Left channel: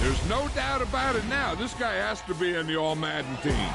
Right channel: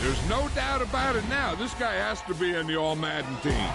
There's no doubt about it now. This guy has to be in the All-Madden team.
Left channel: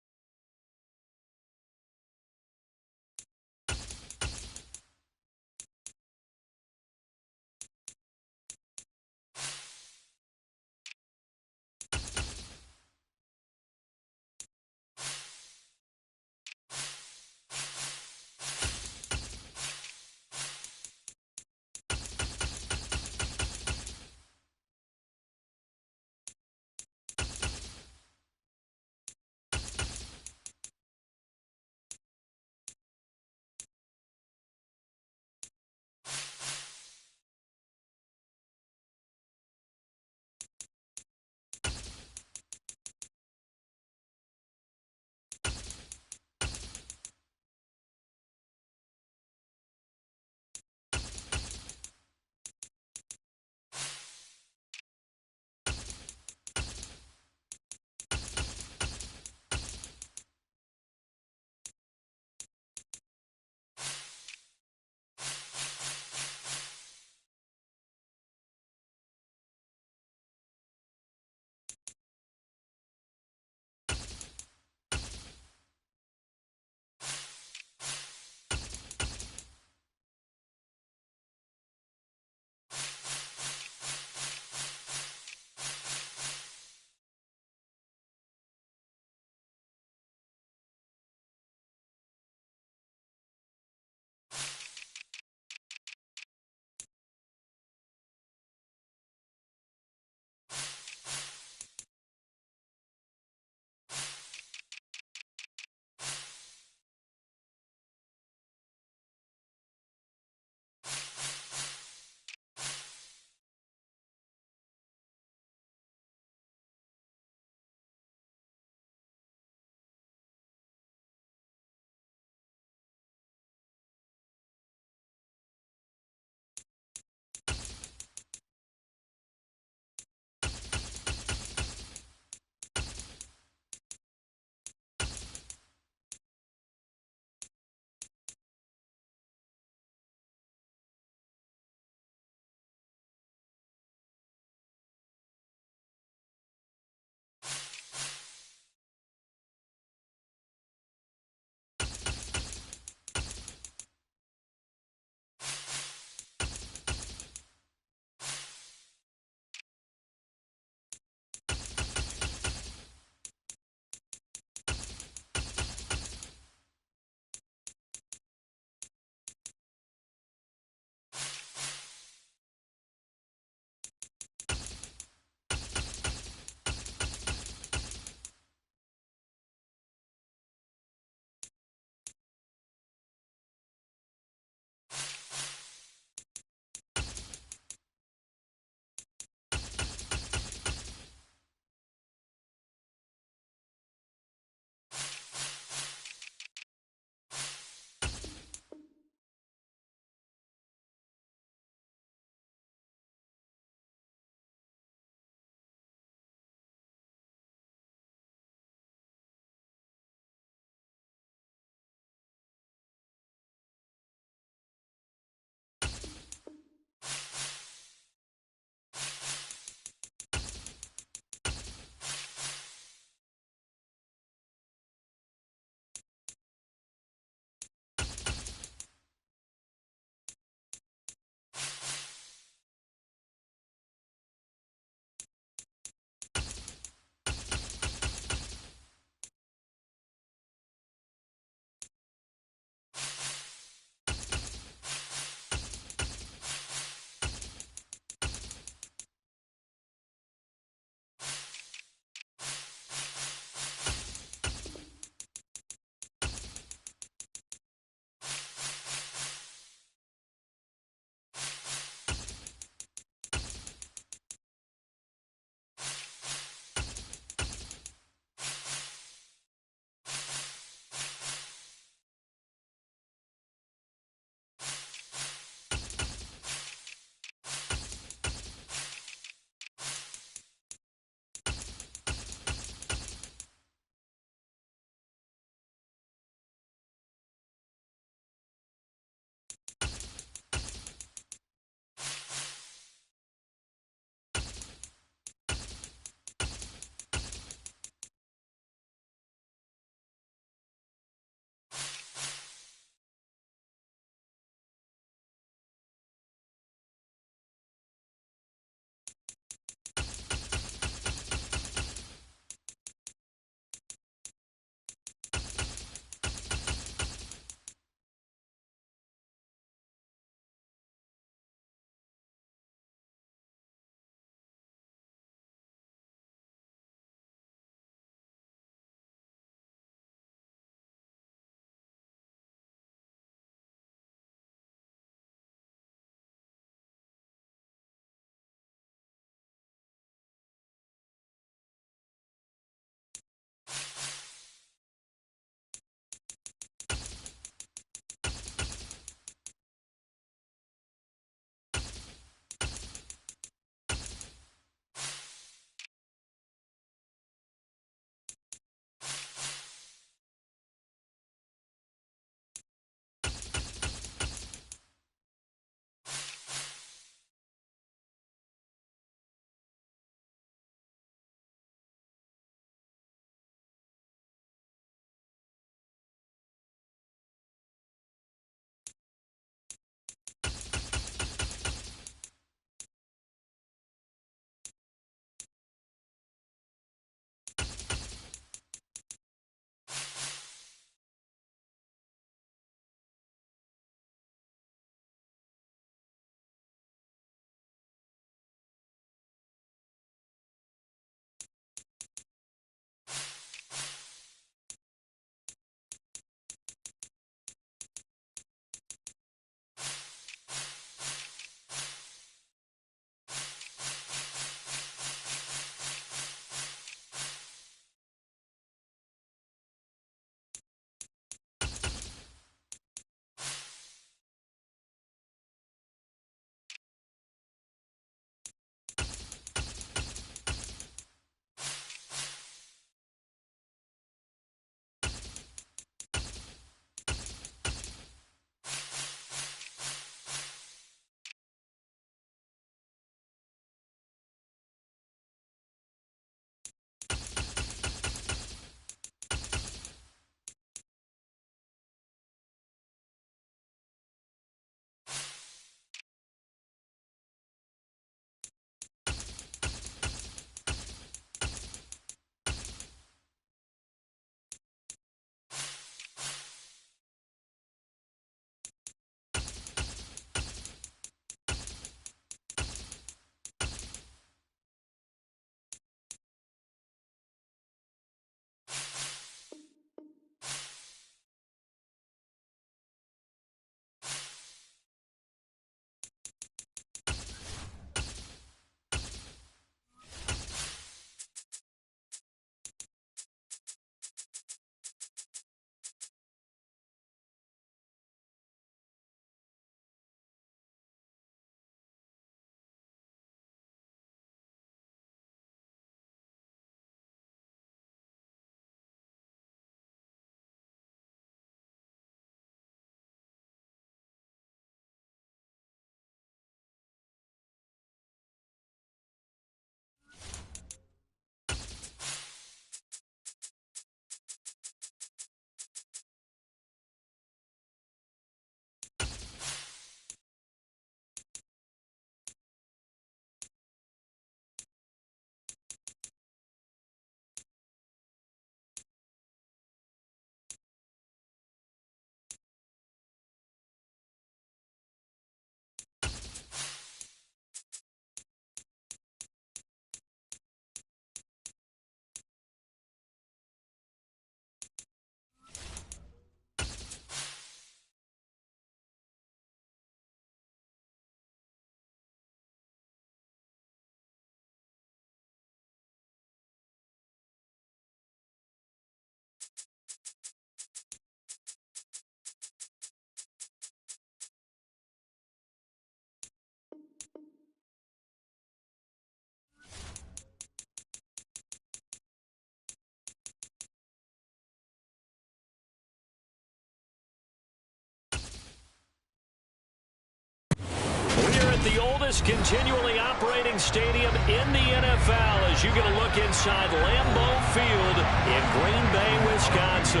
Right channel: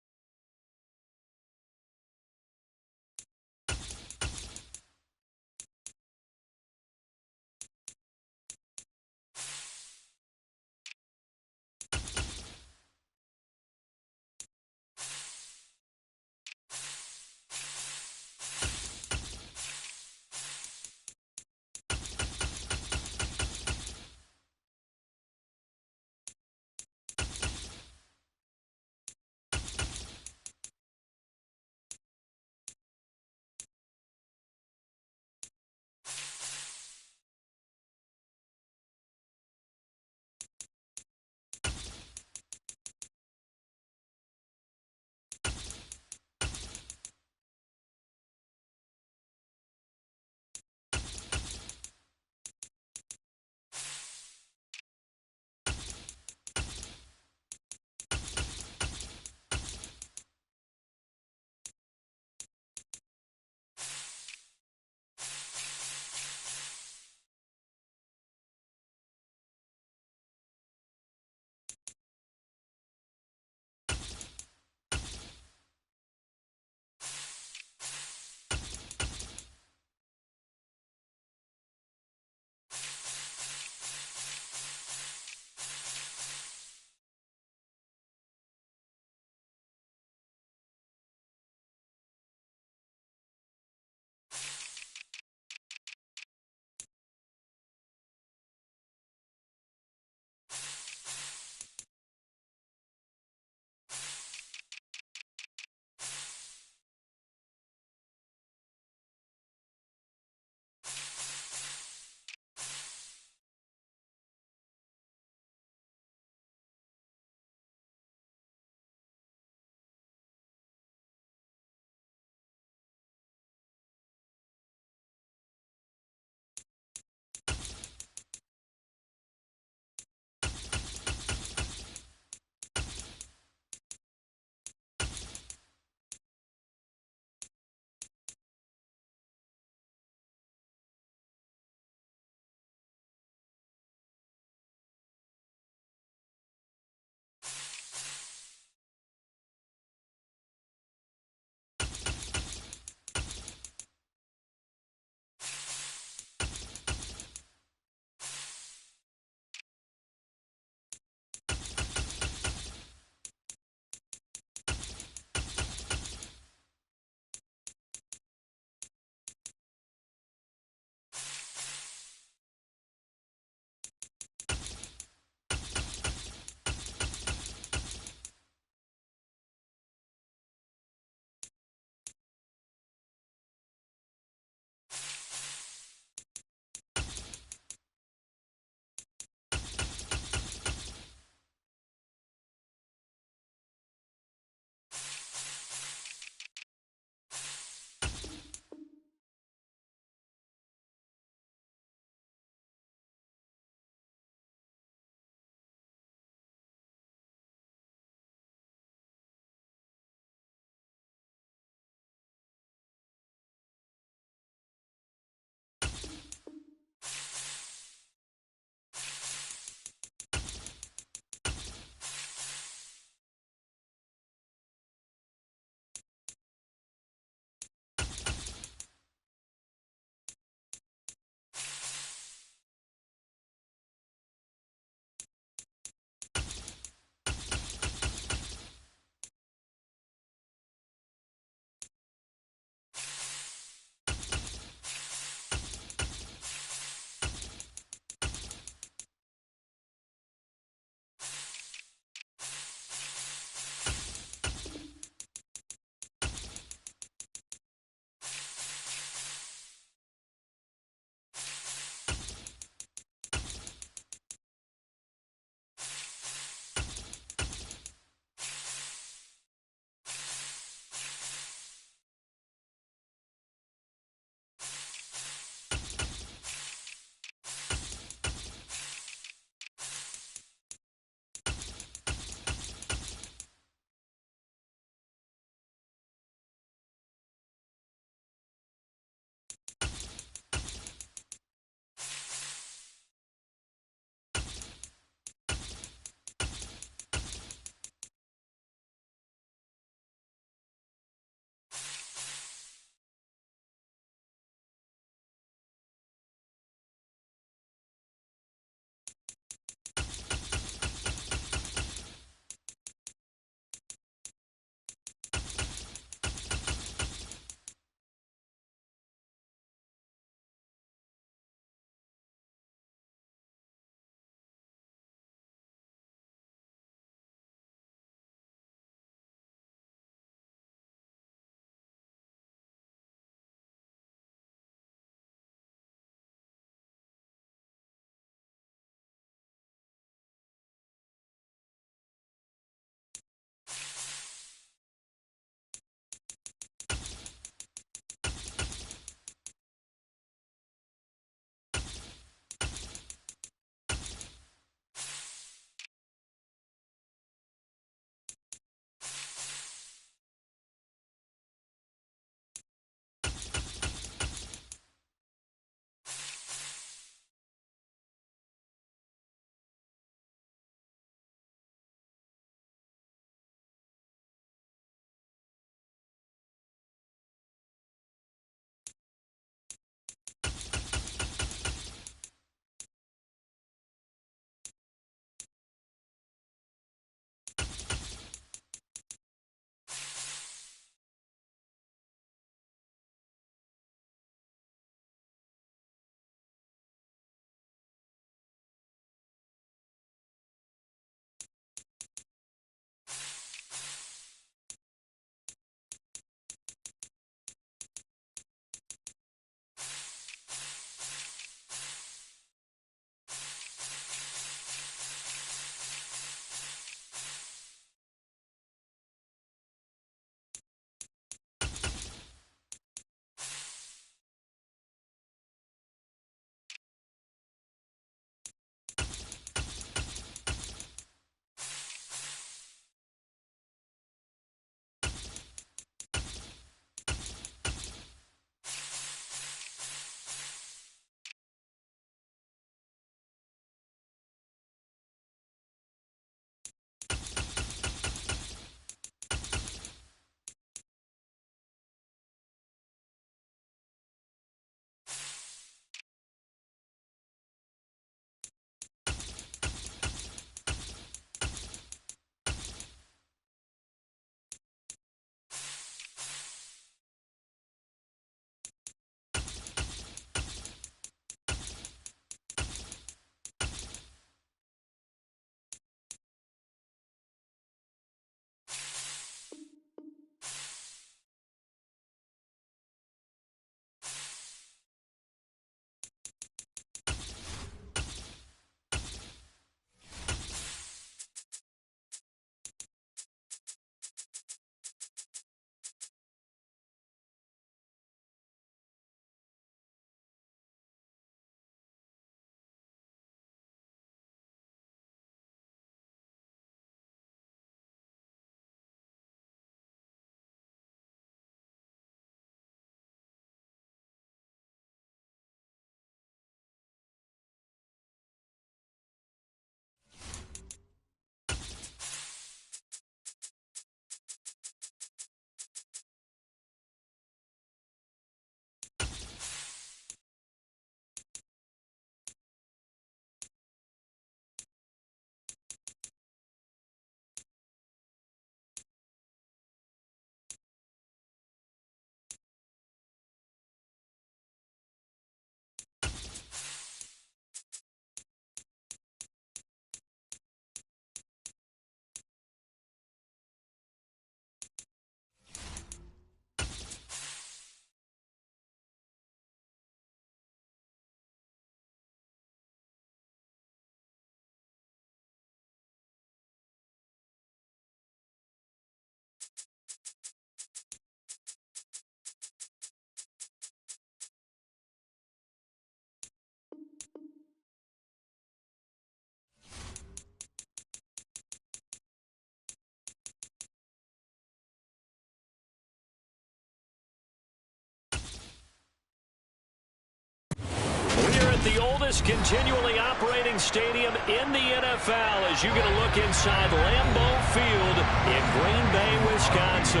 the oldest continually operating stadium in the NFL as you get a look inside Lambeau Field in Green Bay, Wisconsin.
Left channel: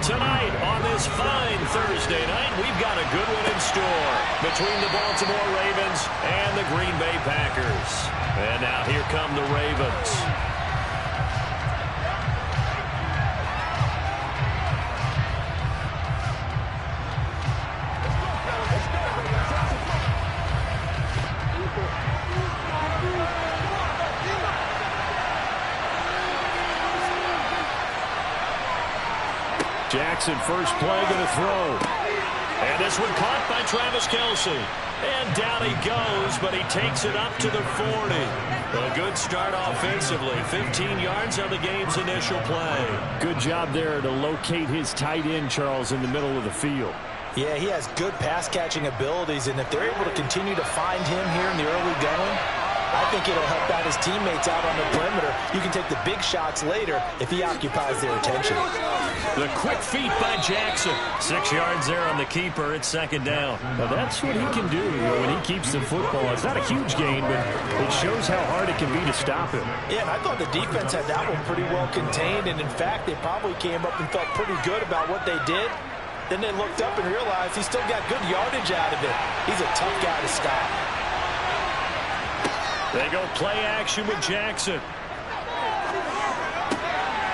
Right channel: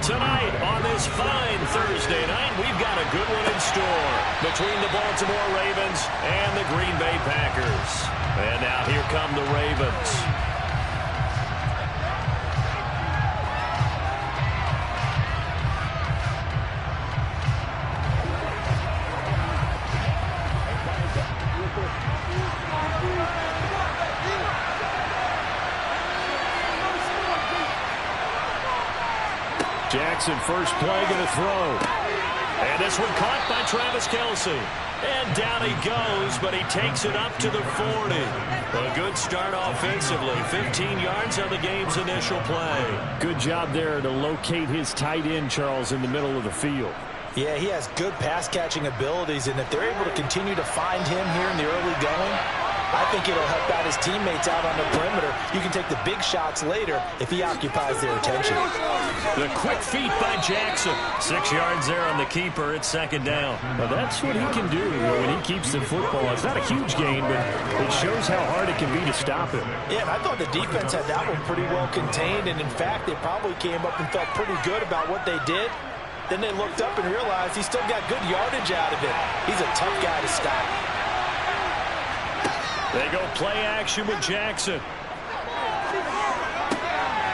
Tonight on this fine Thursday night, we've got a good one in store between the Baltimore Ravens and the Green Bay Packers. And now here come the Ravens. Jackson, first play, going to throw. And this one caught by Travis Kelce. And down he goes, but he takes it up to the 40. A good start offensively. 15 yards on the game's initial play. Good job there to locate his tight end, Charles, in the middle of the field. Yeah, he has good pass-catching abilities, and if they're able to continue to find him here in the early going, I think it'll help out his teammates out on the perimeter. You can take the big shots later if he occupies their attention. The quick feet by Jackson. 6 yards there on the keeper. It's second down. Now that's what he can do when he keeps the football. It's not a huge gain, but it shows how hard it can be to stop him. Yeah, and I thought the defense had that one pretty well contained, and in fact, they probably came up and felt pretty good about what they did. Then they looked up and realized he still got good yardage out of it. He's a tough guy to stop. They go play action with Jackson.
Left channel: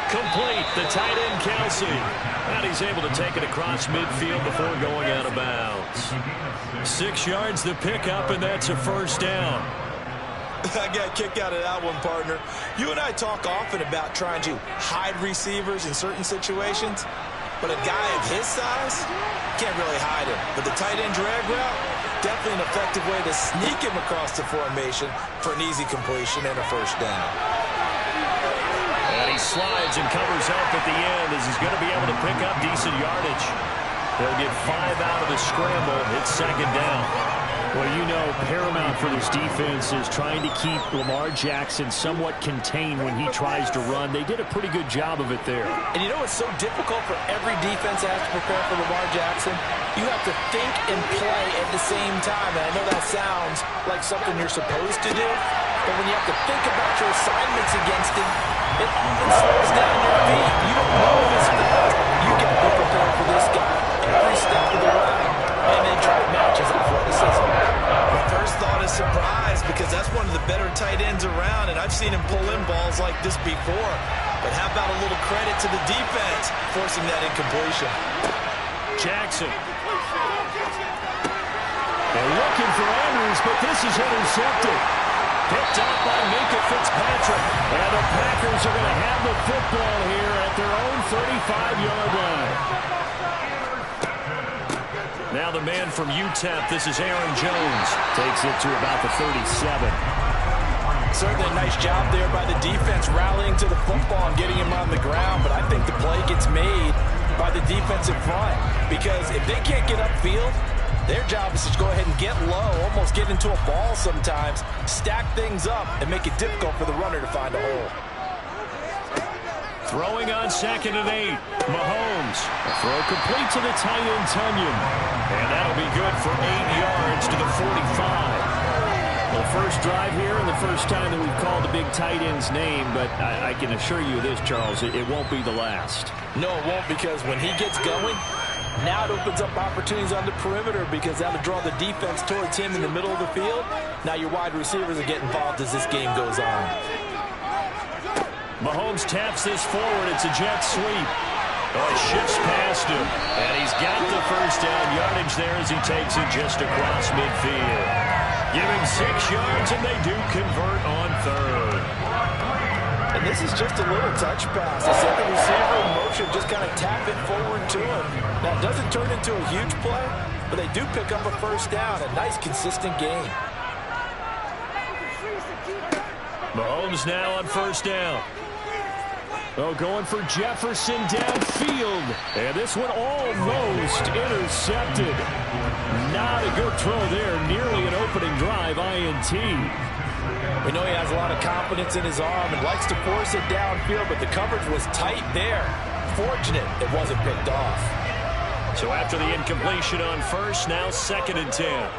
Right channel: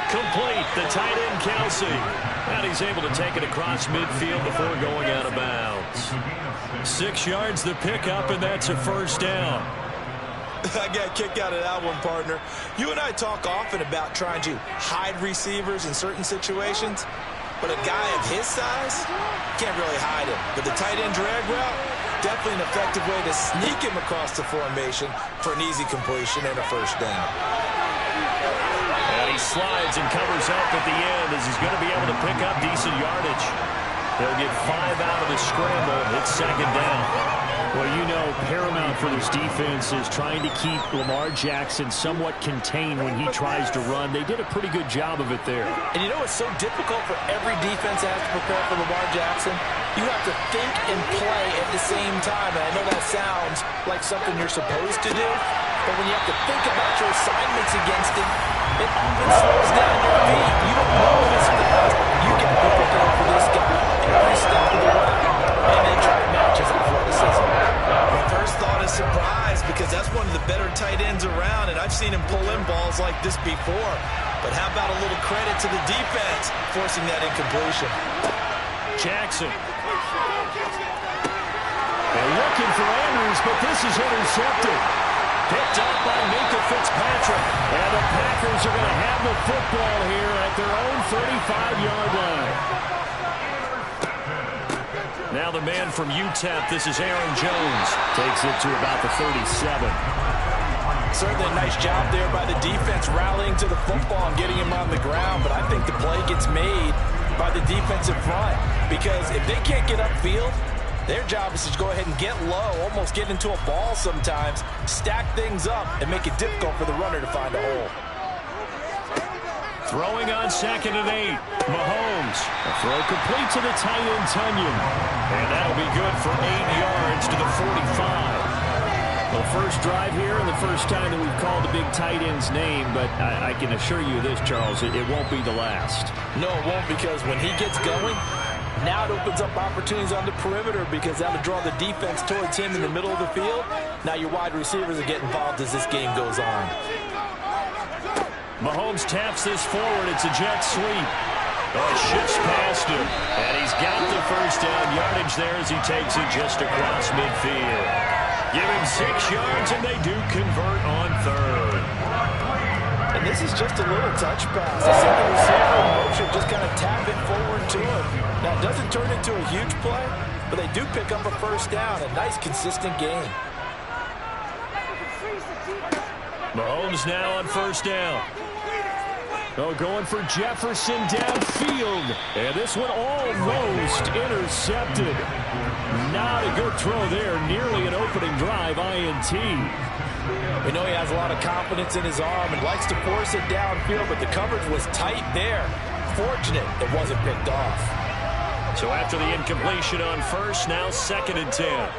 Complete, the tight end Kelce. And he's able to take it across midfield before going out of bounds. 6 yards the pickup, and that's a first down. I got a kick out of that one, partner. You and I talk often about trying to hide receivers in certain situations, but a guy of his size can't really hide him. But the tight end drag route, definitely an effective way to sneak him across the formation for an easy completion and a first down. And he slides and covers up at the end as he's going to be able to pick up decent yardage. They'll get 5 out of the scramble. It's second down. Well, you know, paramount for this defense is trying to keep Lamar Jackson somewhat contained when he tries to run. They did a pretty good job of it there. And you know it's so difficult for every defense that has to prepare for Lamar Jackson? You have to think and play at the same time. And I know that sounds like something you're supposed to do, but when you have to think about your assignments against him, it often slows down your feet. You don't know this fast. You got to be prepared for this guy every step of the way. And then try to match his athleticism. My first thought is surprise, because that's one of the better tight ends around, and I've seen him pull in balls like this before. But how about a little credit to the defense forcing that incompletion? Jackson. They're looking for Andrews, but this is intercepted. Picked up by Minkah Fitzpatrick. And the Packers are going to have the football here at their own 35-yard line. Now the man from UTEP, this is Aaron Jones. Takes it to about the 37. Certainly a nice job there by the defense rallying to the football and getting him on the ground, but I think the play gets made by the defensive front, because if they can't get upfield, their job is to go ahead and get low, almost get into a ball sometimes, stack things up, and make it difficult for the runner to find a hole. Throwing on 2nd and 8. Mahomes. A throw complete to the tight end, Tunyon. And that'll be good for 8 yards to the 45. Well, first drive here and the first time that we've called the big tight end's name, but I can assure you this, Charles, it won't be the last. No, it won't, because when he gets going, now it opens up opportunities on the perimeter, because that'll draw the defense towards him in the middle of the field. Now your wide receivers will get involved as this game goes on. Mahomes taps this forward. It's a jet sweep. Oh, shifts past him. And he's got the first down yardage there as he takes it just across midfield. Give him 6 yards, and they do convert on 3rd. And this is just a little touch pass. The second receiver in motion, just kind of tap it forward to him. Now, it doesn't turn into a huge play, but they do pick up a first down. A nice, consistent game. Mahomes now on first down. Oh, going for Jefferson downfield. And this one almost intercepted. Not a good throw there. Nearly an opening drive INT. We know he has a lot of confidence in his arm and likes to force it downfield, but the coverage was tight there. Fortunate it wasn't picked off. So after the incompletion on first, now 2nd and 10.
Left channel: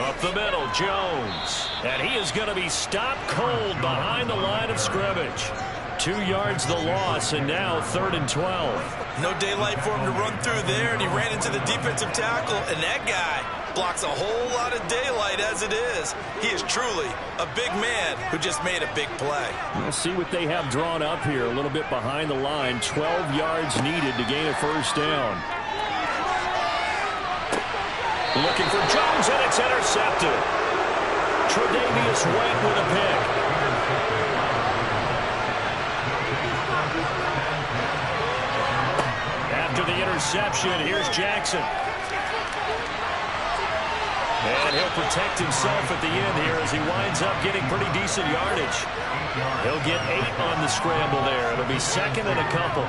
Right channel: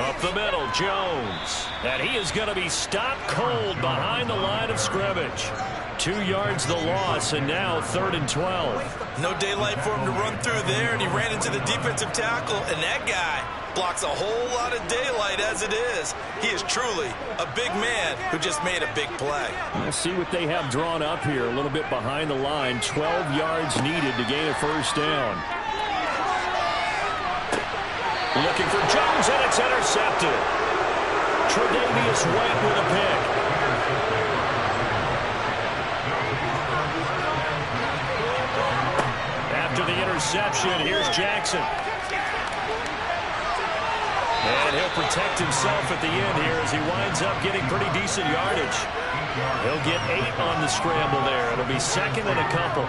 Up the middle, Jones. And he is going to be stopped cold behind the line of scrimmage. 2 yards the loss, and now 3rd and 12. No daylight for him to run through there, and he ran into the defensive tackle, and that guy blocks a whole lot of daylight as it is. He is truly a big man who just made a big play. We'll see what they have drawn up here. A little bit behind the line. 12 yards needed to gain a first down. Looking for Jones, and it's intercepted. Tre'Davious White with a pick. After the interception, here's Jackson. And he'll protect himself at the end here as he winds up getting pretty decent yardage. He'll get 8 on the scramble there. It'll be 2nd and a couple.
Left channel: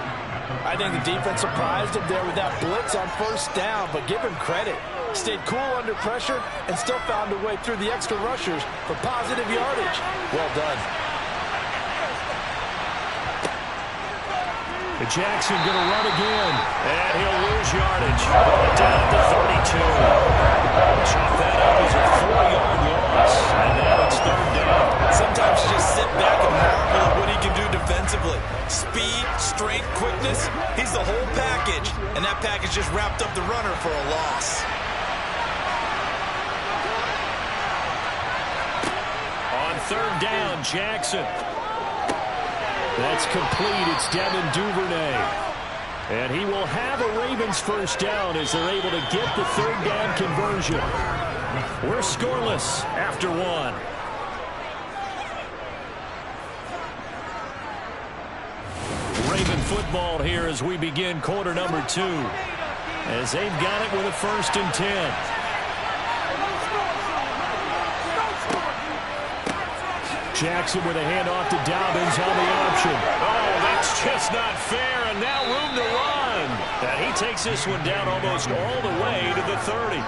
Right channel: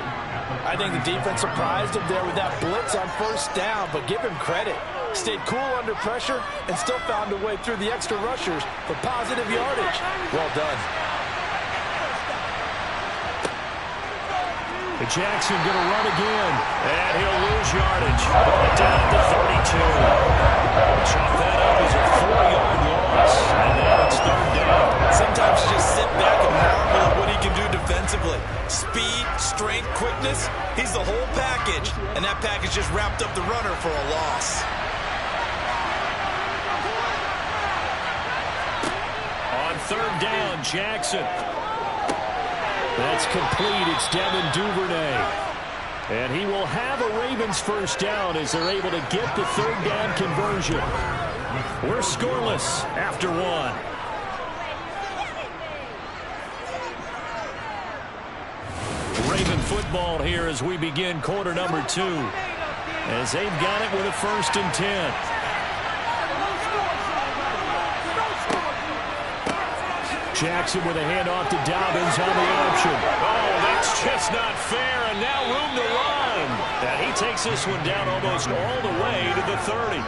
I think the defense surprised him there with that blitz on first down, but give him credit. Stayed cool under pressure and still found a way through the extra rushers for positive yardage. Well done. Jackson going to run again, and he'll lose yardage. Down at the 32. Chalk that up as a 4-yard loss, and now it's 3rd down. Sometimes you just sit back and marvel at what he can do defensively. Speed, strength, quickness, he's the whole package, and that package just wrapped up the runner for a loss. On 3rd down, Jackson. That's complete. It's Devin Duvernay. And he will have a Ravens first down as they're able to get the 3rd down conversion. We're scoreless after 1. Raven football here as we begin quarter number 2. As they've got it with a 1st and 10. Jackson with a handoff to Dobbins on the option. Oh, that's just not fair, and now room to run. And he takes this one down almost all the way to the 30.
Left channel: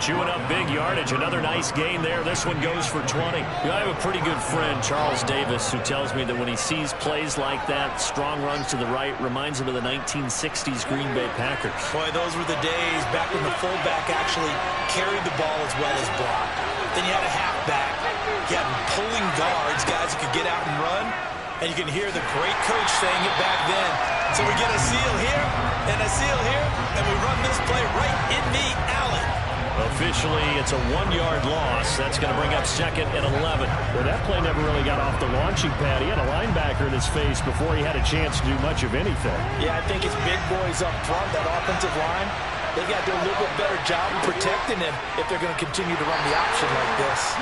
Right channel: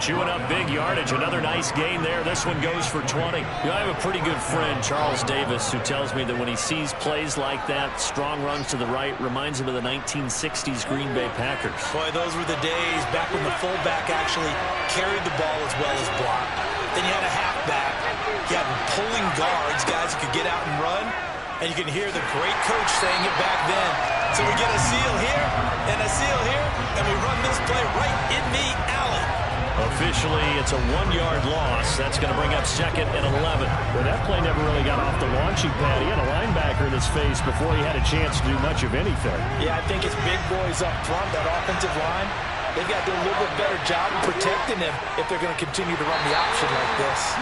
Chewing up big yardage. Another nice gain there. This one goes for 20. I have a pretty good friend, Charles Davis, who tells me that when he sees plays like that, strong runs to the right, reminds him of the 1960s Green Bay Packers. Boy, those were the days back when the fullback actually carried the ball as well as blocked. Then you had a halfback. You had pulling guards, guys who could get out and run. And you can hear the great coach saying it back then. So we get a seal here and a seal here, and we run this play right in the alley. Officially, it's a 1-yard loss. That's going to bring up 2nd and 11. Well, that play never really got off the launching pad. He had a linebacker in his face before he had a chance to do much of anything. Yeah, I think it's big boys up front, that offensive line. They've got to do a little bit better job of protecting him if they're going to continue to run the option like this.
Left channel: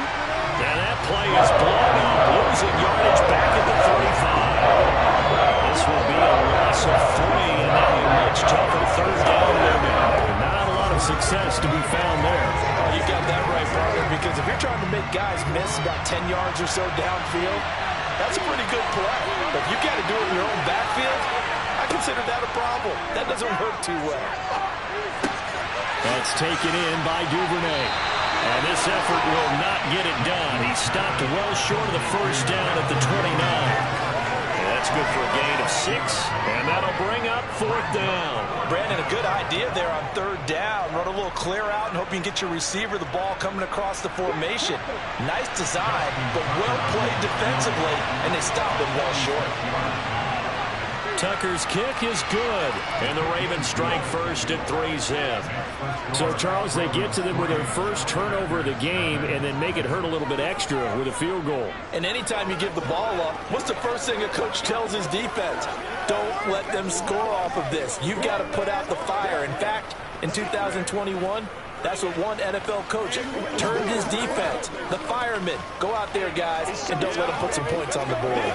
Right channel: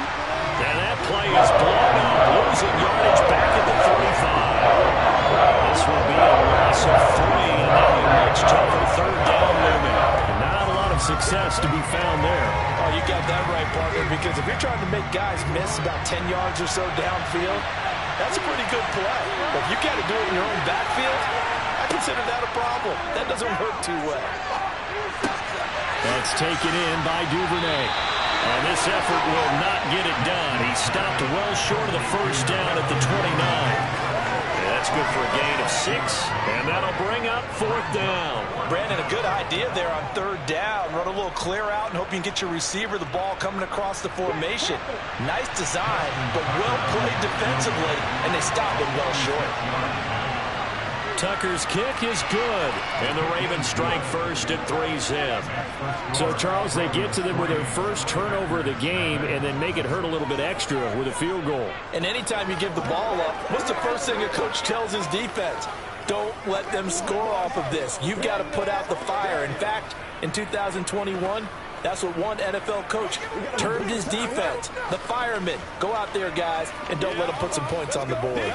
And that play is blown up, losing yardage back at the 35. This will be a loss of 3, and now a much tougher 3rd down movement. Not a lot of success to be found there. Oh, you got that right, partner, because if you're trying to make guys miss about 10 yards or so downfield, that's a pretty good play. But if you got to do it in your own backfield, I consider that a problem. That doesn't work too well. That's taken in by Duvernay. And this effort will not get it done. He stopped well short of the first down at the 29. And that's good for a gain of 6. And that'll bring up 4th down. Brandon, a good idea there on 3rd down. Run a little clear out and hope you can get your receiver the ball coming across the formation. Nice design, but well played defensively, and they stopped it well short. Tucker's kick is good, and the Ravens strike first at 3-zip. So, Charles, they get to them with their first turnover of the game and then make it hurt a little bit extra with a field goal. And anytime you give the ball up, what's the first thing a coach tells his defense? Don't let them score off of this. You've got to put out the fire. In fact, in 2021, that's what one NFL coach termed his defense. The firemen. Go out there, guys, and don't let them put some points on the board.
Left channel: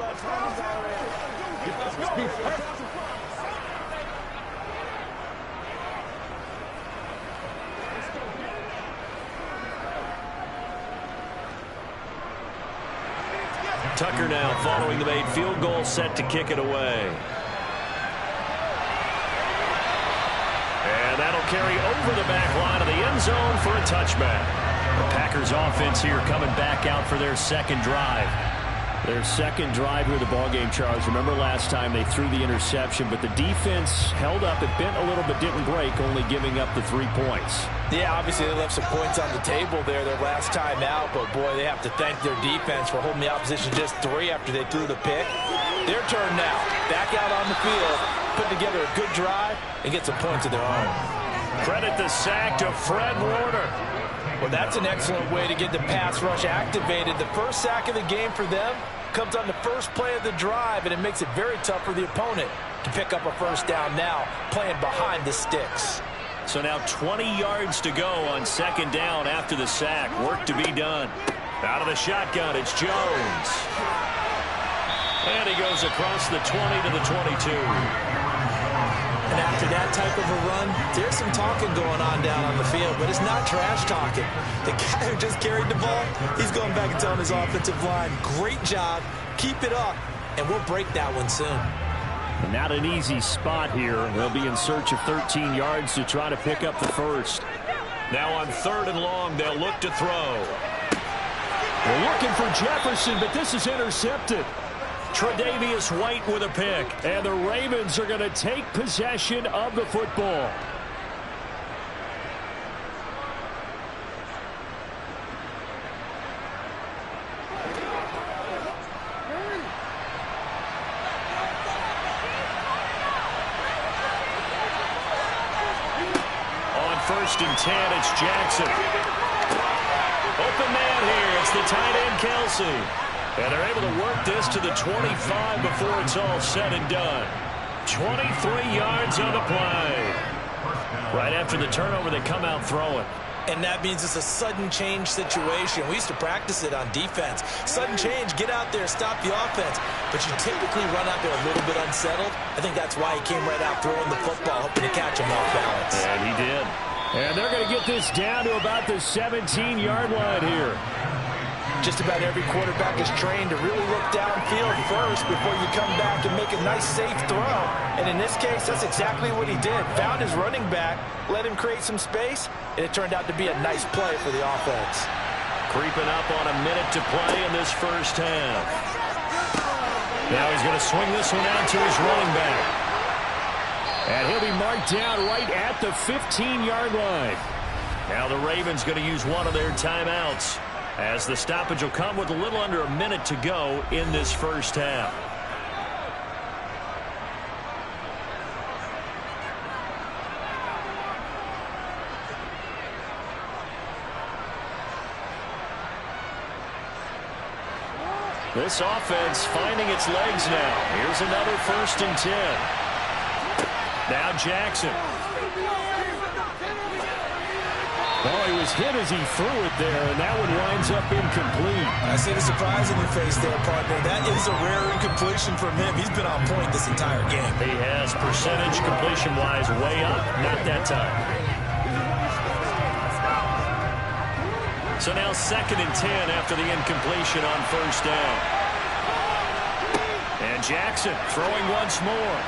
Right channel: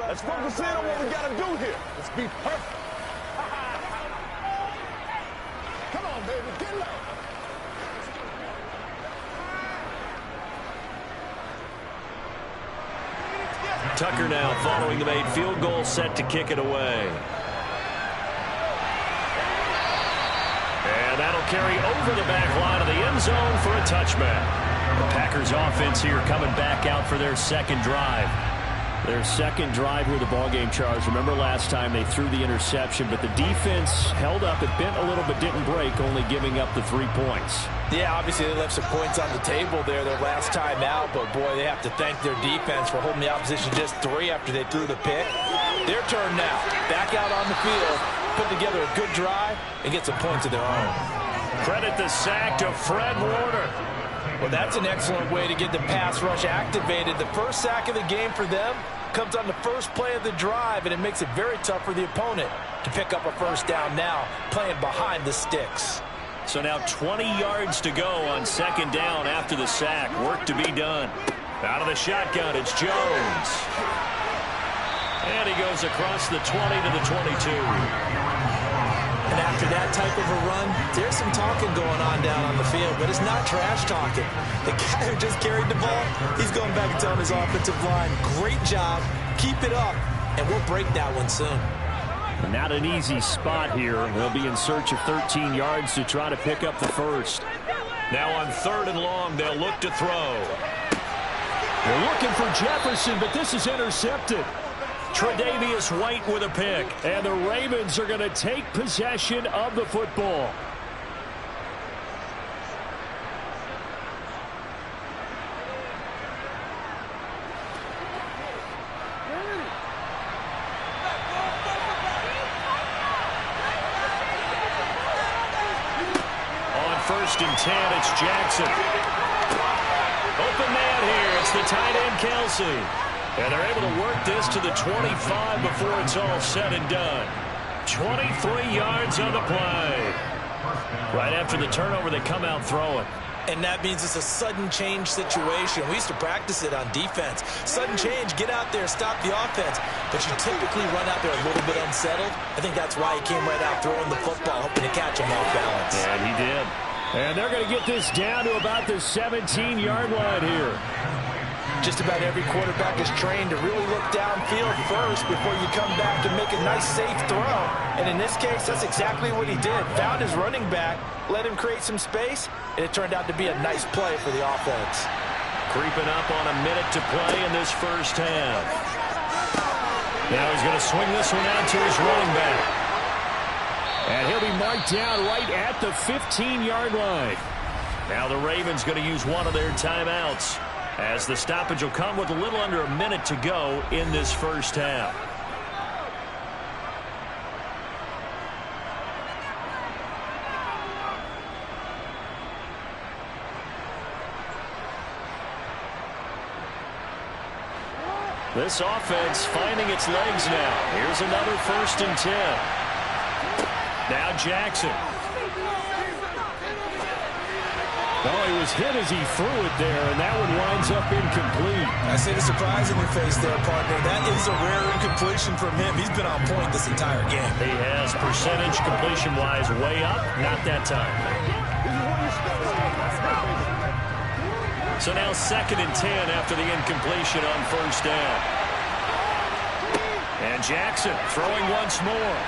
Let's focus in on what we got to do here. Let's be perfect. Tucker now following the made field goal, set to kick it away. And that'll carry over the back line of the end zone for a touchback. The Packers offense here coming back out for their second drive. Their second drive here of the ballgame, Charles. Remember last time they threw the interception, but the defense held up. It bent a little but didn't break, only giving up the 3 points. Yeah, obviously they left some points on the table there their last time out, but boy, they have to thank their defense for holding the opposition just 3 after they threw the pick. Their turn now. Back out on the field, put together a good drive, and get some points of their own. Credit the sack to Fred Warner. Well, that's an excellent way to get the pass rush activated. The first sack of the game for them comes on the first play of the drive, and it makes it very tough for the opponent to pick up a first down now, playing behind the sticks. So now 20 yards to go on second down after the sack. Work to be done. Out of the shotgun, it's Jones. And he goes across the 20 to the 22. And after that type of a run, there's some talking going on down on the field, but it's not trash talking. The guy who just carried the ball, he's going back and telling his offensive line, great job, keep it up, and we'll break that one soon. Not an easy spot here. They'll be in search of 13 yards to try to pick up the first. Now on 3rd and long, they'll look to throw. They're looking for Jefferson, but this is intercepted. Tre'Davious White with a pick. And the Ravens are going to take possession of the football. On 1st and 10, it's Jackson. Open man here. It's the tight end, Kelsey. And they're able to work this to the 25 before it's all said and done. 23 yards on the play. Right after the turnover, they come out throwing. And that means it's a sudden change situation. We used to practice it on defense. Sudden change, get out there, stop the offense. But you typically run out there a little bit unsettled. I think that's why he came right out throwing the football, hoping to catch him off balance. And he did. And they're going to get this down to about the 17-yard line here. Just about every quarterback is trained to really look downfield first before you come back and make a nice, safe throw. And in this case, that's exactly what he did. Found his running back, let him create some space, and it turned out to be a nice play for the offense. Creeping up on a minute to play in this first half. Now he's going to swing this one out to his running back. And he'll be marked down right at the 15-yard line. Now the Ravens going to use one of their timeouts, as the stoppage will come with a little under a minute to go in this first half. This offense finding its legs now. Here's another 1st and 10. Now Jackson. Oh, he was hit as he threw it there, and that one winds up incomplete. I see the surprise in your face there, partner. That is a rare incompletion from him. He's been on point this entire game. He has percentage completion-wise way up. Not that time. So now 2nd and 10 after the incompletion on 1st down. And Jackson throwing once more.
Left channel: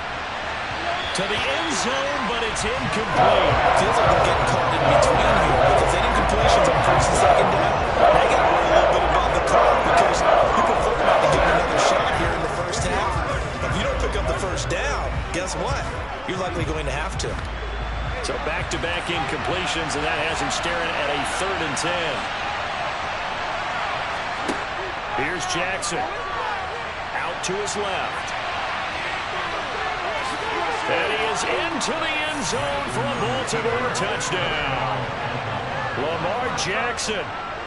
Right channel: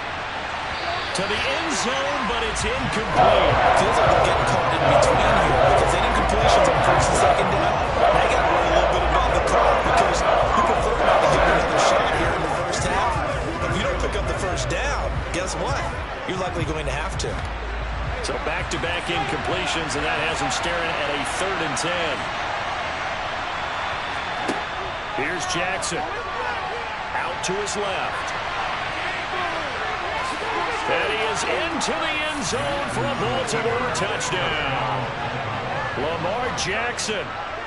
To the end zone, but it's incomplete. Feels like they're getting caught in between here because that incompletion's on 1st and 2nd down. They got to worry a little bit about the clock because you prefer not to give them another shot here in the first half. If you don't pick up the 1st down, guess what? You're likely going to have to. So back-to-back incompletions, and that has him staring at a 3rd and 10. Here's Jackson. Out to his left. And he is into the end zone for a Baltimore touchdown. Lamar Jackson,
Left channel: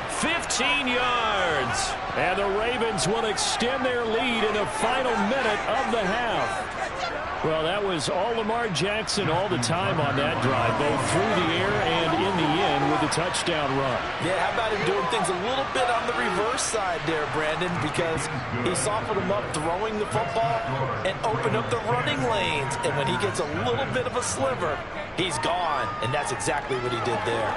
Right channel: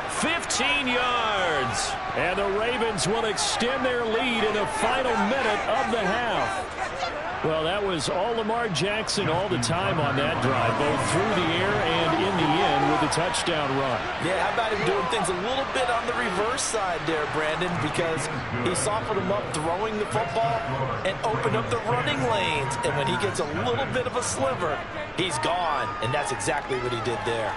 15 yards. And the Ravens will extend their lead in the final minute of the half. Well, that was all Lamar Jackson all the time on that drive, both through the air and in the end with a touchdown run. Yeah, how about him doing things a little bit on the reverse side there, Brandon, because he softened him up throwing the football and opened up the running lanes. And when he gets a little bit of a sliver, he's gone. And that's exactly what he did there.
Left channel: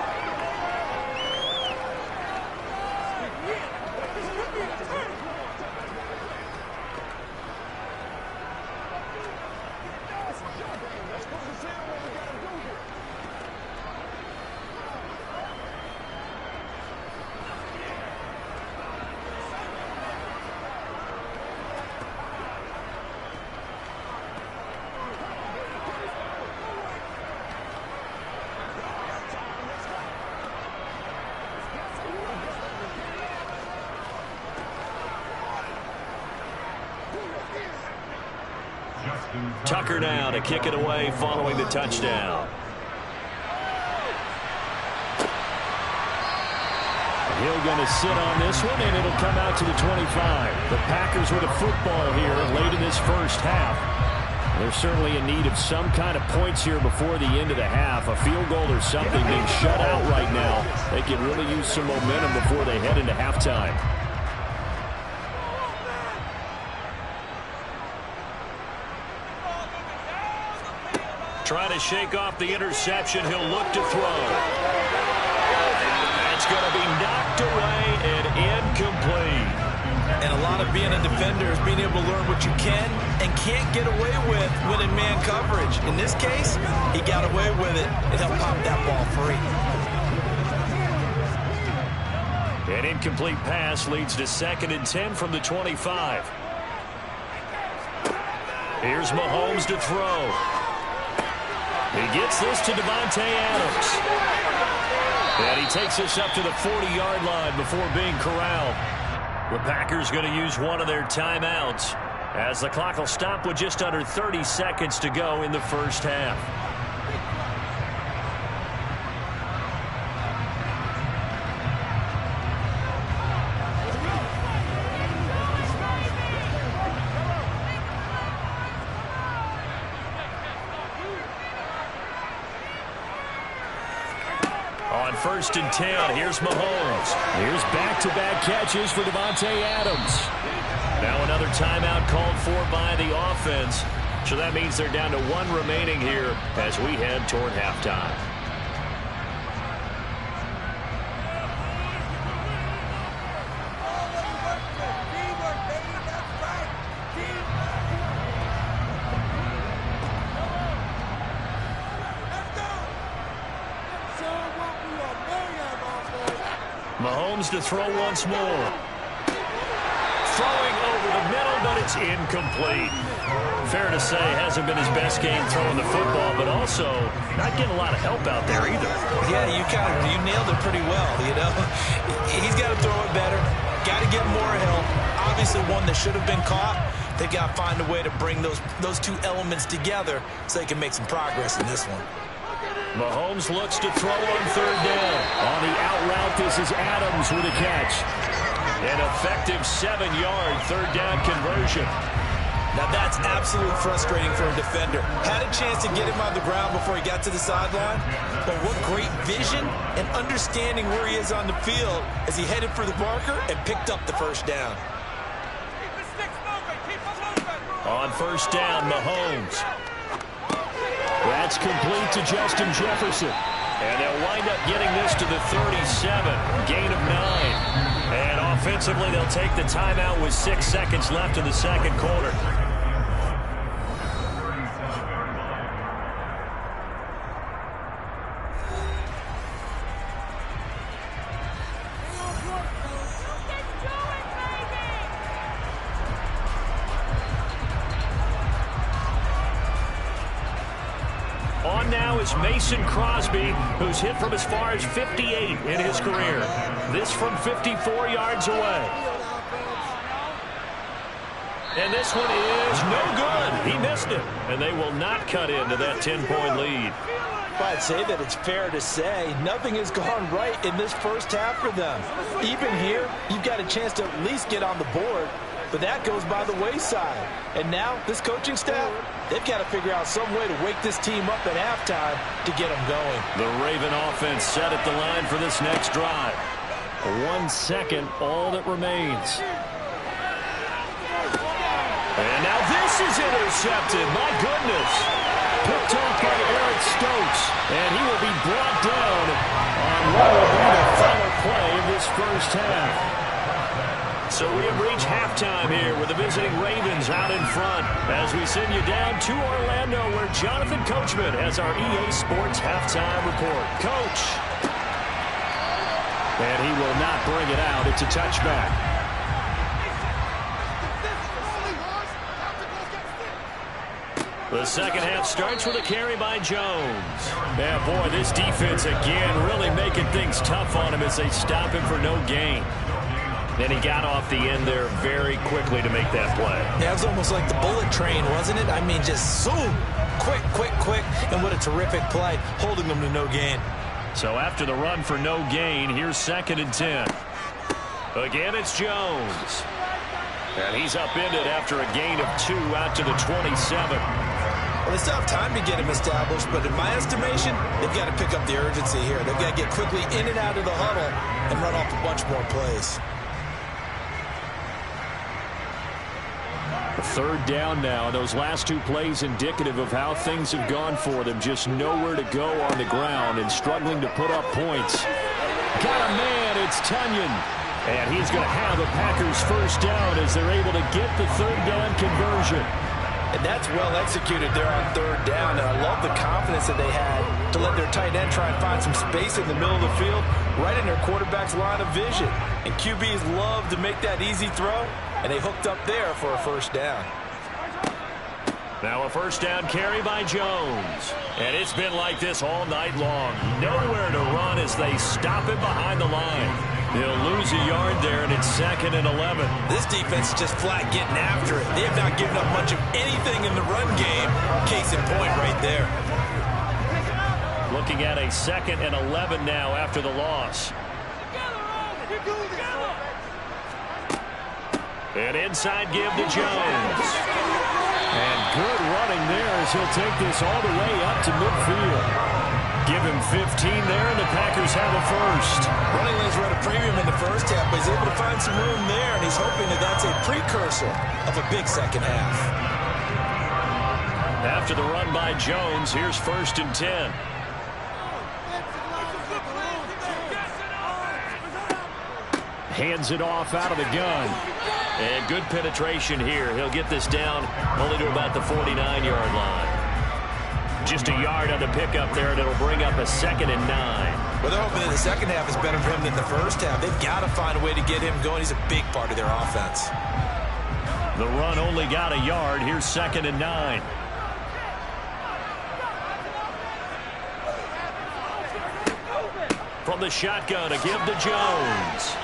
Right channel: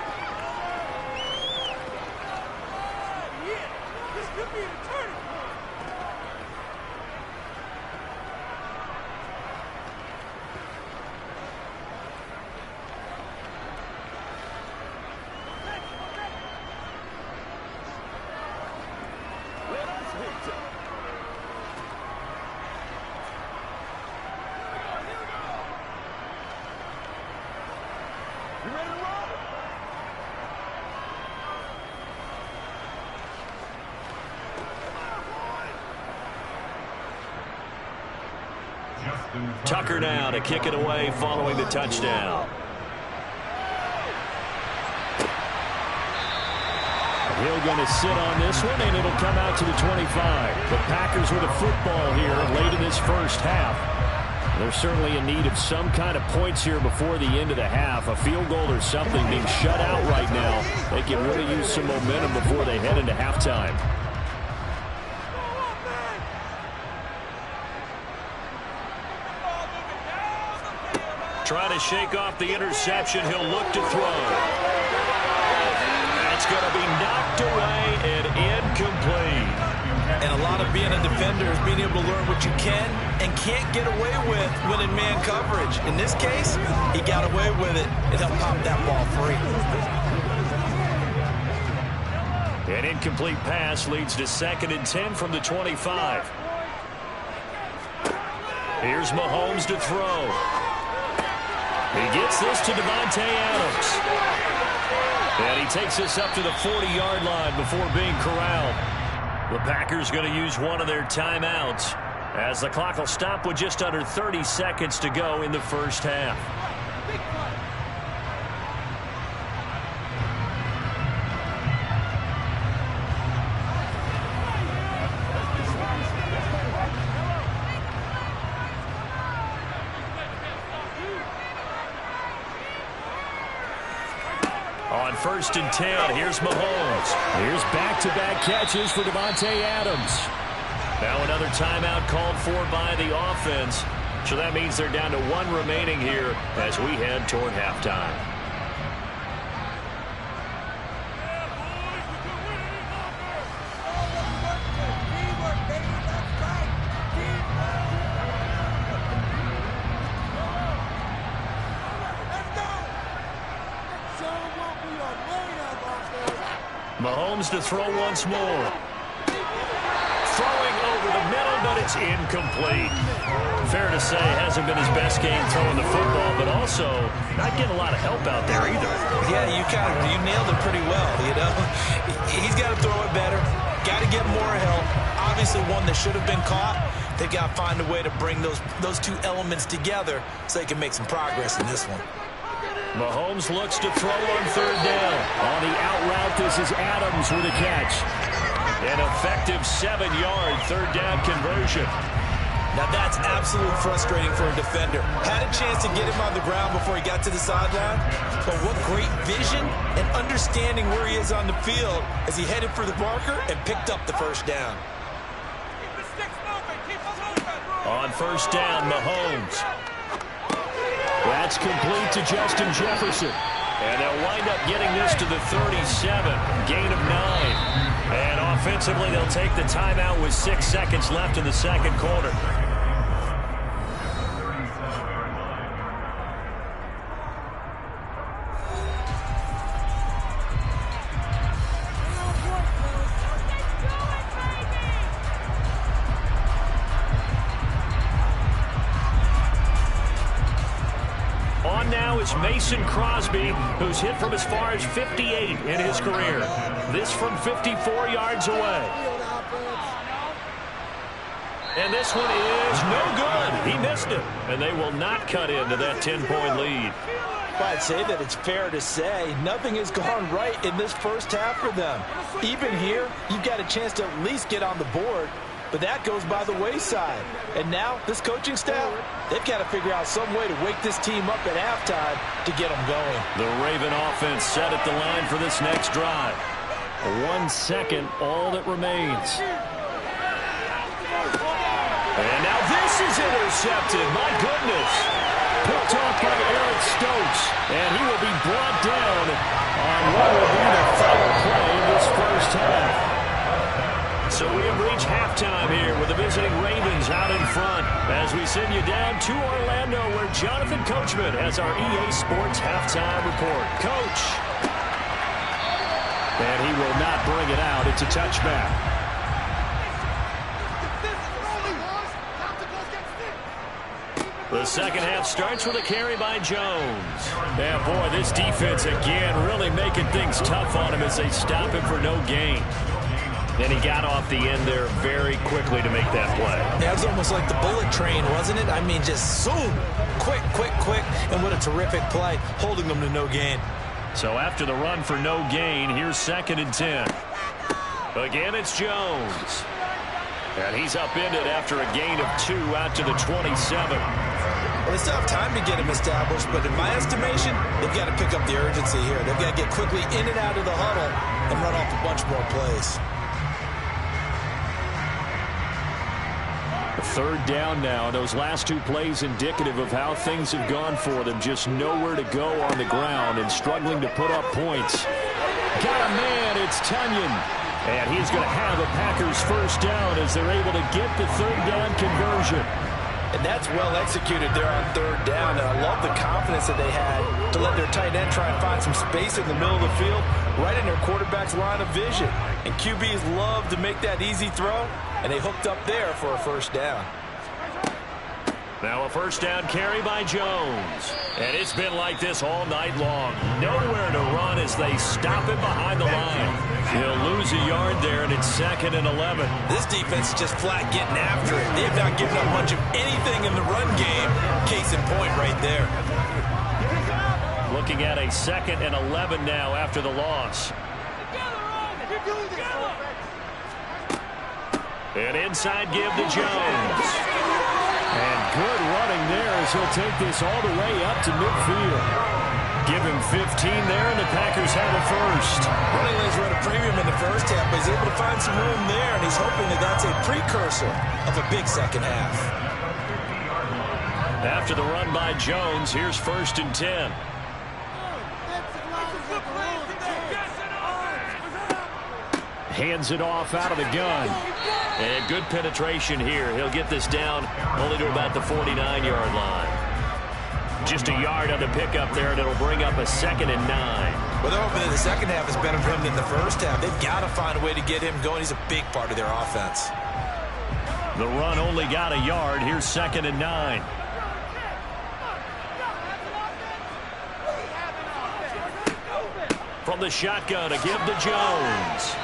Tucker now to kick it away following the touchdown. Hill going to sit on this one, and it'll come out to the 25. The Packers with a football here late in this first half. They're certainly in need of some kind of points here before the end of the half. A field goal or something, being shut out right now. They can really use some momentum before they head into halftime. Trying to shake off the interception. He'll look to throw. That's going to be knocked away and incomplete. And a lot of being a defender is being able to learn what you can and can't get away with when in man coverage. In this case, he got away with it and helped pop that ball free. An incomplete pass leads to 2nd and 10 from the 25. Here's Mahomes to throw. He gets this to Davante Adams. And he takes this up to the 40-yard line before being corralled. The Packers going to use one of their timeouts as the clock will stop with just under 30 seconds to go in the first half. On 1st and 10, here's Mahomes. Here's back-to-back catches for Davante Adams. Now another timeout called for by the offense. So that means they're down to 1 remaining here as we head toward halftime. Mahomes to throw once more. Throwing over the middle, but it's incomplete. Fair to say, hasn't been his best game throwing the football, but also not getting a lot of help out there either. Yeah, you nailed it pretty well, you know. He's got to throw it better. Got to get more help. Obviously one that should have been caught. They got to find a way to bring those two elements together so they can make some progress in this one. Mahomes looks to throw on 3rd down. On the out route, this is Adams with a catch. An effective 7-yard 3rd down conversion. Now that's absolutely frustrating for a defender. Had a chance to get him on the ground before he got to the sideline, but what great vision and understanding where he is on the field as he headed for the marker and picked up the 1st down. On 1st down, Mahomes. That's complete to Justin Jefferson. And they'll wind up getting this to the 37. Gain of 9. And offensively, they'll take the timeout with 6 seconds left in the second quarter. On now is Mason Crosby, who's hit from as far as 58 in his career. This from 54 yards away. And this one is no good. He missed it. And they will not cut into that 10-point lead. I'd say that it's fair to say nothing has gone right in this first half for them. Even here, you've got a chance to at least get on the board. But that goes by the wayside. And now, this coaching staff, they've got to figure out some way to wake this team up at halftime to get them going. The Raven offense set at the line for this next drive. 1 second, all that remains. And now this is intercepted. My goodness. Picked off by Eric Stokes. And he will be brought down on what will be the final play of this first half. So we have reached halftime here with the visiting Ravens out in front as we send you down to Orlando where Jonathan Coachman has our EA Sports halftime report. Coach. And he will not bring it out. It's a touchback. The second half starts with a carry by Jones. Yeah, boy, this defense again really making things tough on him as they stop him for no gain. And he got off the end there very quickly to make that play. Yeah, it was almost like the bullet train, wasn't it? I mean, just zoom. Quick, quick, quick. And what a terrific play, holding them to no gain. So after the run for no gain, here's 2nd and 10. Again, it's Jones. And he's upended after a gain of 2 out to the 27. Well, they still have time to get him established, but in my estimation, they've got to pick up the urgency here. They've got to get quickly in and out of the huddle and run off a bunch more plays. 3rd down now. Those last 2 plays indicative of how things have gone for them. Just nowhere to go on the ground and struggling to put up points. Got a man. It's Tonyan. And he's going to have a Packers 1st down as they're able to get the 3rd down conversion. And that's well executed there on 3rd down. And I love the confidence that they had to let their tight end try and find some space in the middle of the field, right in their quarterback's line of vision. And QBs love to make that easy throw, and they hooked up there for a 1st down. Now a 1st down carry by Jones. And it's been like this all night long. Nowhere to run as they stop him behind the line. He'll lose a yard there, and it's 2nd and 11. This defense is just flat getting after it. They have not given up much of anything in the run game. Case in point right there. Looking at a 2nd and 11 now after the loss. An inside give to Jones. And good running there as he'll take this all the way up to midfield. Give him 15 there, and the Packers have a 1st. Running lanes were at a premium in the 1st half, but he's able to find some room there, and he's hoping that that's a precursor of a big 2nd half. After the run by Jones, here's 1st and 10. Hands it off out of the gun. And good penetration here. He'll get this down only to about the 49-yard line. Just a yard on the pickup there, and it'll bring up a 2nd and 9. Well, they're hoping that the 2nd half is better for him than the 1st half. They've got to find a way to get him going. He's a big part of their offense. The run only got a yard. Here's 2nd and 9. From the shotgun, a give to Jones.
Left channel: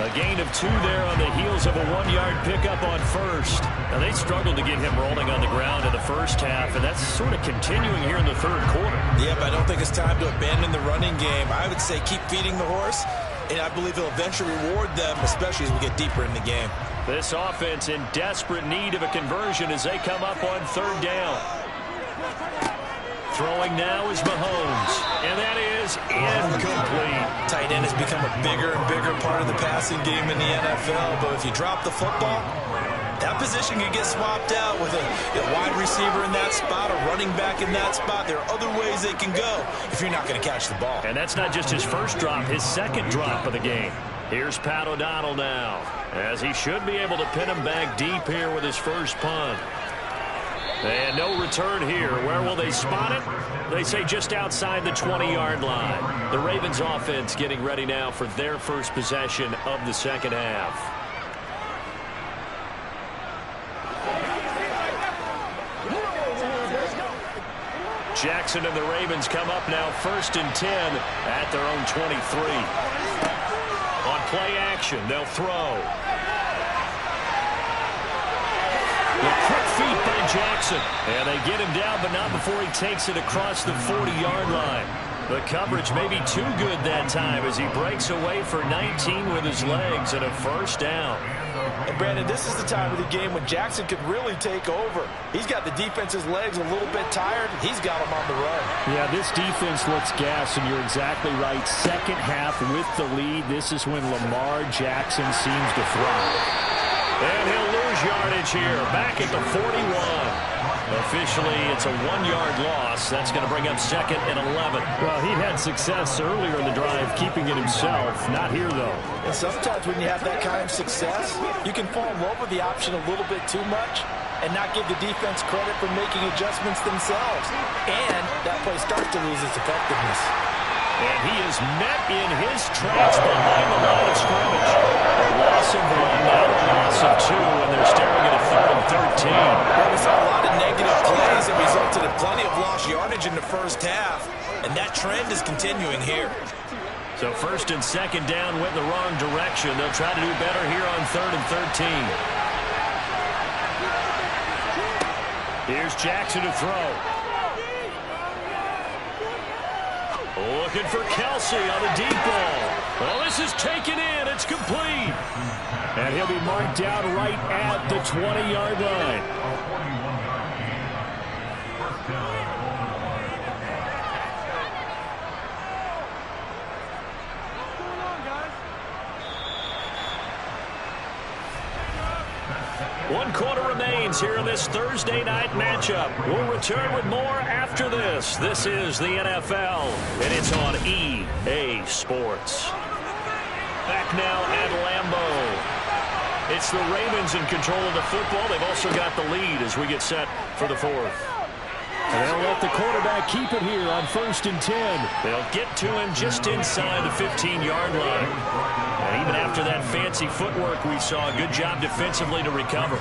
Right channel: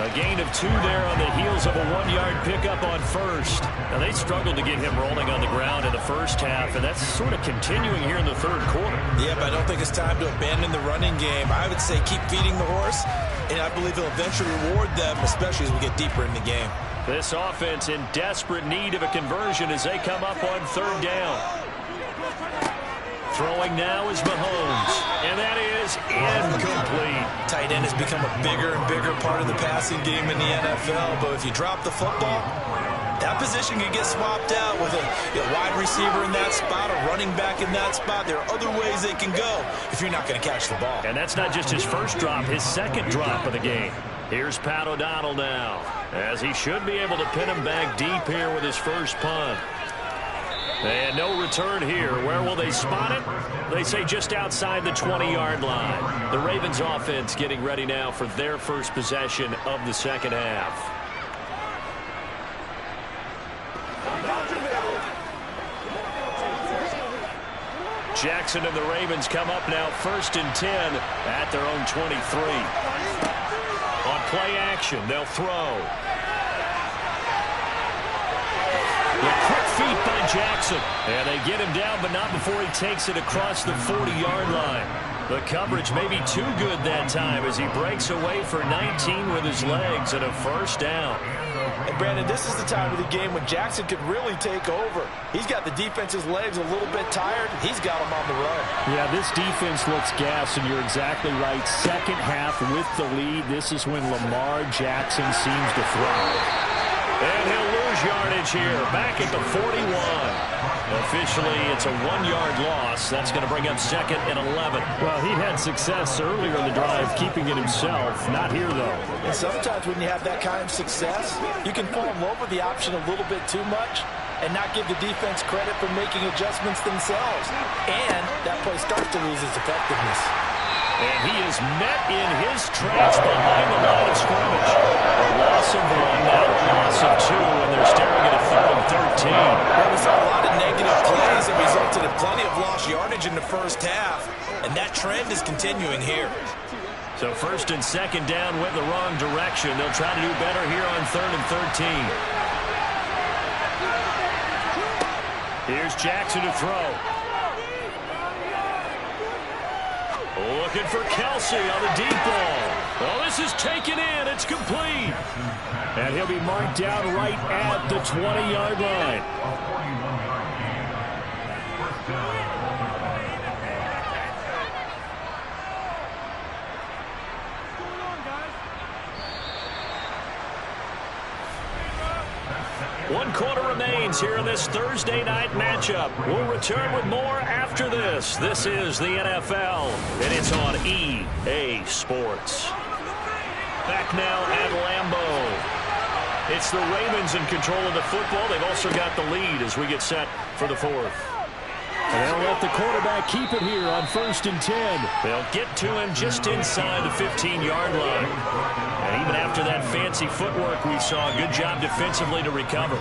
A gain of 2 there on the heels of a 1-yard pickup on 1st. Now, they struggled to get him rolling on the ground in the 1st half, and that's sort of continuing here in the 3rd quarter. Yeah, but I don't think it's time to abandon the running game. I would say keep feeding the horse, and I believe he'll eventually reward them, especially as we get deeper in the game. This offense in desperate need of a conversion as they come up on 3rd down. Throwing now is Mahomes, and that is incomplete. Tight end has become a bigger and bigger part of the passing game in the NFL, but if you drop the football, that position can get swapped out with a wide receiver in that spot, a running back in that spot. There are other ways they can go if you're not going to catch the ball. And that's not just his 1st drop, his 2nd drop of the game. Here's Pat O'Donnell now, as he should be able to pin him back deep here with his 1st punt. And no return here. Where will they spot it? They say just outside the 20-yard line. The Ravens offense getting ready now for their 1st possession of the 2nd half. Jackson and the Ravens come up now 1st and 10 at their own 23. On play action, they'll throw. The quick feet by Jackson. And they get him down, but not before he takes it across the 40-yard line. The coverage may be too good that time as he breaks away for 19 with his legs and a 1st down. And Brandon, this is the time of the game when Jackson could really take over. He's got the defense's legs a little bit tired. He's got them on the run. Yeah, this defense looks gassed, and you're exactly right. 2nd half with the lead. This is when Lamar Jackson seems to thrive. And he'll lose yardage here, back at the 41. Officially, it's a 1-yard loss. That's going to bring up 2nd and 11. Well, he'd had success earlier in the drive keeping it himself. Not here, though. And sometimes when you have that kind of success, you can fall in love with the option a little bit too much and not give the defense credit for making adjustments themselves. And that play starts to lose its effectiveness. And he is met in his tracks behind the line of scrimmage. A loss of 1, now a loss of 2, and they're staring at a 3rd and 13. Well, we saw a lot of negative plays that resulted in plenty of lost yardage in the 1st half, and that trend is continuing here. So first and second down went the wrong direction. They'll try to do better here on 3rd and 13. Here's Jackson to throw. Looking for Kelsey on the deep ball. Oh, this is taken in. It's complete. And he'll be marked down right at the 20-yard line. One quarter remains here in this Thursday night matchup. We'll return with more after this. This is the NFL, and it's on EA Sports. Back now at Lambeau. It's the Ravens in control of the football. They've also got the lead as we get set for the fourth. And they'll let the quarterback keep it here on 1st and 10. They'll get to him just inside the 15-yard line. And even after that fancy footwork we saw, good job defensively to recover.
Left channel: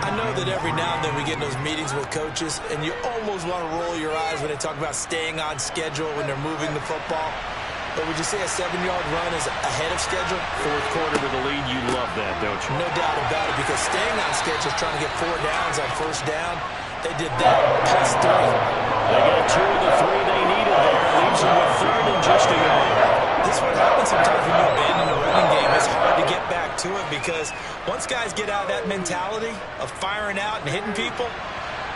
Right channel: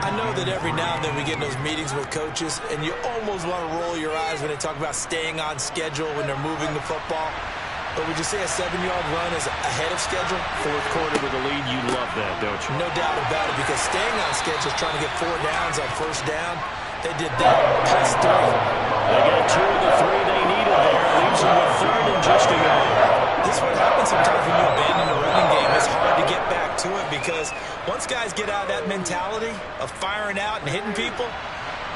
I know that every now and then we get in those meetings with coaches, and you almost want to roll your eyes when they talk about staying on schedule when they're moving the football. But would you say a 7-yard run is ahead of schedule? Fourth quarter with the lead, you love that, don't you? No doubt about it, because staying on schedule is trying to get 4 downs on first down. They did that plus 3. They got 2 of the 3 they needed there. Leaves them with 3rd and just a yard. This is what happens sometimes when you abandon a running game. It's hard to get back to it because once guys get out of that mentality of firing out and hitting people,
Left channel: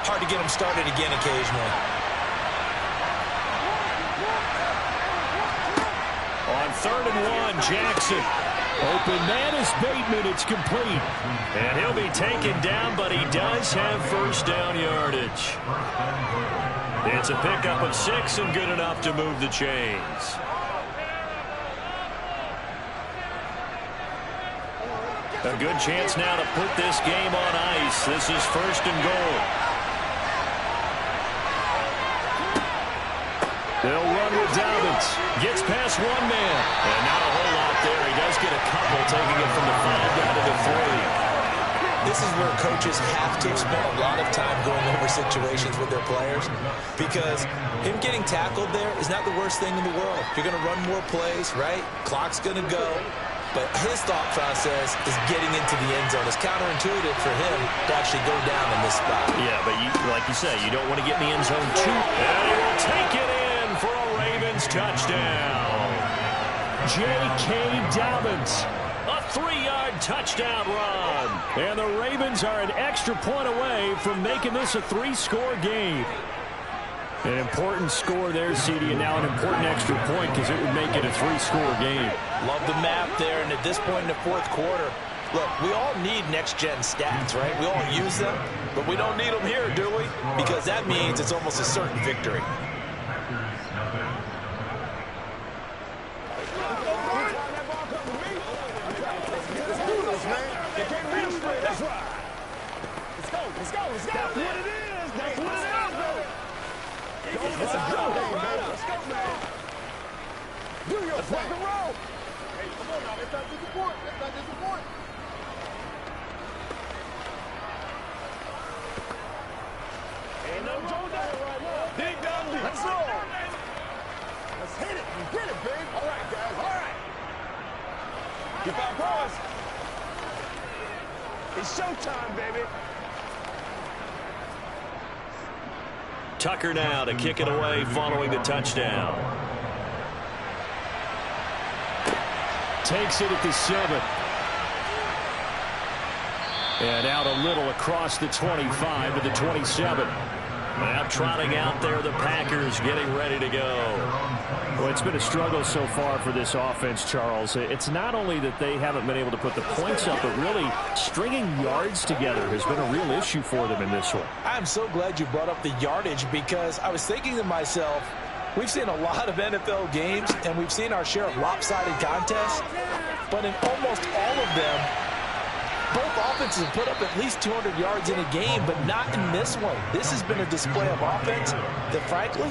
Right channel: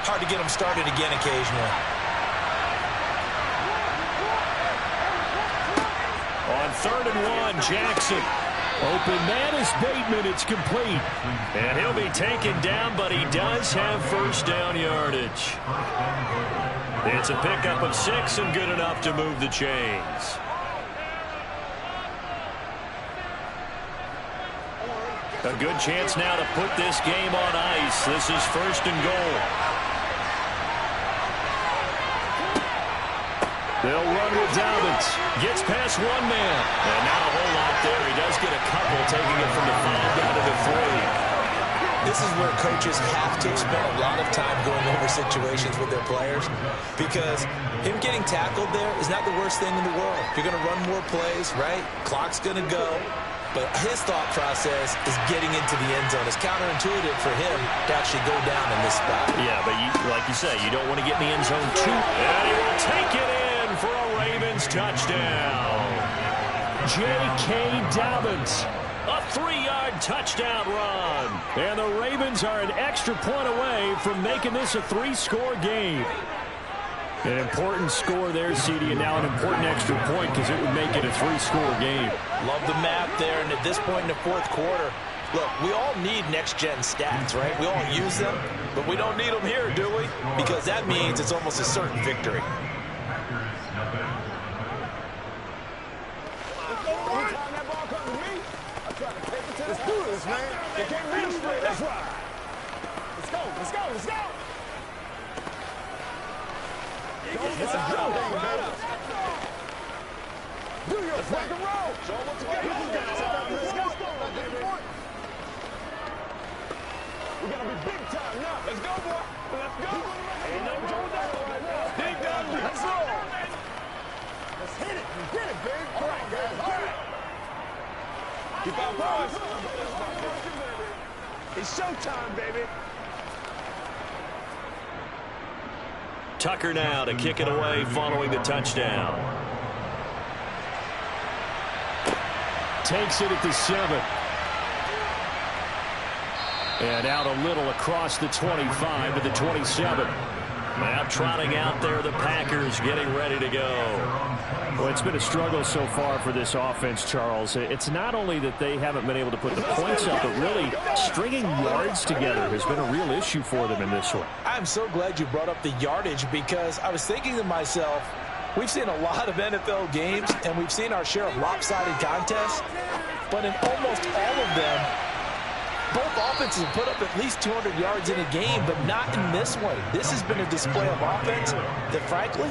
hard to get them started again occasionally. On 3rd and 1, Jackson. Open man is Bateman. It's complete. And he'll be taken down, but he does have first down yardage. It's a pickup of 6 and good enough to move the chains. A good chance now to put this game on ice. This is 1st and goal. They'll run with Dobbins. Gets past one man. And not a whole lot there. He does get a couple, taking it from the 5 down to the 3. This is where coaches have to spend a lot of time going over situations with their players, because him getting tackled there is not the worst thing in the world. You're going to run more plays, right? Clock's going to go. But his thought process is getting into the end zone. It's counterintuitive for him to actually go down in this spot. Yeah, but like you say, you don't want to get in the end zone too. And he will take it in for a Ravens touchdown. J.K. Dobbins. A 3-yard touchdown run. And the Ravens are an extra point away from making this a 3-score game. An important score there, CD, and now an important extra point because it would make it a 3-score game. Love the math there, and at this point in the fourth quarter, look, we all need next-gen stats, right? We all use them, but we don't need them here, do we? Because that means it's almost a certain victory. Let's do this, man. They can't read them straight. That's right. Let's go, let's go, let's go. It's a go game, baby. Do your thing. Roll. Ain't no going down right now. Big dog, let's roll. Let's hit it. We get it, baby. All right, guys. All right. Keep our boys. It's showtime, baby. Tucker now to kick it away following the touchdown. Takes it at the 7. And out a little across the 25 to the 27. Now trotting out there, the Packers getting ready to go. Well, it's been a struggle so far for this offense, Charles. It's not only that they haven't been able to put the points up, but really stringing yards together has been a real issue for them in this one. I'm so glad you brought up the yardage, because I was thinking to myself, we've seen a lot of NFL games, and we've seen our share of lopsided contests, but in almost all of them, both offenses have put up at least 200 yards in a game, but not in this one. This has been a display of offense that, frankly,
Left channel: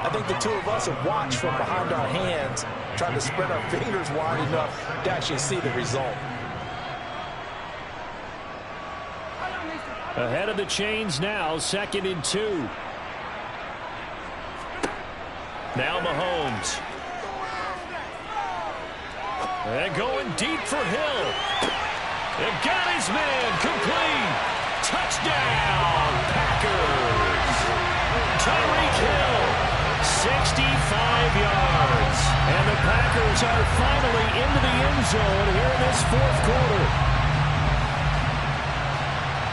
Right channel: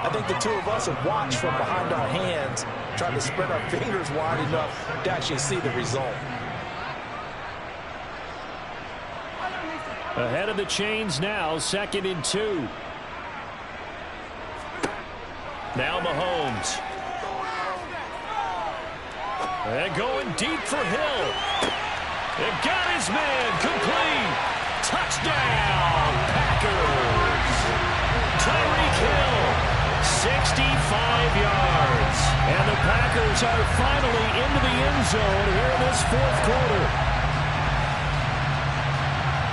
I think the two of us have watched from behind our hands, trying to spread our fingers wide enough to actually see the result. Ahead of the chains now, 2nd and 2. Now Mahomes. And going deep for Hill. And got his man complete. Touchdown, Packers. Tyreek Hill, 65 yards. And the Packers are finally into the end zone here in this fourth quarter.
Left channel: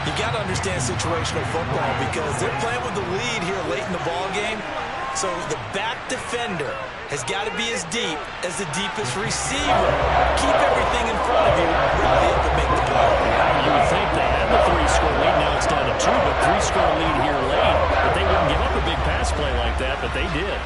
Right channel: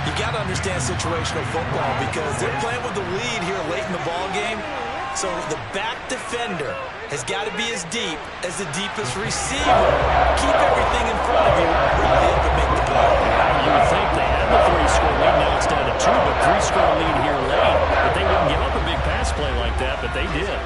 You got to understand situational football because they're playing with the lead here late in the ball game. So the back defender has got to be as deep as the deepest receiver. Keep everything in front of you, rally up and make the play. You would think they had the 3-score lead. Now it's down to 2, but 3-score lead here late. But they wouldn't give up a big pass play like that, but they did.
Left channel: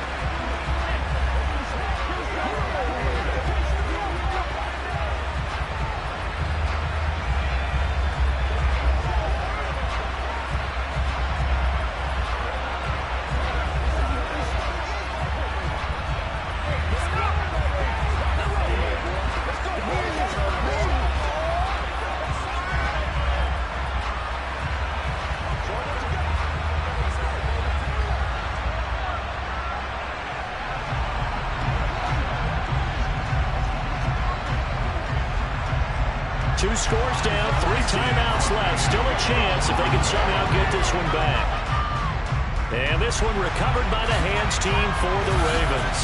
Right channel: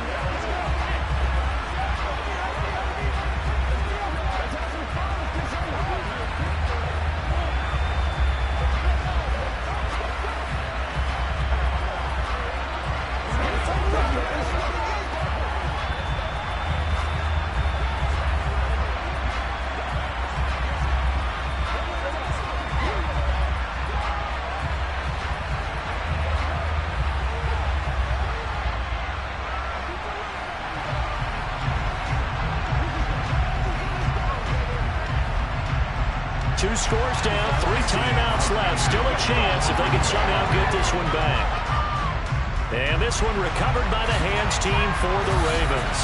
Two scores down, 3 timeouts left. Still a chance if they can somehow get this one back. And this one recovered by the hands team for the Ravens.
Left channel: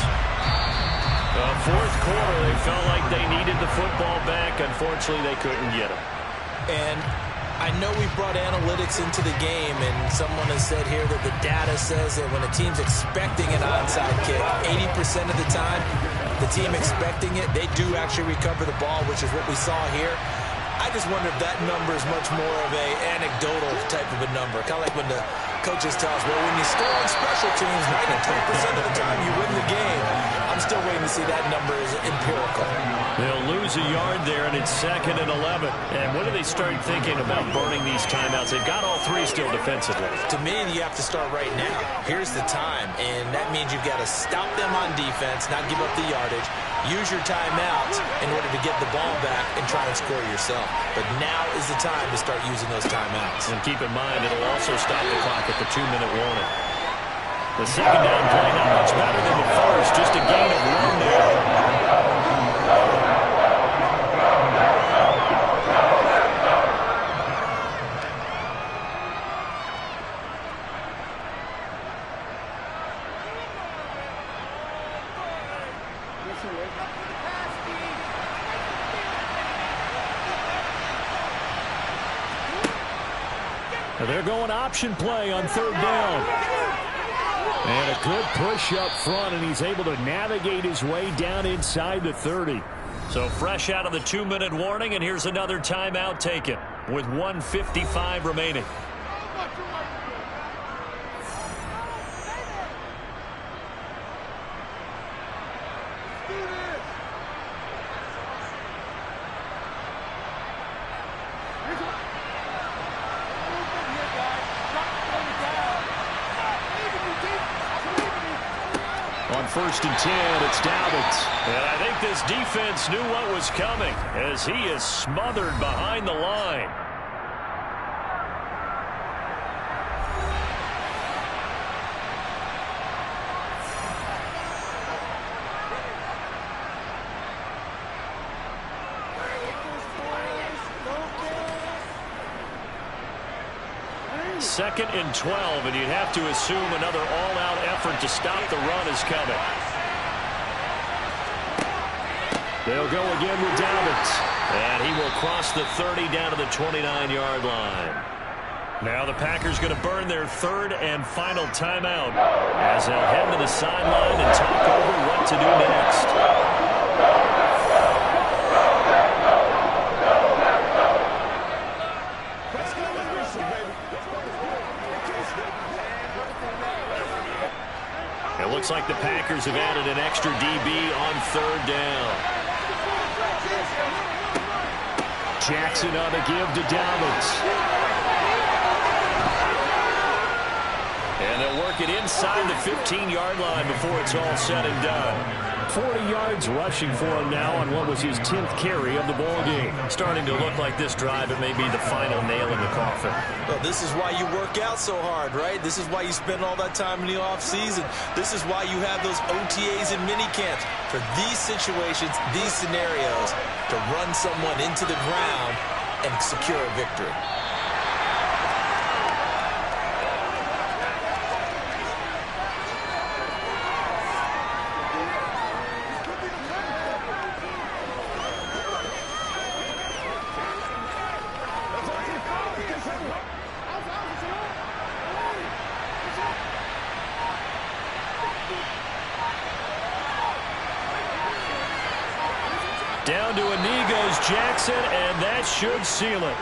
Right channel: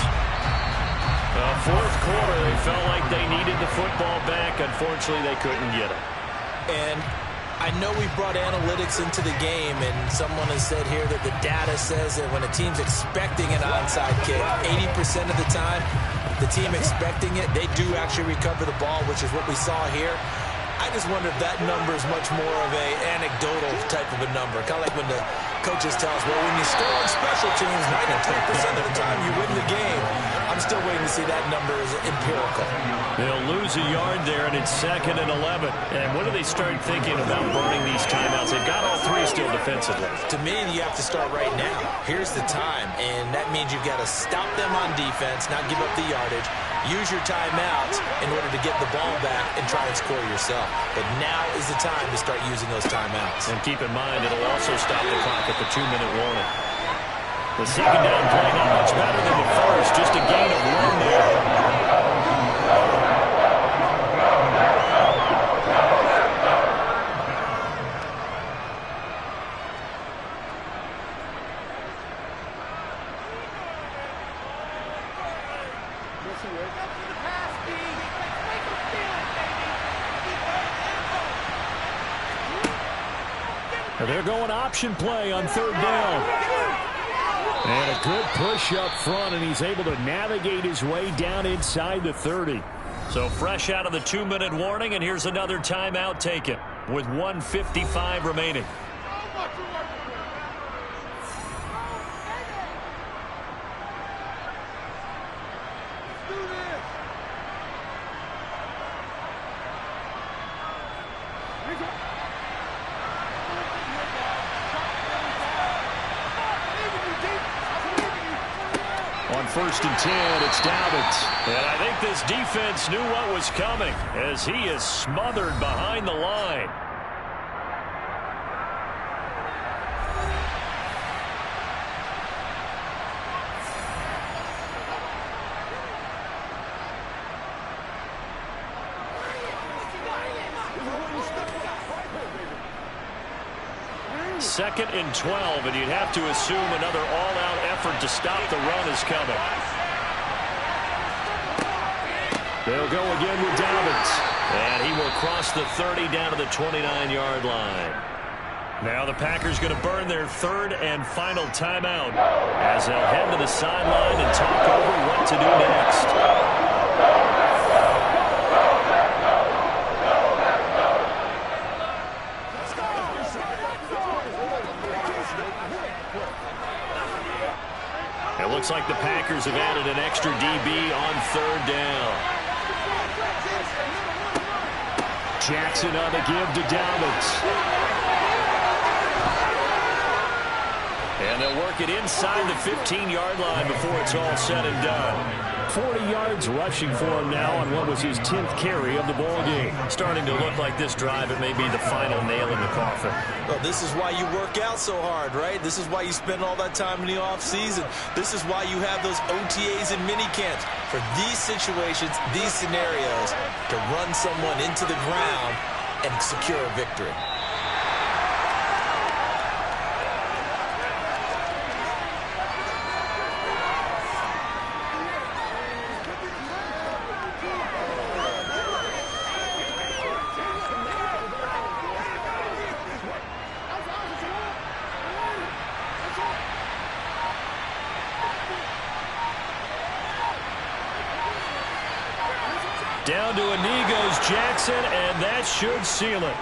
The fourth quarter, they felt like they needed the football back. Unfortunately, they couldn't get it. And I know we've brought analytics into the game, and someone has said here that the data says that when a team's expecting an onside kick, 80% of the time, the team expecting it, they do actually recover the ball, which is what we saw here. I just wonder if that number is much more of a anecdotal type of a number. Kind of like when the coaches tell us, well, when you score on special teams, 93% of the time you win the game. I'm still waiting to see that number is empirical. They'll lose a yard there, and it's 2nd and 11. And when do they start thinking about burning these timeouts? They've got all 3 still defensively. To me, you have to start right now. Here's the time, and that means you've got to stop them on defense, not give up the yardage. Use your timeouts in order to get the ball back and try and score yourself. But now is the time to start using those timeouts. And keep in mind, it'll also stop the clock at the 2-minute warning. The second down play not much better than the first, just a gain of 1 there. They're going option play on 3rd down. And a good push up front, and he's able to navigate his way down inside the 30. So fresh out of the 2-minute warning, and here's another timeout taken with 1:55 remaining. On 1st and 10, it's Dobbins. And I think this defense knew what was coming as he is smothered behind the line. Second and 12, and you'd have to assume another all-out effort to stop the run is coming. They'll go again with Dobbins, and he will cross the 30 down to the 29-yard line. Now the Packers going to burn their 3rd and final timeout as they'll head to the sideline and talk over what to do next. It looks like the Packers have added an extra DB on 3rd down. Jackson on the give to Dobbins. And they'll They'll work it inside the 15-yard line before it's all said and done. 40 yards rushing for him now on what was his 10th carry of the ball game. Starting to look like this drive, it may be the final nail in the coffin. Well, this is why you work out so hard, right? This is why you spend all that time in the offseason. This is why you have those OTAs and mini camps. For these situations, these scenarios, to run someone into the ground and secure a victory. Down to a knee goes Jackson, and that should seal it.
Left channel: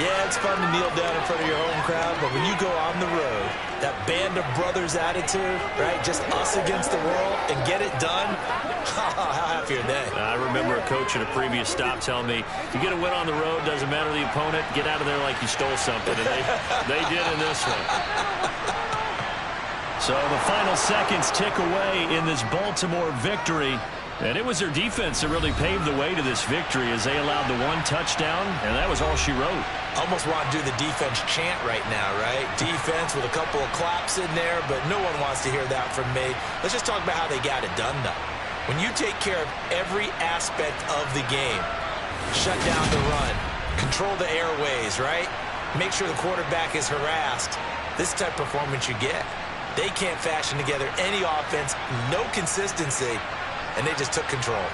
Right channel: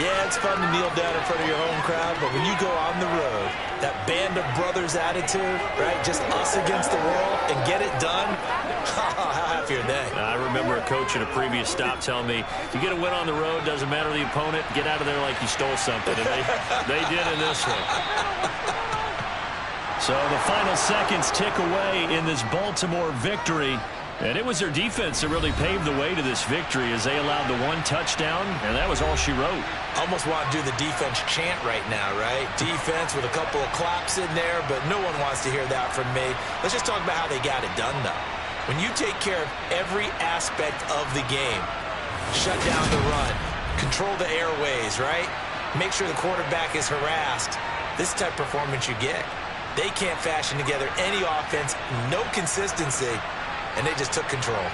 Yeah, it's fun to kneel down in front of your home crowd, but when you go on the road, that band of brothers attitude, right, just us against the world, and get it done, how happy are they? I remember a coach at a previous stop telling me, you get a win on the road, doesn't matter the opponent, get out of there like you stole something, and they did in this one. So the final seconds tick away in this Baltimore victory. And it was their defense that really paved the way to this victory as they allowed the one touchdown, and that was all she wrote. Almost want to do the defense chant right now, right? Defense with a couple of claps in there, but no one wants to hear that from me. Let's just talk about how they got it done, though. When you take care of every aspect of the game, shut down the run, control the airways, right? Make sure the quarterback is harassed. This type of performance you get. They can't fashion together any offense, no consistency, and they just took control.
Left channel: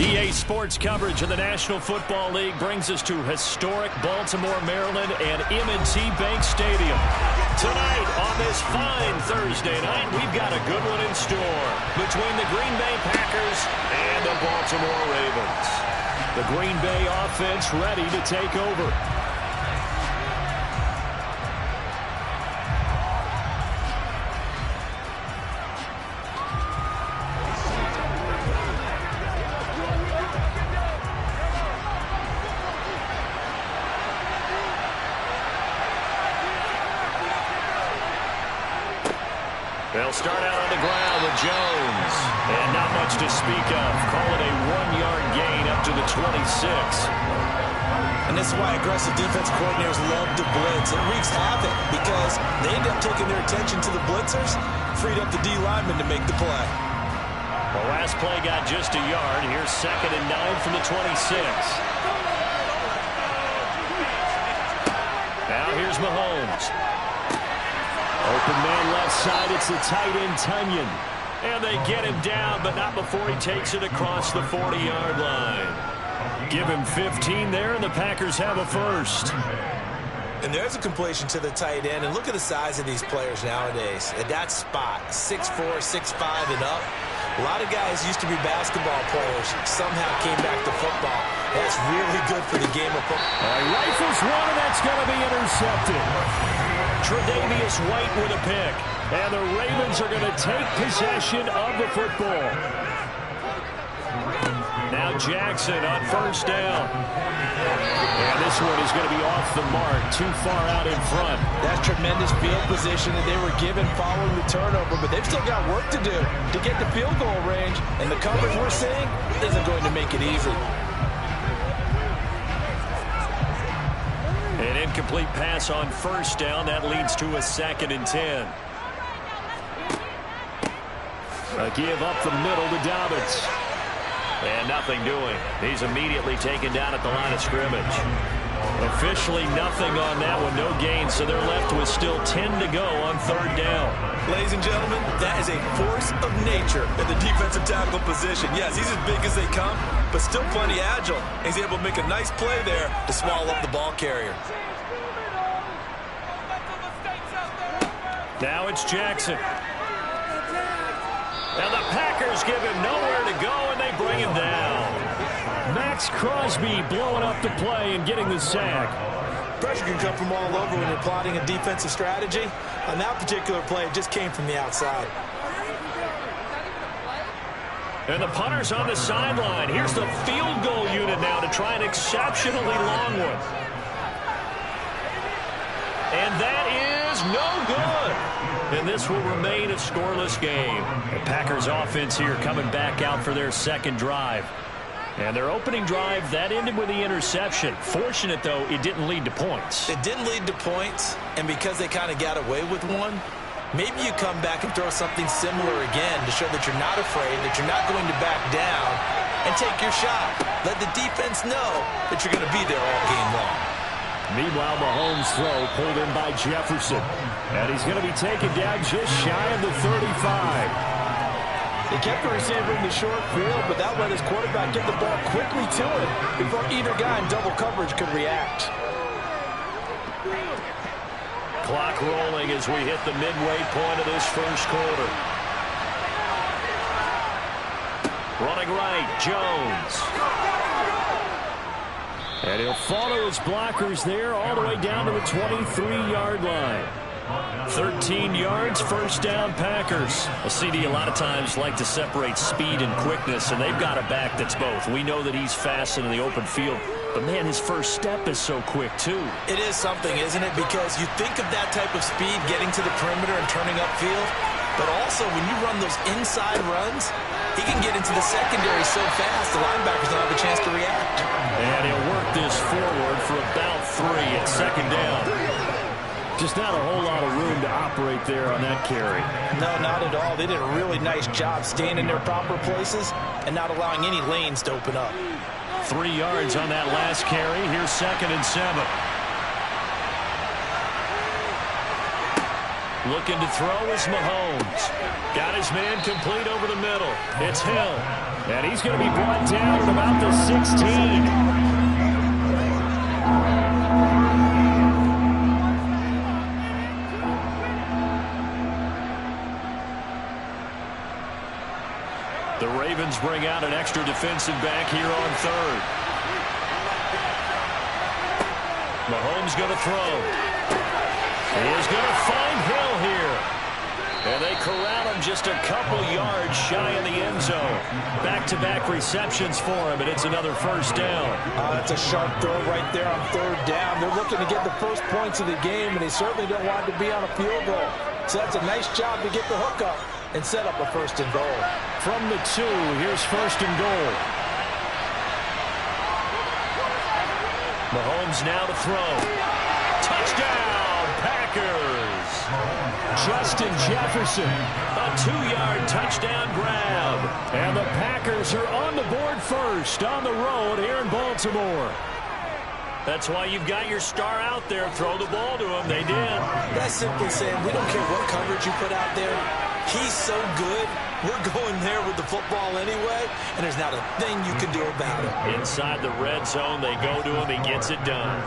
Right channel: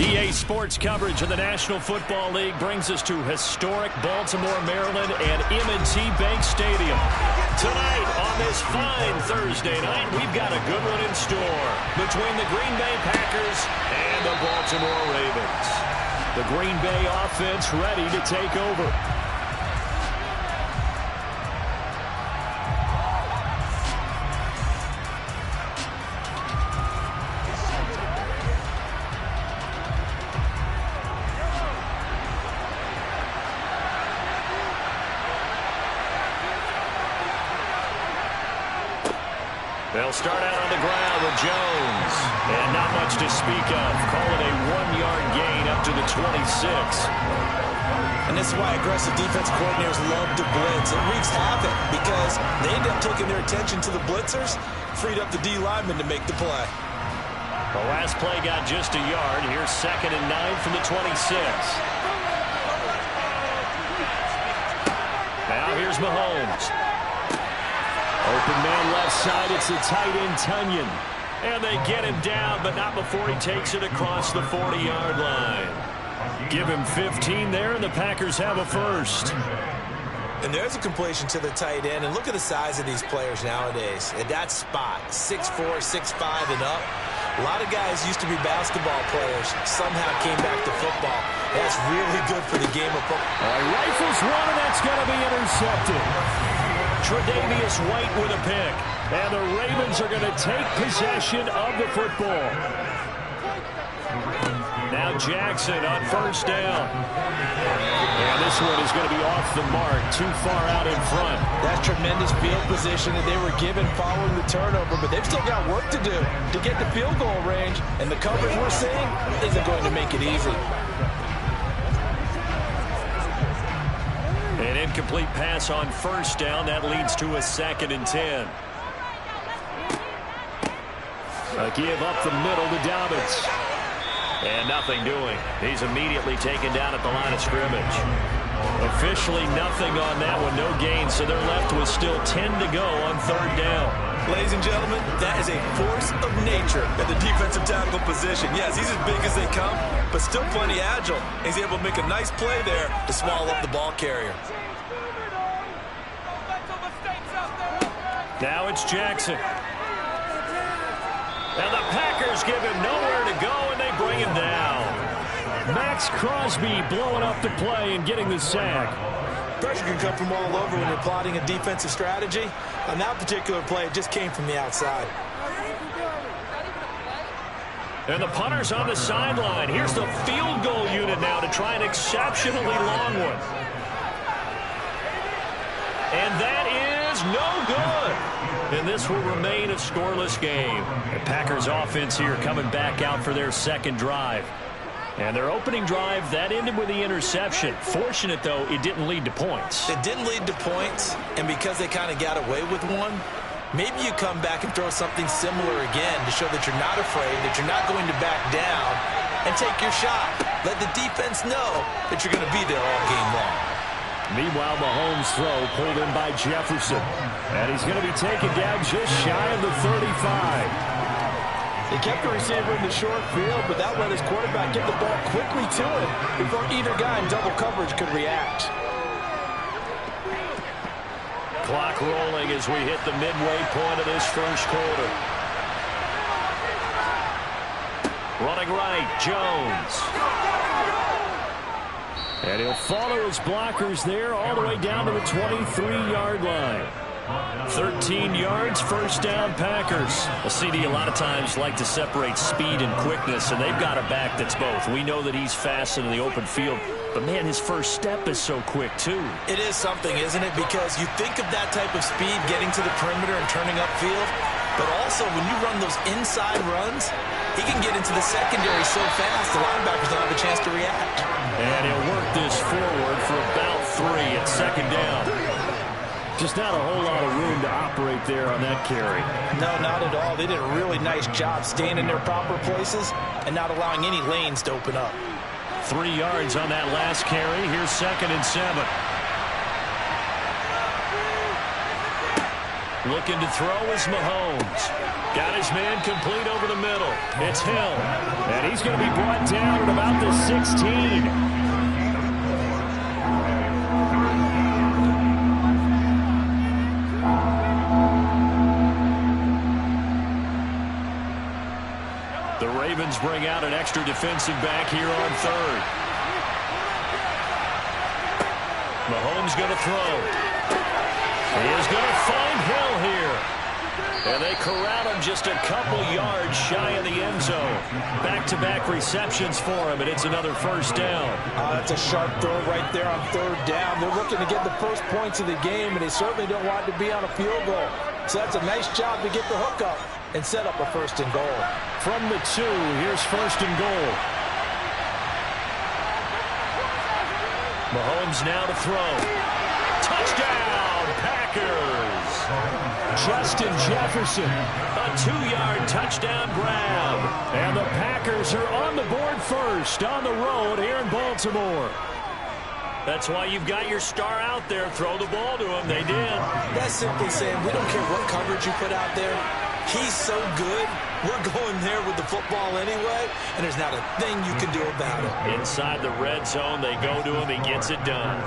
EA Sports coverage of the National Football League brings us to historic Baltimore, Maryland, and M&T Bank Stadium. Tonight, on this fine Thursday night, we've got a good one in store between the Green Bay Packers and the Baltimore Ravens. The Green Bay offense ready to take over. They'll start out on the ground with Jones. And not much to speak of. Call it a 1-yard gain up to the 26. And this is why aggressive defense coordinators love to blitz. It wreaks havoc because they end up taking their attention to the blitzers, freed up the D lineman to make the play. The last play got just a yard. Here's 2nd and 9 from the 26. Now here's Mahomes. Open man left side. It's the tight end, Tunyon. And they get him down, but not before he takes it across the 40-yard line. Give him 15 there, and the Packers have a first. And there's a completion to the tight end. And look at the size of these players nowadays. At that spot, 6'4", 6'5", and up. A lot of guys used to be basketball players, somehow came back to football. That's really good for the game of football. Rifles one, and that's going to be intercepted. Tre'Davious White with a pick. And the Ravens are going to take possession of the football. Now Jackson on first down. And this one is going to be off the mark, too far out in front. That's tremendous field position that they were given following the turnover, but they've still got work to do to get the field goal range, and the coverage we're seeing isn't going to make it easy. An incomplete pass on first down. That leads to a 2nd and 10. A give up the middle to Dobbins. And nothing doing. He's immediately taken down at the line of scrimmage. Officially nothing on that one. No gain, so they're left with still 10 to go on 3rd down. Ladies and gentlemen, that is a force of nature at the defensive tackle position. Yes, he's as big as they come, but still plenty agile. He's able to make a nice play there to swallow up the ball carrier. Now it's Jackson. And the Packers give him nowhere to go, and they bring him down. Max Crosby blowing up the play and getting the sack. Pressure can come from all over when you're plotting a defensive strategy. On that particular play, it just came from the outside. And the punter's on the sideline. Here's the field goal unit now to try an exceptionally long one. And that is no good. And this will remain a scoreless game. The Packers offense here coming back out for their 2nd drive. And their opening drive, that ended with the interception. Fortunate, though, it didn't lead to points. It didn't lead to points, and because they kind of got away with one, maybe you come back and throw something similar again to show that you're not afraid, that you're not going to back down, and take your shot. Let the defense know that you're going to be there all game long. Meanwhile, Mahomes' throw pulled in by Jefferson. And he's going to be taken down just shy of the 35. They kept the receiver in the short field, but that let his quarterback get the ball quickly to him before either guy in double coverage could react. Clock rolling as we hit the midway point of this first quarter. Running right, Jones. And he'll follow his blockers there all the way down to the 23-yard line. 13 yards, first down, Packers. Well, CD, a lot of times like to separate speed and quickness, and they've got a back that's both. We know that he's fast in the open field, but, man, his first step is so quick, too. It is something, isn't it? Because you think of that type of speed getting to the perimeter and turning upfield, but also when you run those inside runs, he can get into the secondary so fast the linebackers don't have a chance to react. And he'll work this forward for about 3 at 2nd down. Just not a whole lot of room to operate there on that carry. No, not at all. They did a really nice job staying in their proper places and not allowing any lanes to open up. 3 yards on that last carry. Here's 2nd and 7. Looking to throw is Mahomes. Got his man complete over the middle. It's Hill. And he's going to be brought down at about the 16. The Ravens bring out an extra defensive back here on third. Mahomes going to throw. He is going to find Hill here. And they corral him just a couple yards shy of the end zone. Back-to-back receptions for him, and it's another first down. That's a sharp throw right there on third down. They're looking to get the first points of the game, and they certainly don't want it to be on a field goal. So that's a nice job to get the hook up and set up a first and goal. From the 2, here's first and goal. Mahomes now to throw. Touchdown, Packers. Justin Jefferson. A 2-yard touchdown grab. And the Packers are on the board first on the road here in Baltimore. That's why you've got your star out there. Throw the ball to him. They did. That's simply saying we don't care what coverage you put out there. He's so good. We're going there with the football anyway, and there's not a thing you can do about it. Inside the red zone, they go to him. He gets it done.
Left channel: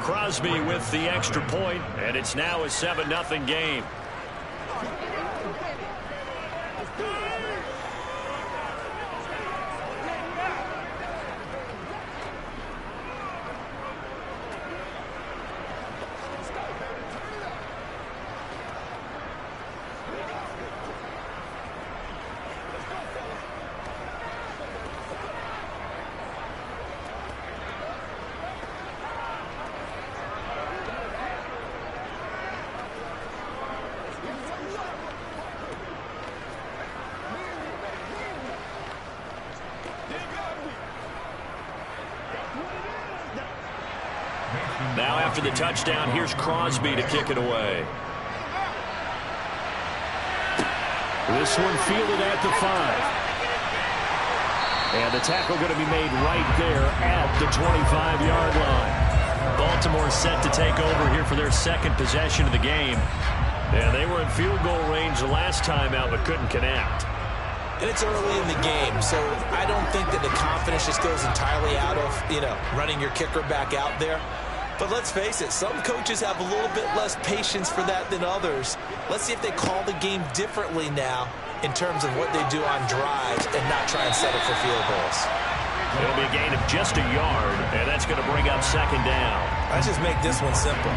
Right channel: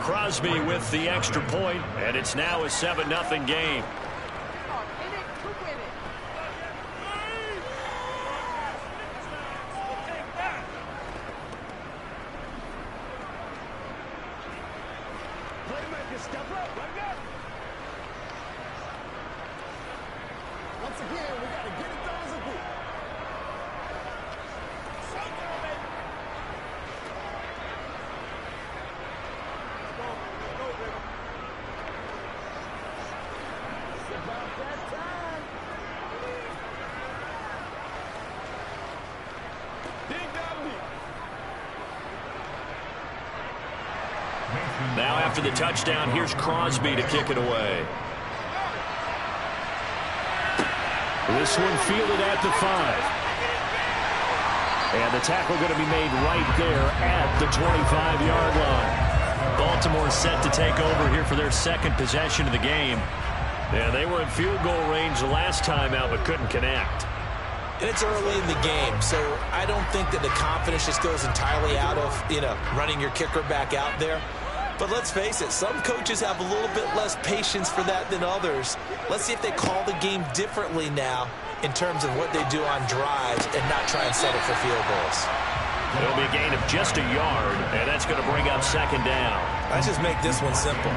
Crosby with the extra point, and it's now a 7-0 game. Now after the touchdown, here's Crosby to kick it away. This one fielded at the 5. And the tackle going to be made right there at the 25-yard line. Baltimore set to take over here for their second possession of the game. Yeah, they were in field goal range the last time out but couldn't connect. And it's early in the game, so I don't think that the confidence just goes entirely out of, running your kicker back out there. But let's face it, some coaches have a little bit less patience for that than others. Let's see if they call the game differently now in terms of what they do on drives and not try and set it for field goals. It'll be a gain of just a yard, and that's going to bring up second down. Let's just make this one simple.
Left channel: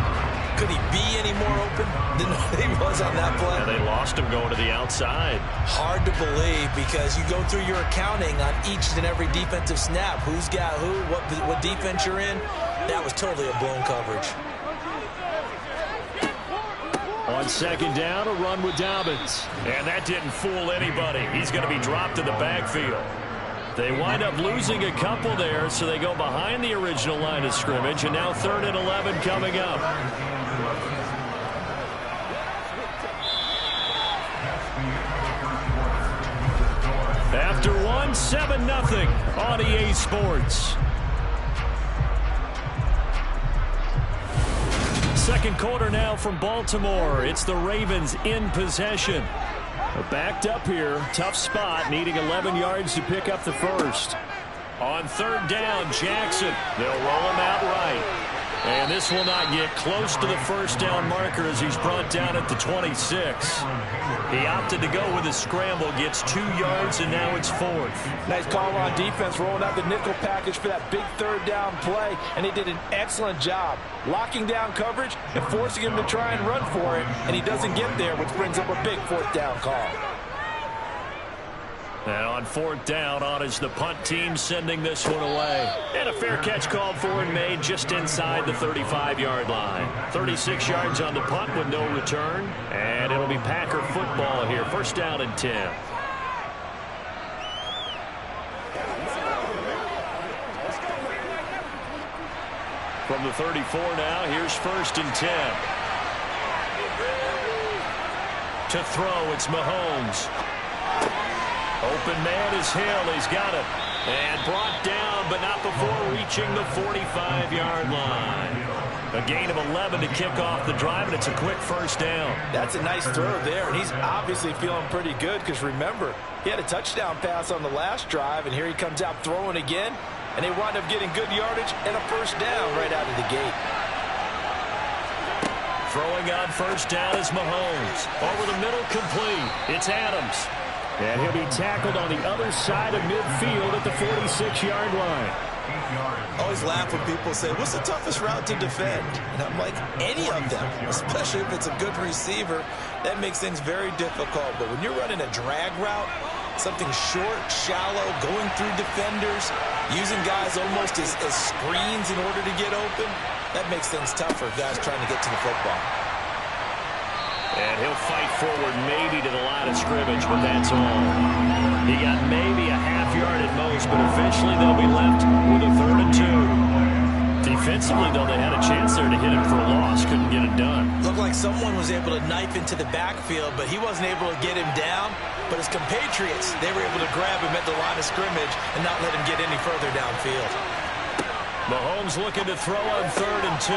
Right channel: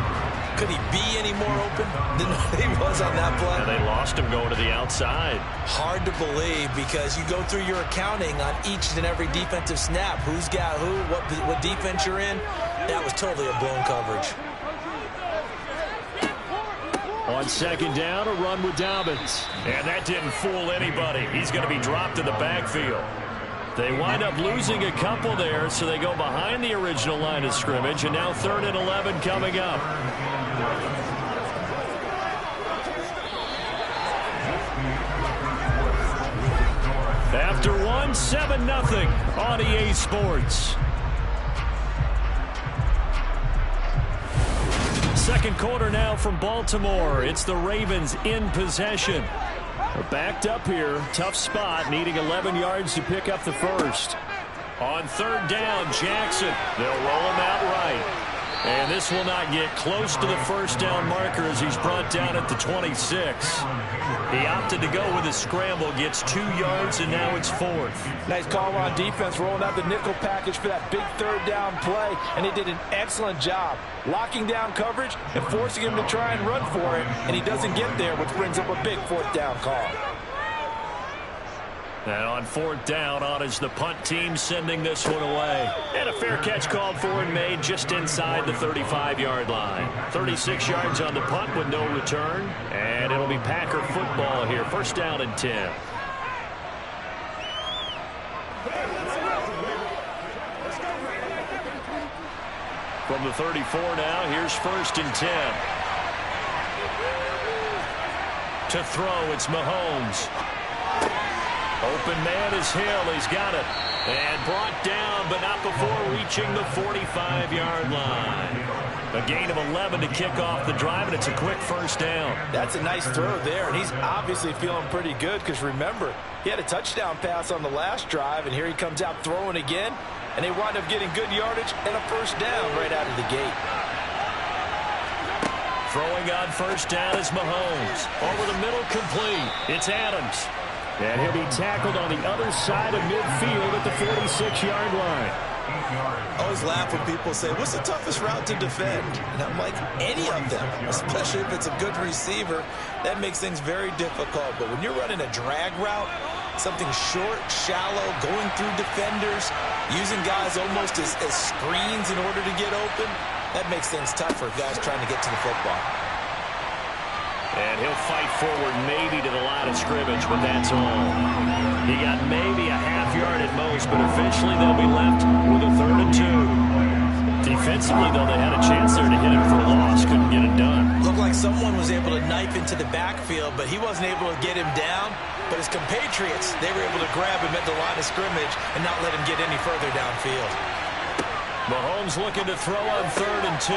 Could he be any more open than he was on that play? And they lost him going to the outside. Hard to believe because you go through your accounting on each and every defensive snap. Who's got who, what defense you're in. That was totally a blown coverage. On second down, a run with Dobbins. And that didn't fool anybody. He's going to be dropped in the backfield. They wind up losing a couple there, so they go behind the original line of scrimmage, and now 3rd and 11 coming up. After 7-0 on EA Sports. Second quarter now from Baltimore. It's the Ravens in possession. Backed up here, tough spot, needing 11 yards to pick up the first. On 3rd down, Jackson. They'll roll him out right. And this will not get close to the first down marker as he's brought down at the 26. He opted to go with a scramble, gets 2 yards, and now it's 4th. Nice call on defense, rolling out the nickel package for that big 3rd down play, and he did an excellent job locking down coverage and forcing him to try and run for it, and he doesn't get there, which brings up a big 4th down call. And on 4th down, on is the punt team sending this one away. And a fair catch called for and made just inside the 35-yard line. 36 yards on the punt with no return. And it'll be Packer football here. 1st down and 10. From the 34 now, here's 1st and 10. To throw, it's Mahomes. Open man is Hill. He's got it. And brought down, but not before reaching the 45-yard line. A gain of 11 to kick off the drive, and it's a quick first down. That's a nice throw there, and he's obviously feeling pretty good because, remember, he had a touchdown pass on the last drive, and here he comes out throwing again, and they wind up getting good yardage and a first down right out of the gate. Throwing on first down is Mahomes. Over the middle, complete. It's Adams. And he'll be tackled on the other side of midfield at the 46-yard line. I always laugh when people say, what's the toughest route to defend? And I'm like, any of them, especially if it's a good receiver. That makes things very difficult. But when you're running a drag route, something short, shallow, going through defenders, using guys almost as screens in order to get open, that makes things tougher, guys trying to get to the football. And he'll fight forward maybe to the line of scrimmage, but that's all. He got maybe a half yard at most, but eventually they'll be left with a 3rd and 2. Defensively, though, they had a chance there to hit him for a loss. Couldn't get it done. Looked like someone was able to knife into the backfield, but he wasn't able to get him down. But his compatriots, they were able to grab him at the line of scrimmage and not let him get any further downfield. Mahomes looking to throw on 3rd and 2.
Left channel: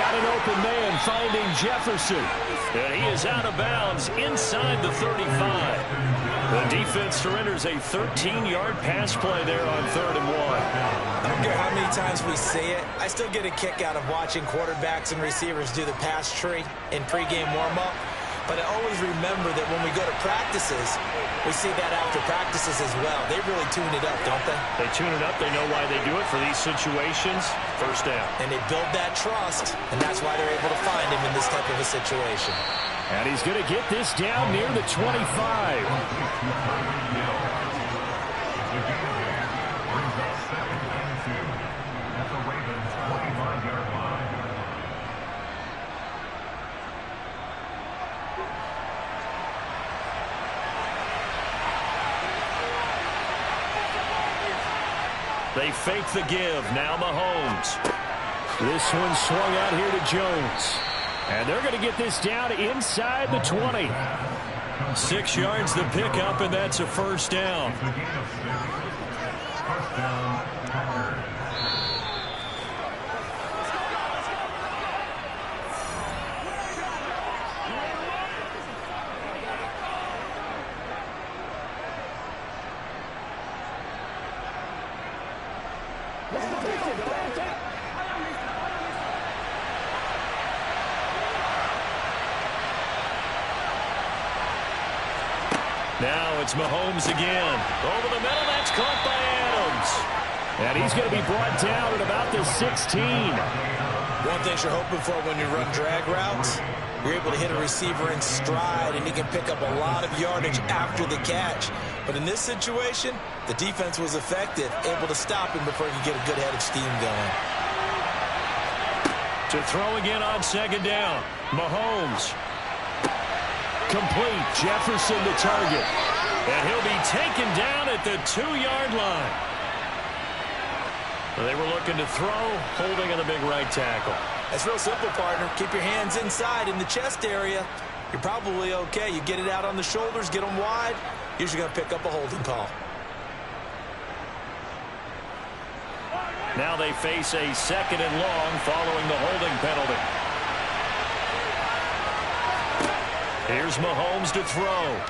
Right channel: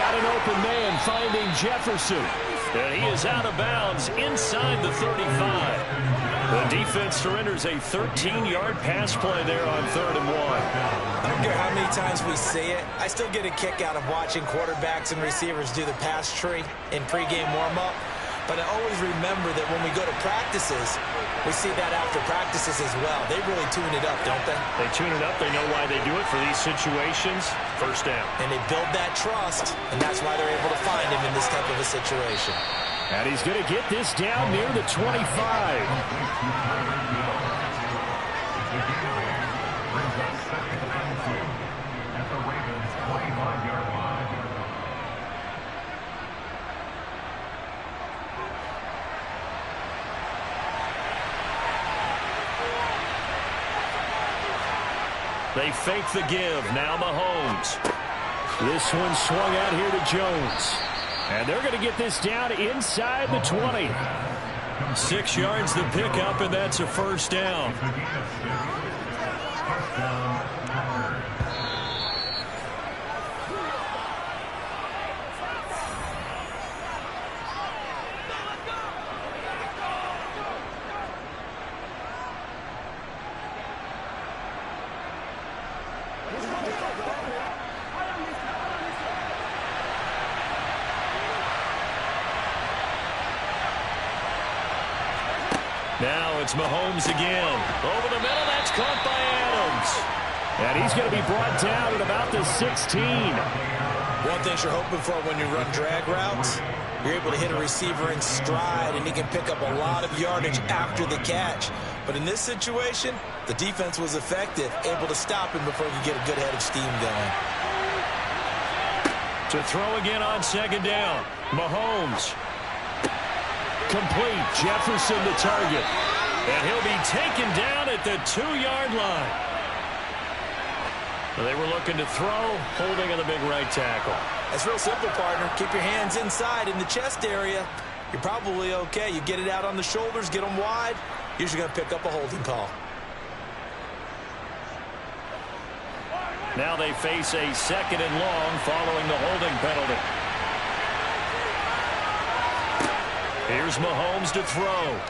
Got an open man finding Jefferson. And he is out of bounds inside the 35. The defense surrenders a 13-yard pass play there on 3rd and 1. I don't care how many times we say it, I still get a kick out of watching quarterbacks and receivers do the pass tree in pregame warm-up. But I always remember that when we go to practices, we see that after practices as well. They really tune it up, don't they? They tune it up. They know why they do it for these situations. First down. And they build that trust, and that's why they're able to find him in this type of a situation. And he's going to get this down near the 25. At the Ravens' 25-yard line. They fake the give. Now Mahomes. This one swung out here to Jones. And they're going to get this down inside the 20. 6 yards the pickup, and that's a first down. First down, Packers. Now it's Mahomes again. Over the middle, that's caught by Adams. And he's going to be brought down at about the 16. One thing you're hoping for when you run drag routes, you're able to hit a receiver in stride, and he can pick up a lot of yardage after the catch. But in this situation, the defense was effective, able to stop him before he could get a good head of steam going. To throw again on 2nd down. Mahomes. Complete. Jefferson the target. And he'll be taken down at the 2-yard line. They were looking to throw, holding on the big right tackle. That's real simple, partner. Keep your hands inside in the chest area. You're probably okay. You get it out on the shoulders, get them wide. Usually going to pick up a holding call. Now they face a 2nd and long following the holding penalty. Here's Mahomes to throw.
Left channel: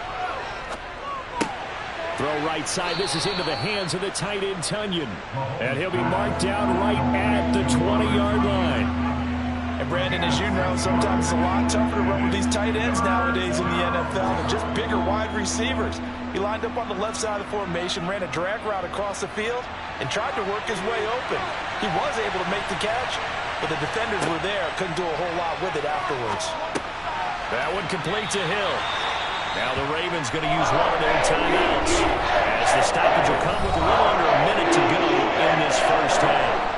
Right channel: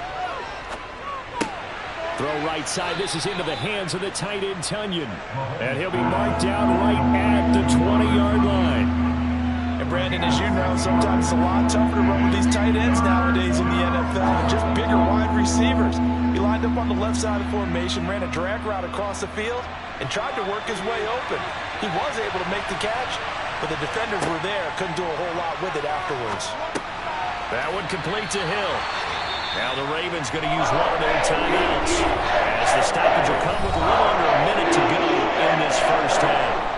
Throw right side. This is into the hands of the tight end, Tunyon. And he'll be marked down right at the 20-yard line. And, Brandon, as you know, sometimes it's a lot tougher to run with these tight ends nowadays in the NFL than just bigger wide receivers. He lined up on the left side of the formation, ran a drag route across the field, and tried to work his way open. He was able to make the catch, but the defenders were there, couldn't do a whole lot with it afterwards. That one complete to Hill. Now the Ravens going to use one of their timeouts as the stoppage will come with a little under a minute to go in this first half.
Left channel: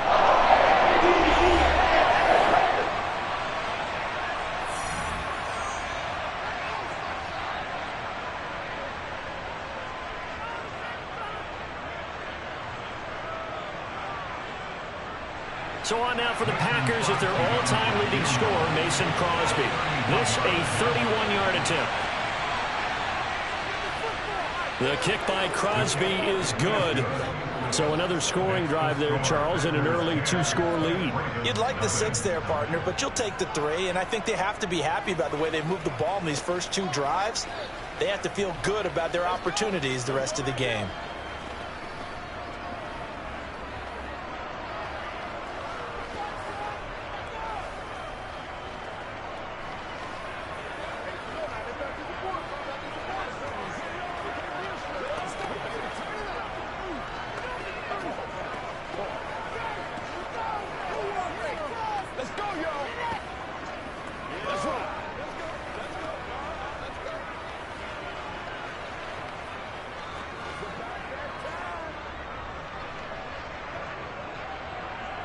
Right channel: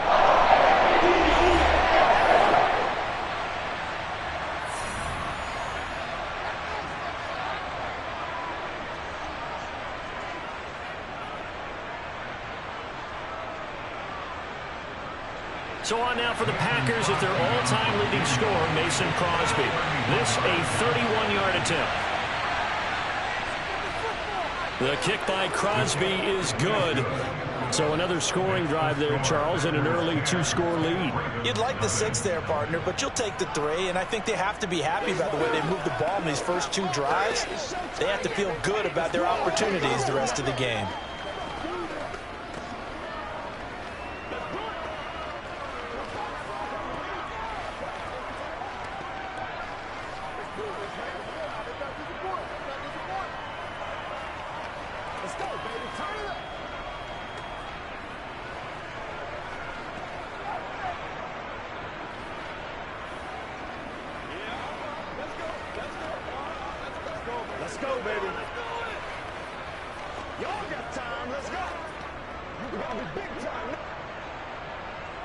So on now for the Packers at their all-time leading scorer, Mason Crosby. This a 31-yard attempt. The kick by Crosby is good. So another scoring drive there, Charles, and an early two-score lead. You'd like the 6 there, partner, but you'll take the 3, and I think they have to be happy about the way they moved the ball in these first 2 drives. They have to feel good about their opportunities the rest of the game.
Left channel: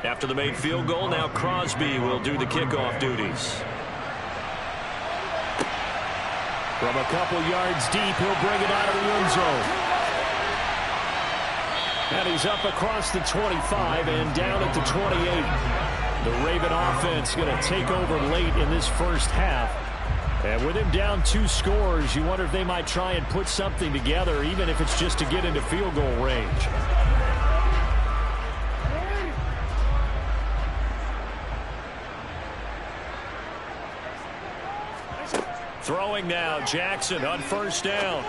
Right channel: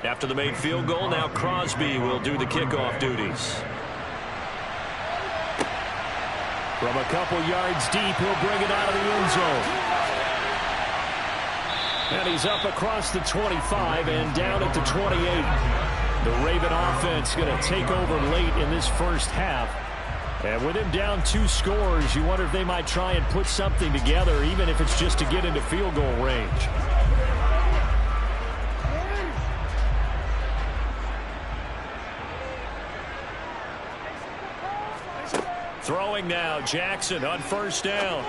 After the made field goal, now Crosby will do the kickoff duties. From a couple yards deep, he'll bring it out of the end zone. And he's up across the 25 and down at the 28. The Raven offense going to take over late in this first half. And with him down 2 scores, you wonder if they might try and put something together, even if it's just to get into field goal range. Throwing now, Jackson on first down.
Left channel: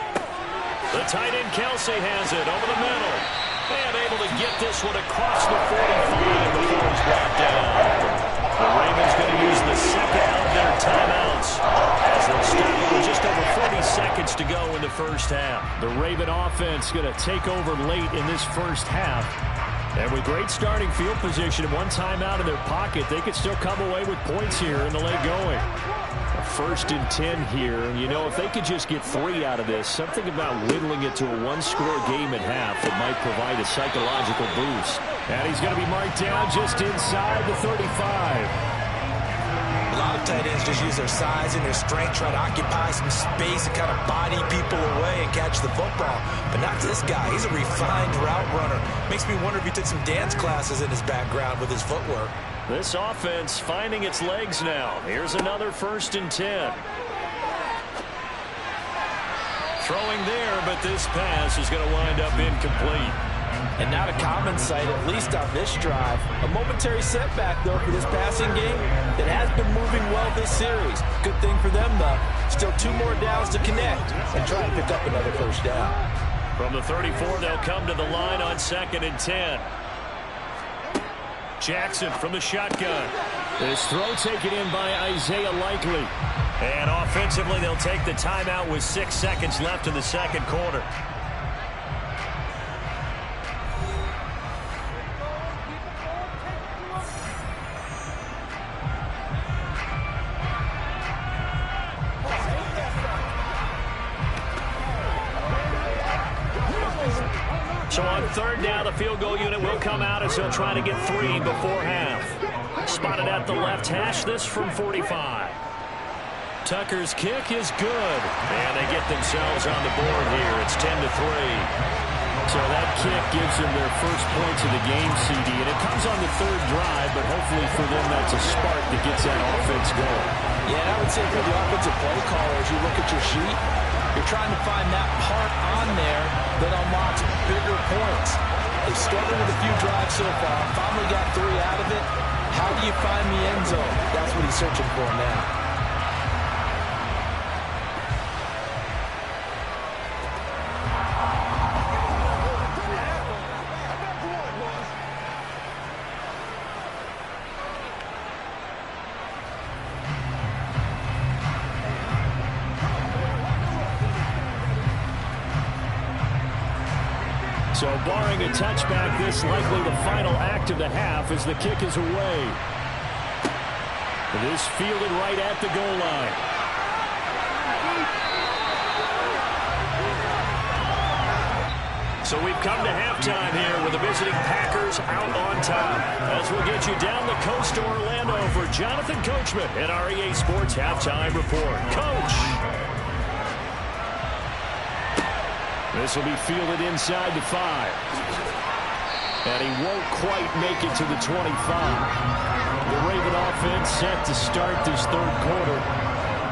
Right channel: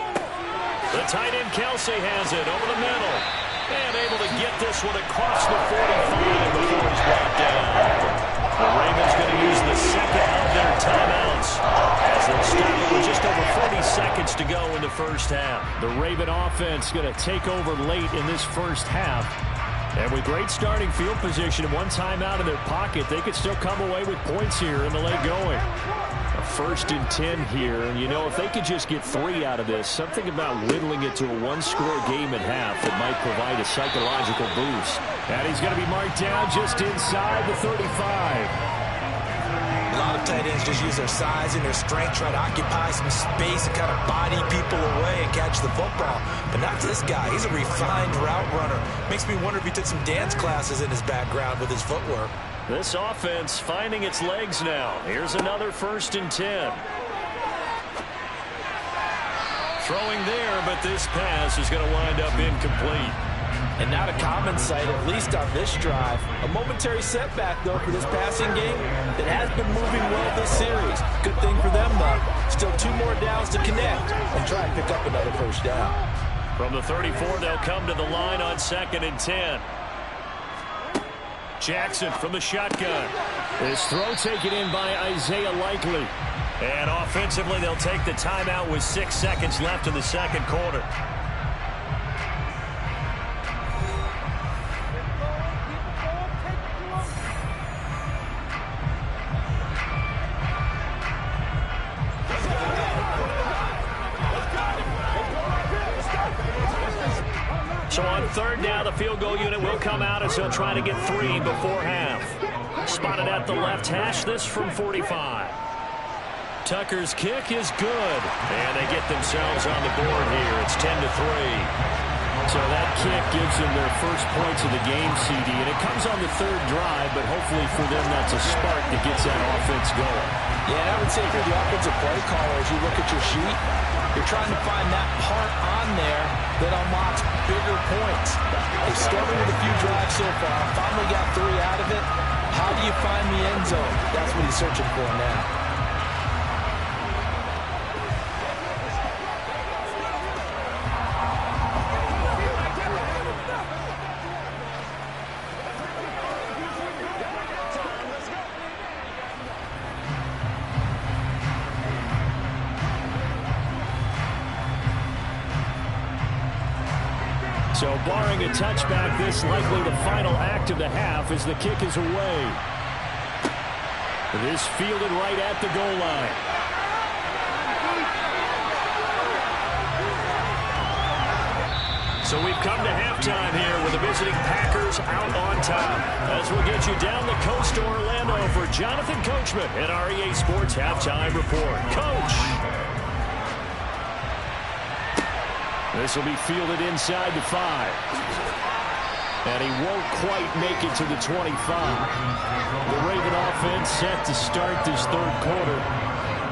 The tight end Kelsey has it over the middle. And able to get this one across the 45 before he's brought down. The Ravens going to use the second of their timeouts as they'll stop it with just over 40 seconds to go in the first half. The Raven offense going to take over late in this first half. And with great starting field position and 1 timeout in their pocket, they could still come away with points here in the late going. A 1st and 10 here, and you know, if they could just get 3 out of this, something about whittling it to a 1-score game at half that might provide a psychological boost. And he's going to be marked down just inside the 35. A lot of tight ends just use their size and their strength, try to occupy some space and kind of body people away and catch the football. But not this guy. He's a refined route runner. Makes me wonder if he took some dance classes in his background with his footwork. This offense finding its legs now. Here's another 1st and 10. Throwing there, but this pass is going to wind up incomplete. And not a common sight, at least on this drive. A momentary setback, though, for this passing game that has been moving well this series. Good thing for them, though. Still 2 more downs to connect and try and pick up another first down. From the 34, they'll come to the line on 2nd and 10. Jackson from the shotgun. This throw taken in by Isaiah Likely. And offensively, they'll take the timeout with 6 seconds left in the second quarter. So on 3rd down, the field goal unit will come out as they'll try to get 3 before half. Spotted at the left hash, this from 45. Tucker's kick is good. And they get themselves on the board here. It's 10-3. So that kick gives them their first points of the game, CD. And it comes on the 3rd drive, but hopefully for them that's a spark that gets that offense going. Yeah, and I would say if you're the offensive play caller, as you look at your sheet, you're trying to find that part on there that unlocks bigger points. They've started with a few drives so far, finally got 3 out of it. How do you find the end zone? That's what he's searching for now. So barring a touchback, this likely the final act of the half as the kick is away. This fielded right at the goal line. So we've come to halftime here with the visiting Packers out on top. As we'll get you down the coast to Orlando for Jonathan Coachman at our EA Sports Halftime Report. Coach! This will be fielded inside the 5. And he won't quite make it to the 25. The Raven offense set to start this 3rd quarter.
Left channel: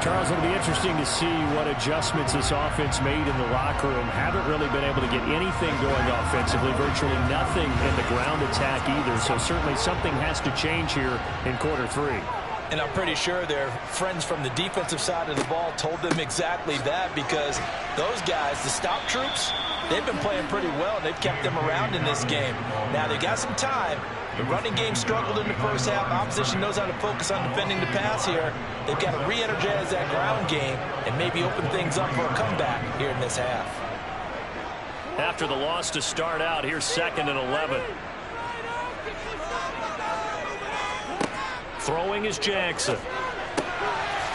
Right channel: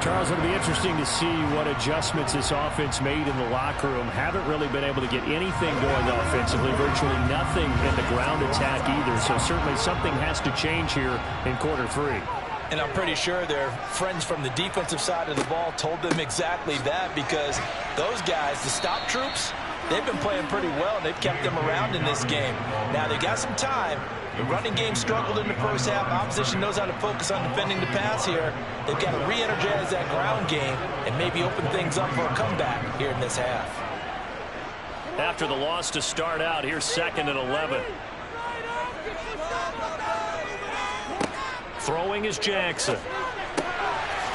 Charles, it'll be interesting to see what adjustments this offense made in the locker room. Haven't really been able to get anything going offensively, virtually nothing in the ground attack either. So certainly something has to change here in quarter 3. And I'm pretty sure their friends from the defensive side of the ball told them exactly that, because those guys, the stop troops, they've been playing pretty well. They've kept them around in this game. Now they got some time. The running game struggled in the first half. Opposition knows how to focus on defending the pass here. They've got to re-energize that ground game and maybe open things up for a comeback here in this half. After the loss to start out, here's 2nd and 11. Throwing is Jackson.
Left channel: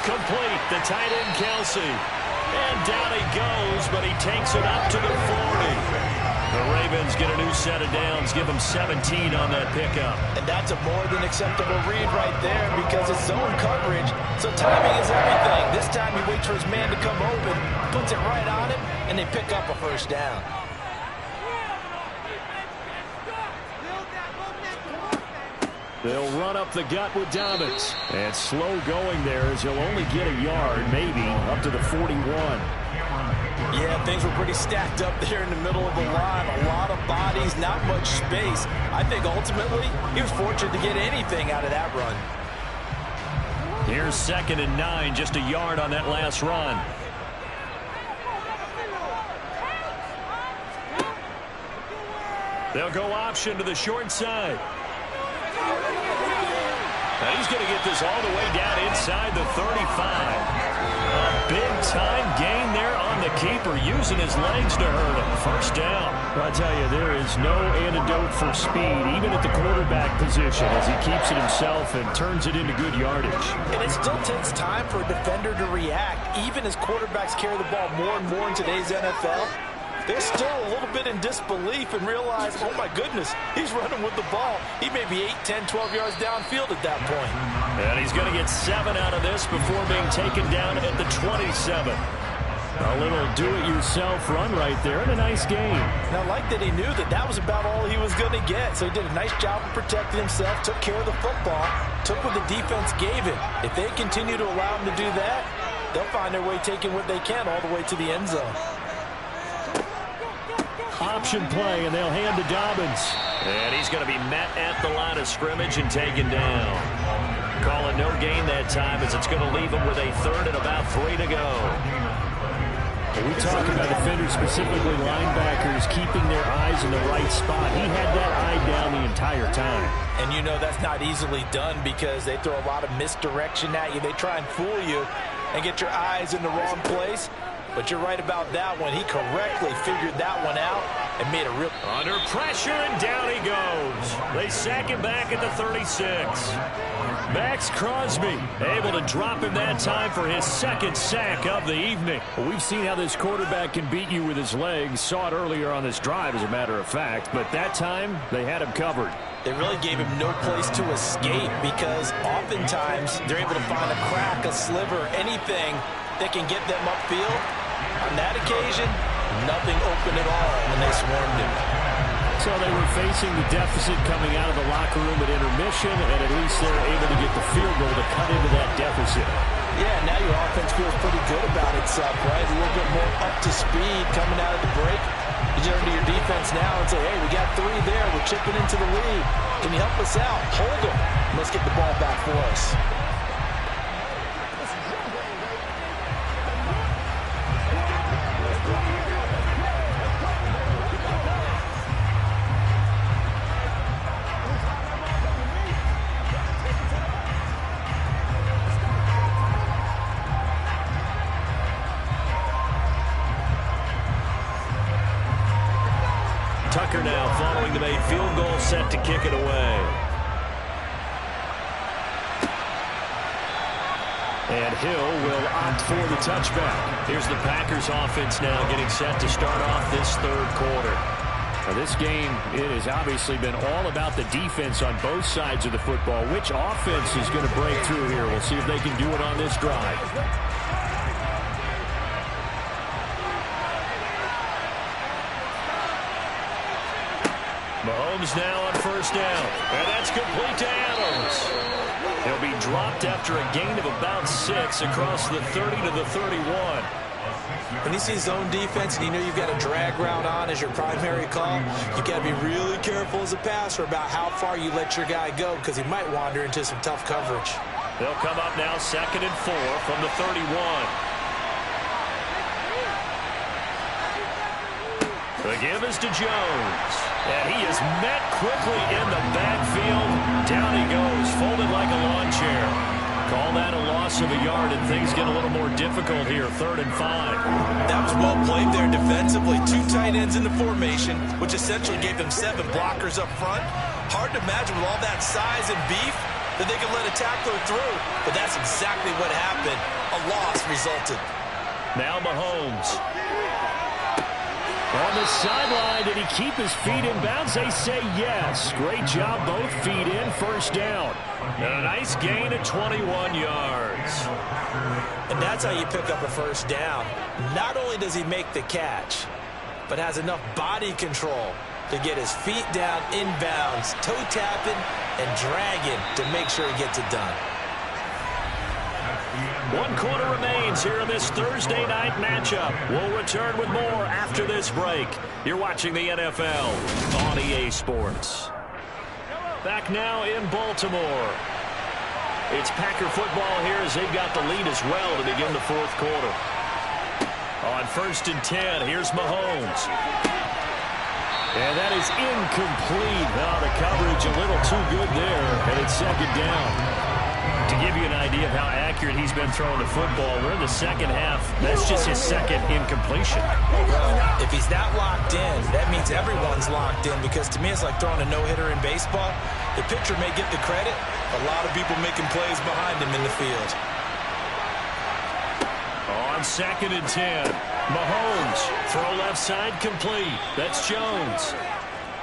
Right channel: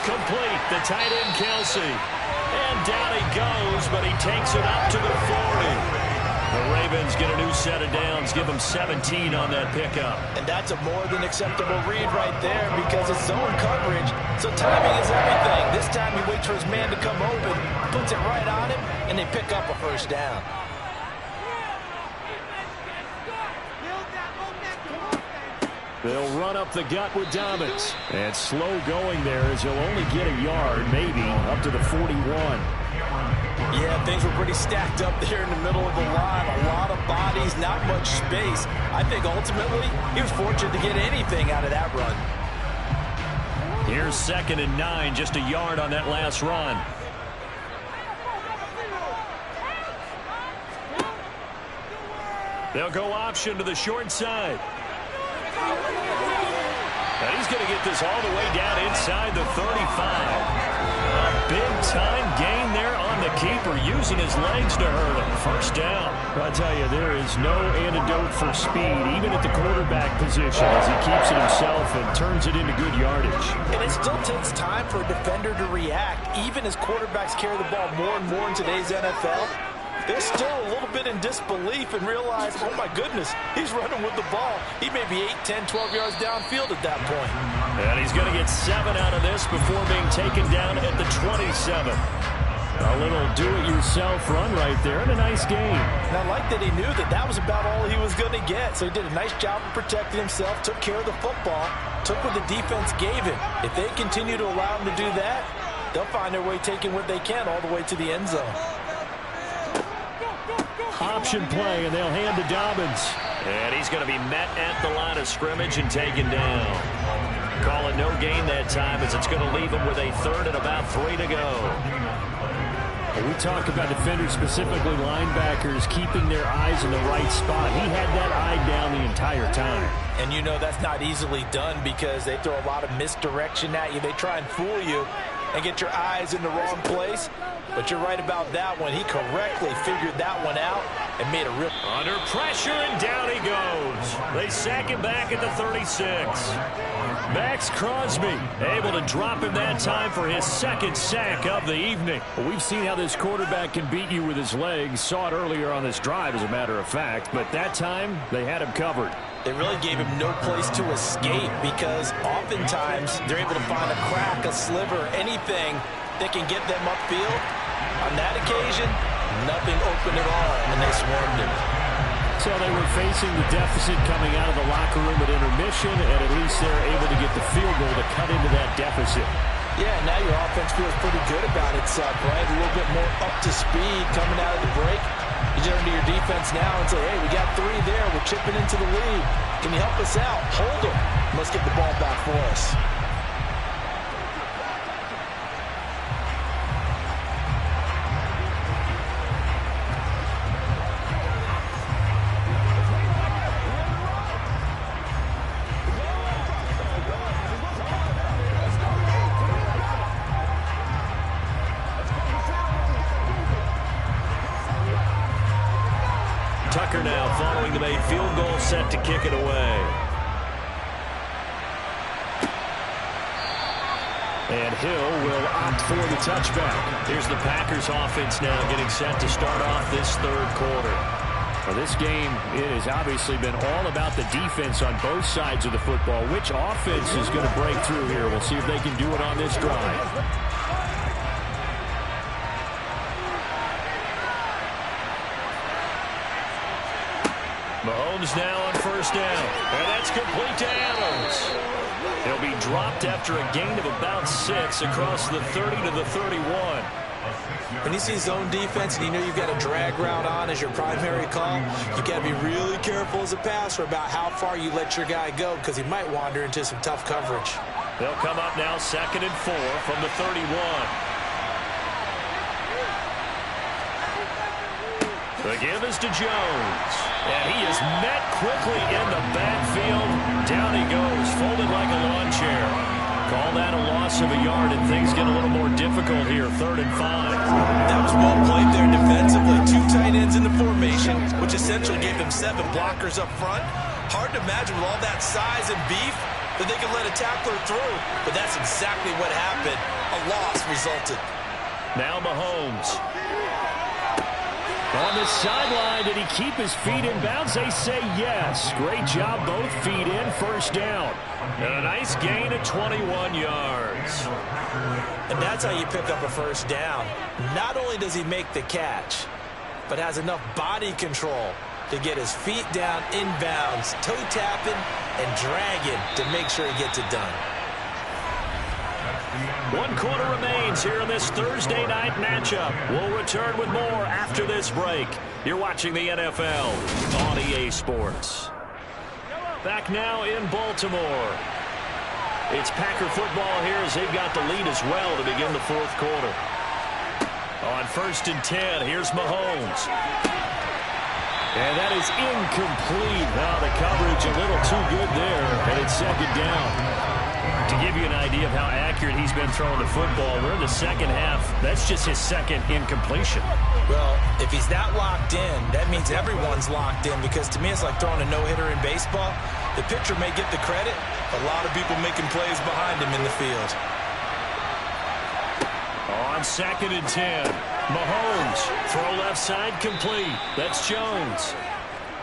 Complete. The tight end, Kelsey. And down he goes, but he takes it up to the 40. The Ravens get a new set of downs, give them 17 on that pickup. And that's a more than acceptable read right there, because it's zone coverage, so timing is everything. This time he waits for his man to come open, puts it right on him, and they pick up a first down. They'll run up the gut with Dobbins. And slow going there, as he'll only get a yard, maybe, up to the 41. Yeah, things were pretty stacked up there in the middle of the line. A lot of bodies, not much space. I think ultimately he was fortunate to get anything out of that run. Here's 2nd and 9, just a yard on that last run. They'll go option to the short side. And he's going to get this all the way down inside the 35. A big-time gain there on the keeper, using his legs to hurt him. First down. I'll tell you, there is no antidote for speed, even at the quarterback position, as he keeps it himself and turns it into good yardage. And it still takes time for a defender to react, even as quarterbacks carry the ball more and more in today's NFL. They're still a little bit in disbelief and realize, oh my goodness, he's running with the ball. He may be 8, 10, 12 yards downfield at that point. And he's going to get 7 out of this before being taken down at the 27. A little do-it-yourself run right there, and a nice game. And I like that he knew that that was about all he was going to get. So he did a nice job of protecting himself, took care of the football, took what the defense gave him. If they continue to allow him to do that, they'll find their way taking what they can all the way to the end zone. Option play, and they'll hand to Dobbins. And he's going to be met at the line of scrimmage and taken down. Call it no gain that time, as it's going to leave him with a 3rd and about 3 to go. When we talk about defenders, specifically linebackers, keeping their eyes in the right spot. He had that eye down the entire time. And you know that's not easily done, because they throw a lot of misdirection at you. They try and fool you and get your eyes in the wrong place. But you're right about that one. He correctly figured that one out and made a real... Under pressure, and down he goes. They sack him back at the 36. Max Crosby able to drop him that time for his 2nd sack of the evening. Well, we've seen how this quarterback can beat you with his legs. Saw it earlier on this drive, as a matter of fact. But that time, they had him covered. They really gave him no place to escape, because oftentimes they're able to find a crack, a sliver, anything that can get them upfield. On that occasion, nothing open at all, and they swarmed him. So they were facing the deficit coming out of the locker room at intermission, and at least they're able to get the field goal to cut into that deficit. Yeah, now your offense feels pretty good about itself, right? A little bit more up to speed coming out of the break. You turn to your defense now and say, hey, we got 3 there. We're chipping into the lead. Can you help us out? Hold them. Let's get the ball back for us. Tucker now following the made field goal, set to kick it away. And Hill will opt for the touchback. Here's the Packers offense now getting set to start off this 3rd quarter. Now this game, it has obviously been all about the defense on both sides of the football. Which offense is going to break through here? We'll see if they can do it on this drive. Mahomes now on 1st down, and that's complete to Adams. He'll be dropped after a gain of about 6 across the 30 to the 31. When you see zone defense and you know you've got a drag route on as your primary call, you got to be really careful as a passer about how far you let your guy go because he might wander into some tough coverage. They'll come up now 2nd and 4 from the 31. The give is to Jones. And he is met quickly in the backfield. Down he goes, folded like a lawn chair. Call that a loss of a yard, and things get a little more difficult here, 3rd and 5. That was well played there defensively. 2 tight ends in the formation, which essentially gave them 7 blockers up front. Hard to imagine with all that size and beef that they could let a tackler through. But that's exactly what happened. A loss resulted. Now Mahomes. On the sideline, did he keep his feet in bounds? They say yes. Great job, both feet in, 1st down. And a nice gain of 21 yards. And that's how you pick up a 1st down. Not only does he make the catch, but has enough body control to get his feet down inbounds, toe tapping and dragging to make sure he gets it done. 1 quarter remains here in this Thursday night matchup. We'll return with more after this break. You're watching the NFL on EA Sports. Back now in Baltimore. It's Packer football here as they've got the lead as well to begin the 4th quarter. On 1st and 10, here's Mahomes. And that is incomplete. Now the coverage a little too good there, and it's 2nd down. To give you an idea of how accurate he's been throwing the football, we're in the 2nd half. That's just his 2nd incompletion. Well, if he's not locked in, that means everyone's locked in because to me it's like throwing a no-hitter in baseball. The pitcher may get the credit, but a lot of people making plays behind him in the field. On 2nd and 10, Mahomes, throw left side complete. That's Jones.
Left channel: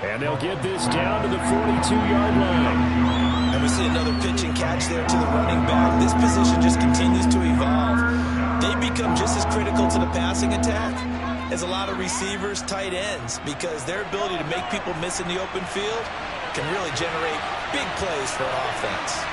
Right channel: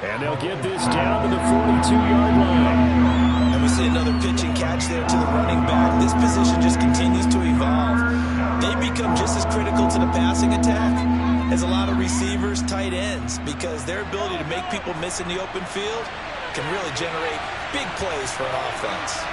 And they'll get this down to the 42-yard line. And we see another pitch and catch there to the running back. This position just continues to evolve. They become just as critical to the passing attack as a lot of receivers, tight ends, because their ability to make people miss in the open field can really generate big plays for an offense.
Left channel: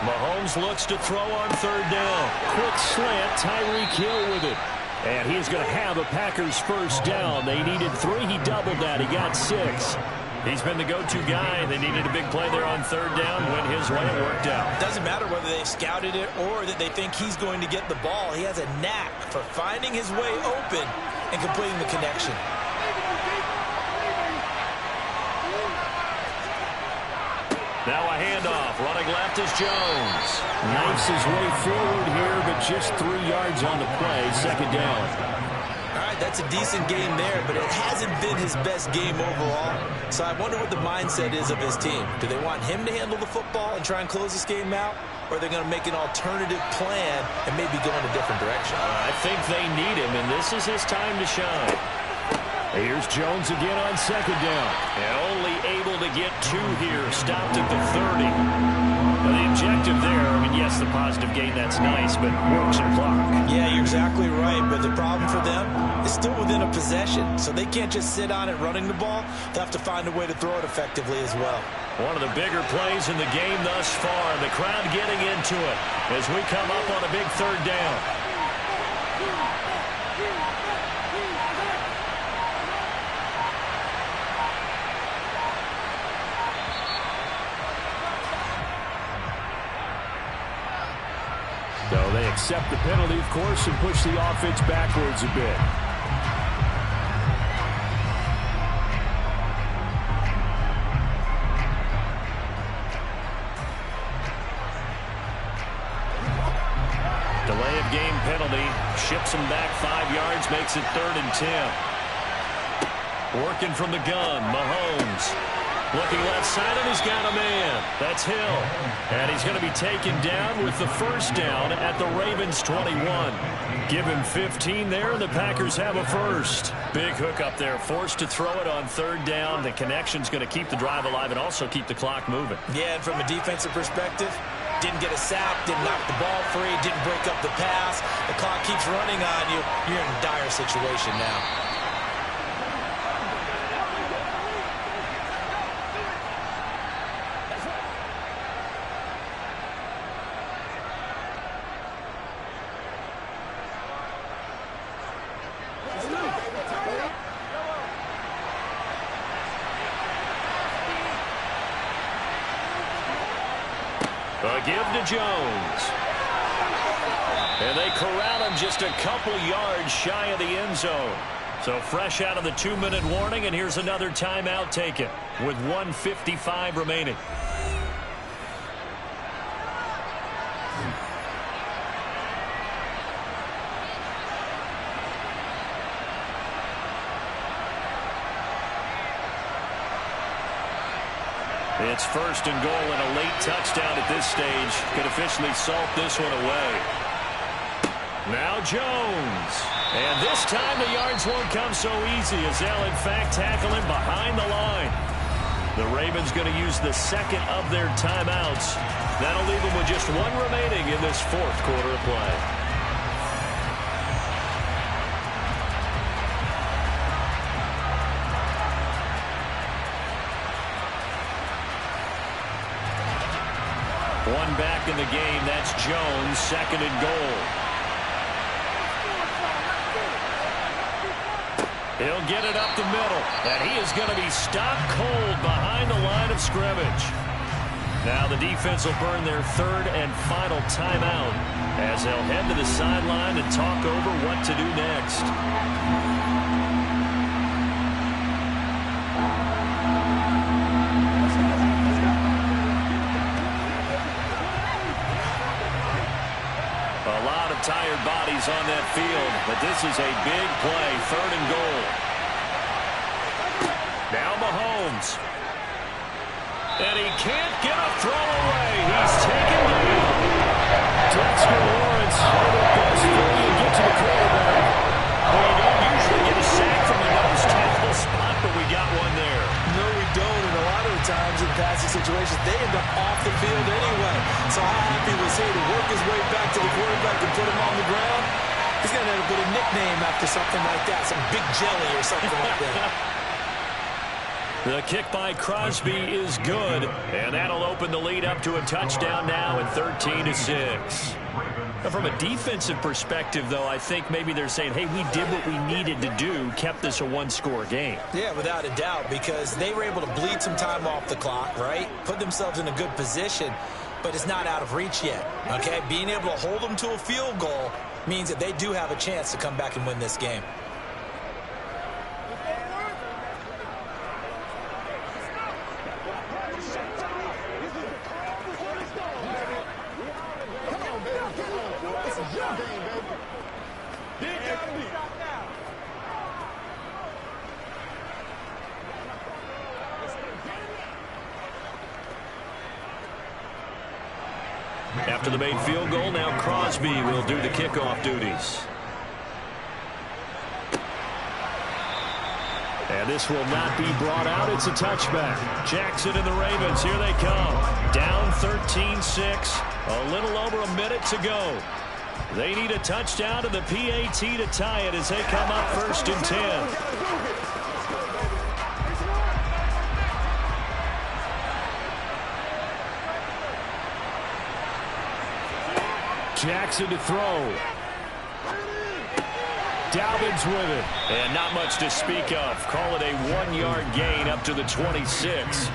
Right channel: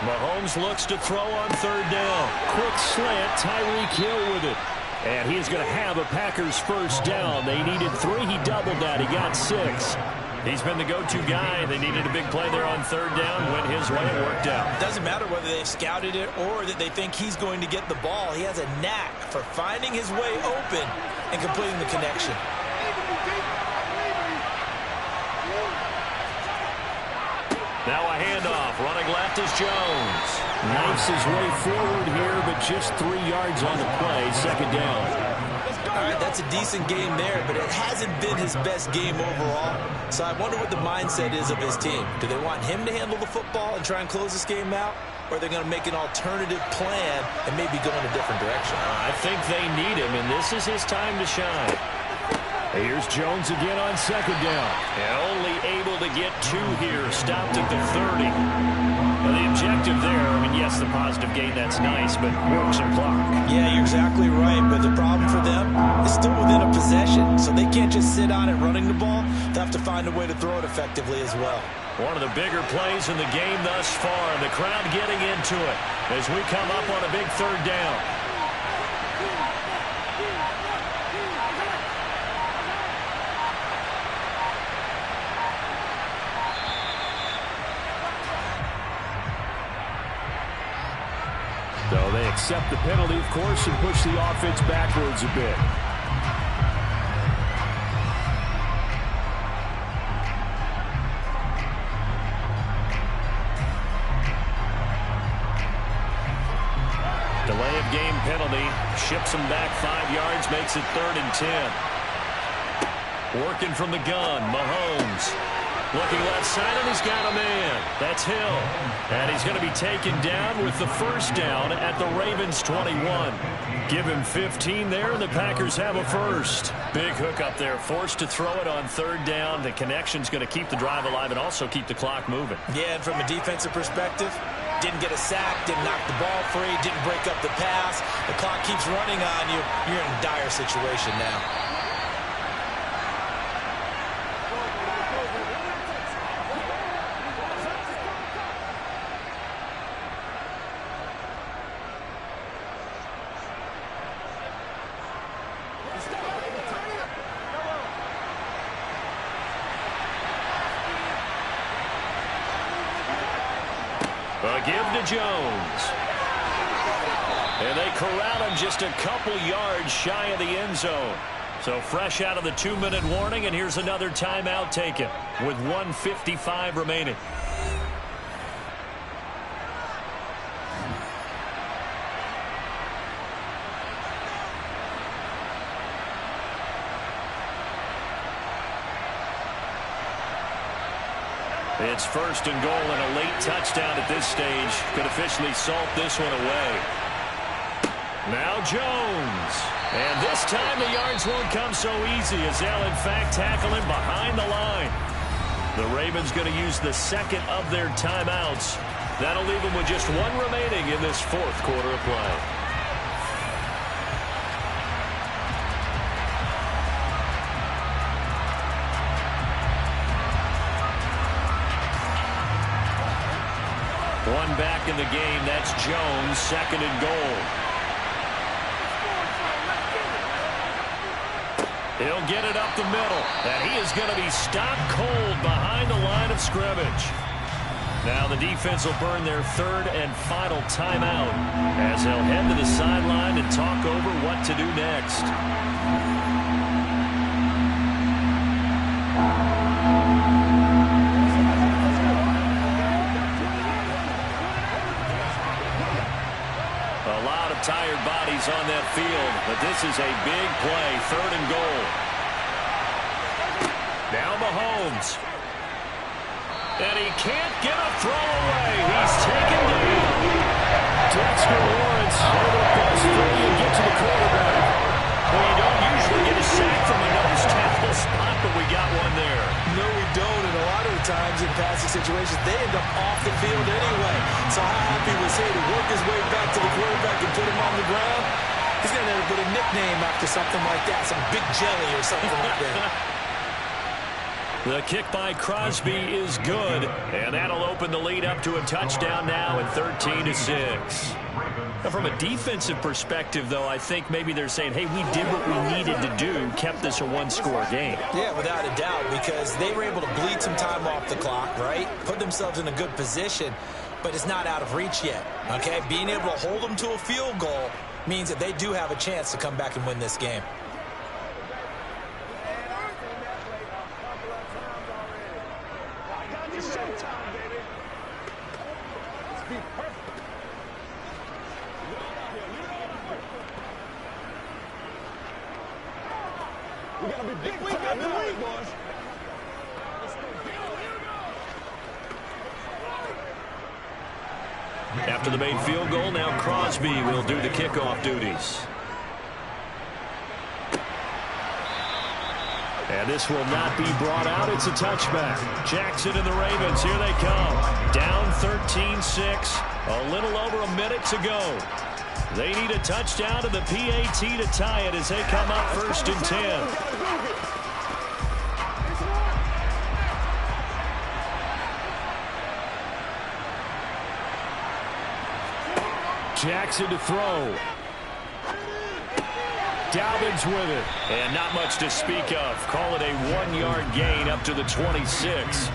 Mahomes looks to throw on 3rd down. Quick slant, Tyreek Hill with it. And he's going to have a Packers 1st down. They needed 3. He doubled that. He got 6. He's been the go-to guy. They needed a big play there on 3rd down. Went his way. It worked out. Doesn't matter whether they've scouted it or that they think he's going to get the ball. He has a knack for finding his way open and completing the connection. Now a handoff. Running left is Jones. Knifes his way forward here, but just 3 yards on the play. 2nd down. All right, that's a decent game there, but it hasn't been his best game overall. So I wonder what the mindset is of his team. Do they want him to handle the football and try and close this game out? Or are they going to make an alternative plan and maybe go in a different direction? I think they need him, and this is his time to shine. Here's Jones again on 2nd down. And only able to get 2 here. Stopped at the 30. Now the objective there, I mean, yes, the positive gain, that's nice, but work some clock. Yeah, you're exactly right, but the problem for them is still within a possession, so they can't just sit on it running the ball. They'll have to find a way to throw it effectively as well. One of the bigger plays in the game thus far, and the crowd getting into it as we come up on a big 3rd down. So they accept the penalty, of course, and push the offense backwards a bit. Delay of game penalty. Ships him back 5 yards, makes it 3rd and 10. Working from the gun, Mahomes. Looking left side, and he's got a man. That's Hill. And he's going to be taken down with the 1st down at the Ravens 21. Give him 15 there, and the Packers have a 1st. Big hook up there. Forced to throw it on 3rd down. The connection's going to keep the drive alive and also keep the clock moving. Yeah, and from a defensive perspective, didn't get a sack, didn't knock the ball free, didn't break up the pass. The clock keeps running on you. You're in a dire situation now. A give to Jones. And they corral him just a couple yards shy of the end zone. So fresh out of the 2-minute warning, and here's another timeout taken with 1:55 remaining. It's 1st and goal, and a late touchdown at this stage could officially salt this one away. Now Jones. And this time the yards won't come so easy as they'll in fact tackle him behind the line. The Ravens going to use the second of their timeouts. That'll leave them with just one remaining in this 4th quarter of play. One back in the game. That's Jones, 2nd and goal. He'll get it up the middle, and he is going to be stopped cold behind the line of scrimmage. Now the defense will burn their 3rd and final timeout as they'll head to the sideline and talk over what to do next. A lot of tired bodies on that field, but this is a big play, 3rd and goal. Now Mahomes. And he can't get a throw away. He's taken down. Dexter Lawrence able to bust through and get to the quarterback. Well, you don't usually get a sack from a nose tackle spot, but we got one there. No, we don't, and a lot of the times in passing situations, they end up off the field anyway. So how happy was he to work his way back to the quarterback and put him on the ground? He's going to end up with a nickname after something like that, some Big Jelly or something like that. The kick by Crosby is good, and that'll open the lead up to a touchdown now at 13-6. Now, from a defensive perspective, though, I think maybe they're saying, hey, we did what we needed to do, kept this a one-score game. Yeah, without a doubt, because they were able to bleed some time off the clock, right? Put themselves in a good position, but it's not out of reach yet, okay? Being able to hold them to a field goal means that they do have a chance to come back and win this game. After the made field goal, now Crosby will do the kickoff duties. And this will not be brought out. It's a touchback. Jackson and the Ravens, here they come. Down 13-6, a little over a minute to go. They need a touchdown to the PAT to tie it as they come up 1st and 10. Jackson to throw. Dalvin's with it. And not much to speak of. Call it a 1-yard gain up to the 26.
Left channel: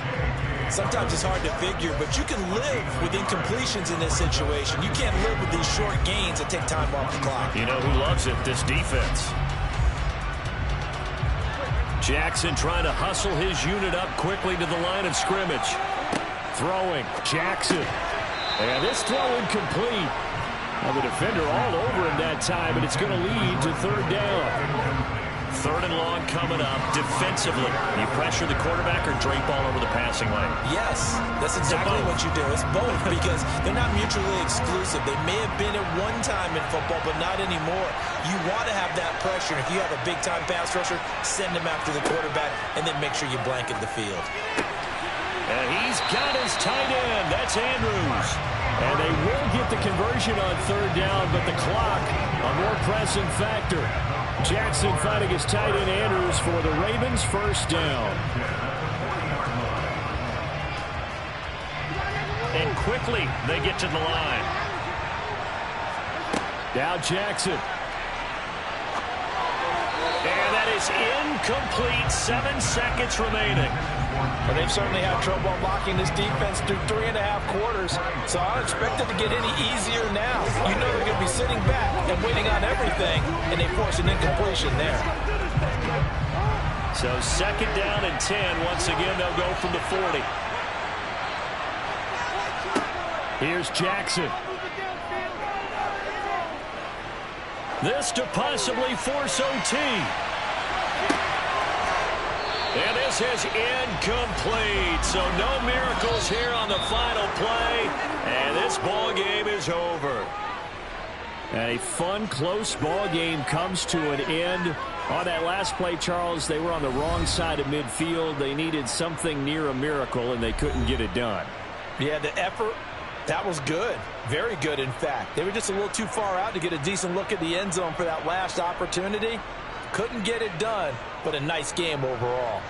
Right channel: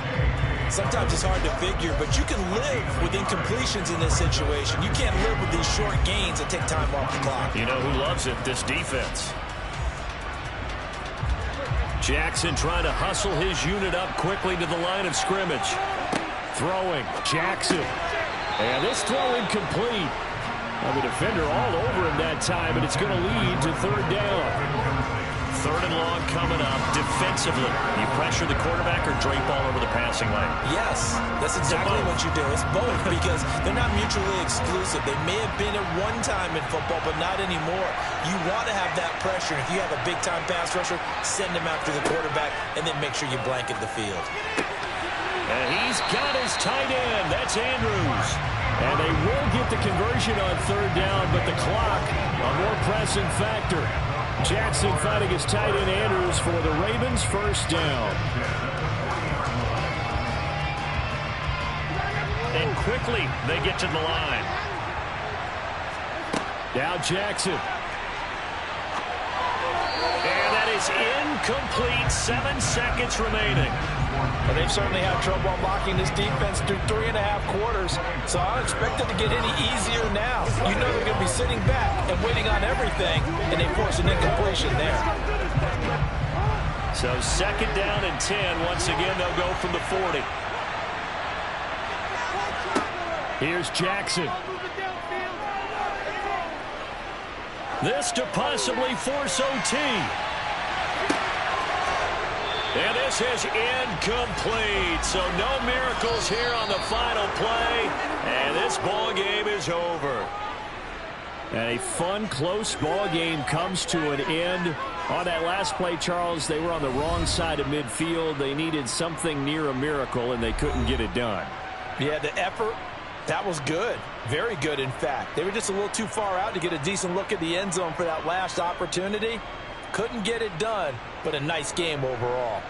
Sometimes it's hard to figure, but you can live with incompletions in this situation. You can't live with these short gains that take time off the clock. You know who loves it? This defense. Jackson trying to hustle his unit up quickly to the line of scrimmage. Throwing. Jackson. And this throw incomplete. Now the defender all over him that time, but it's going to lead to 3rd down. 3rd and long coming up. Defensively, you pressure the quarterback or drape all over the passing lane? Yes, that's exactly what you do. It's both because they're not mutually exclusive. They may have been at one time in football, but not anymore. You want to have that pressure. If you have a big-time pass rusher, send him after the quarterback, and then make sure you blanket the field. And he's got his tight end. That's Andrews. And they will get the conversion on 3rd down, but the clock, a more pressing factor. Jackson fighting his tight end Andrews for the Ravens' 1st down. And quickly they get to the line. Now Jackson. And that is incomplete. 7 seconds remaining. Well, they've certainly had trouble unlocking this defense through 3.5 quarters, so I don't expect it to get any easier now. You know they're going to be sitting back and waiting on everything, and they force an incompletion there. So 2nd down and 10. Once again, they'll go from the 40. Here's Jackson. This to possibly force OT. And this is incomplete. So no miracles here on the final play. And this ball game is over. And a fun, close ball game comes to an end. On that last play, Charles, they were on the wrong side of midfield. They needed something near a miracle, and they couldn't get it done. Yeah, the effort, that was good. Very good, in fact. They were just a little too far out to get a decent look at the end zone for that last opportunity. Couldn't get it done, but a nice game overall.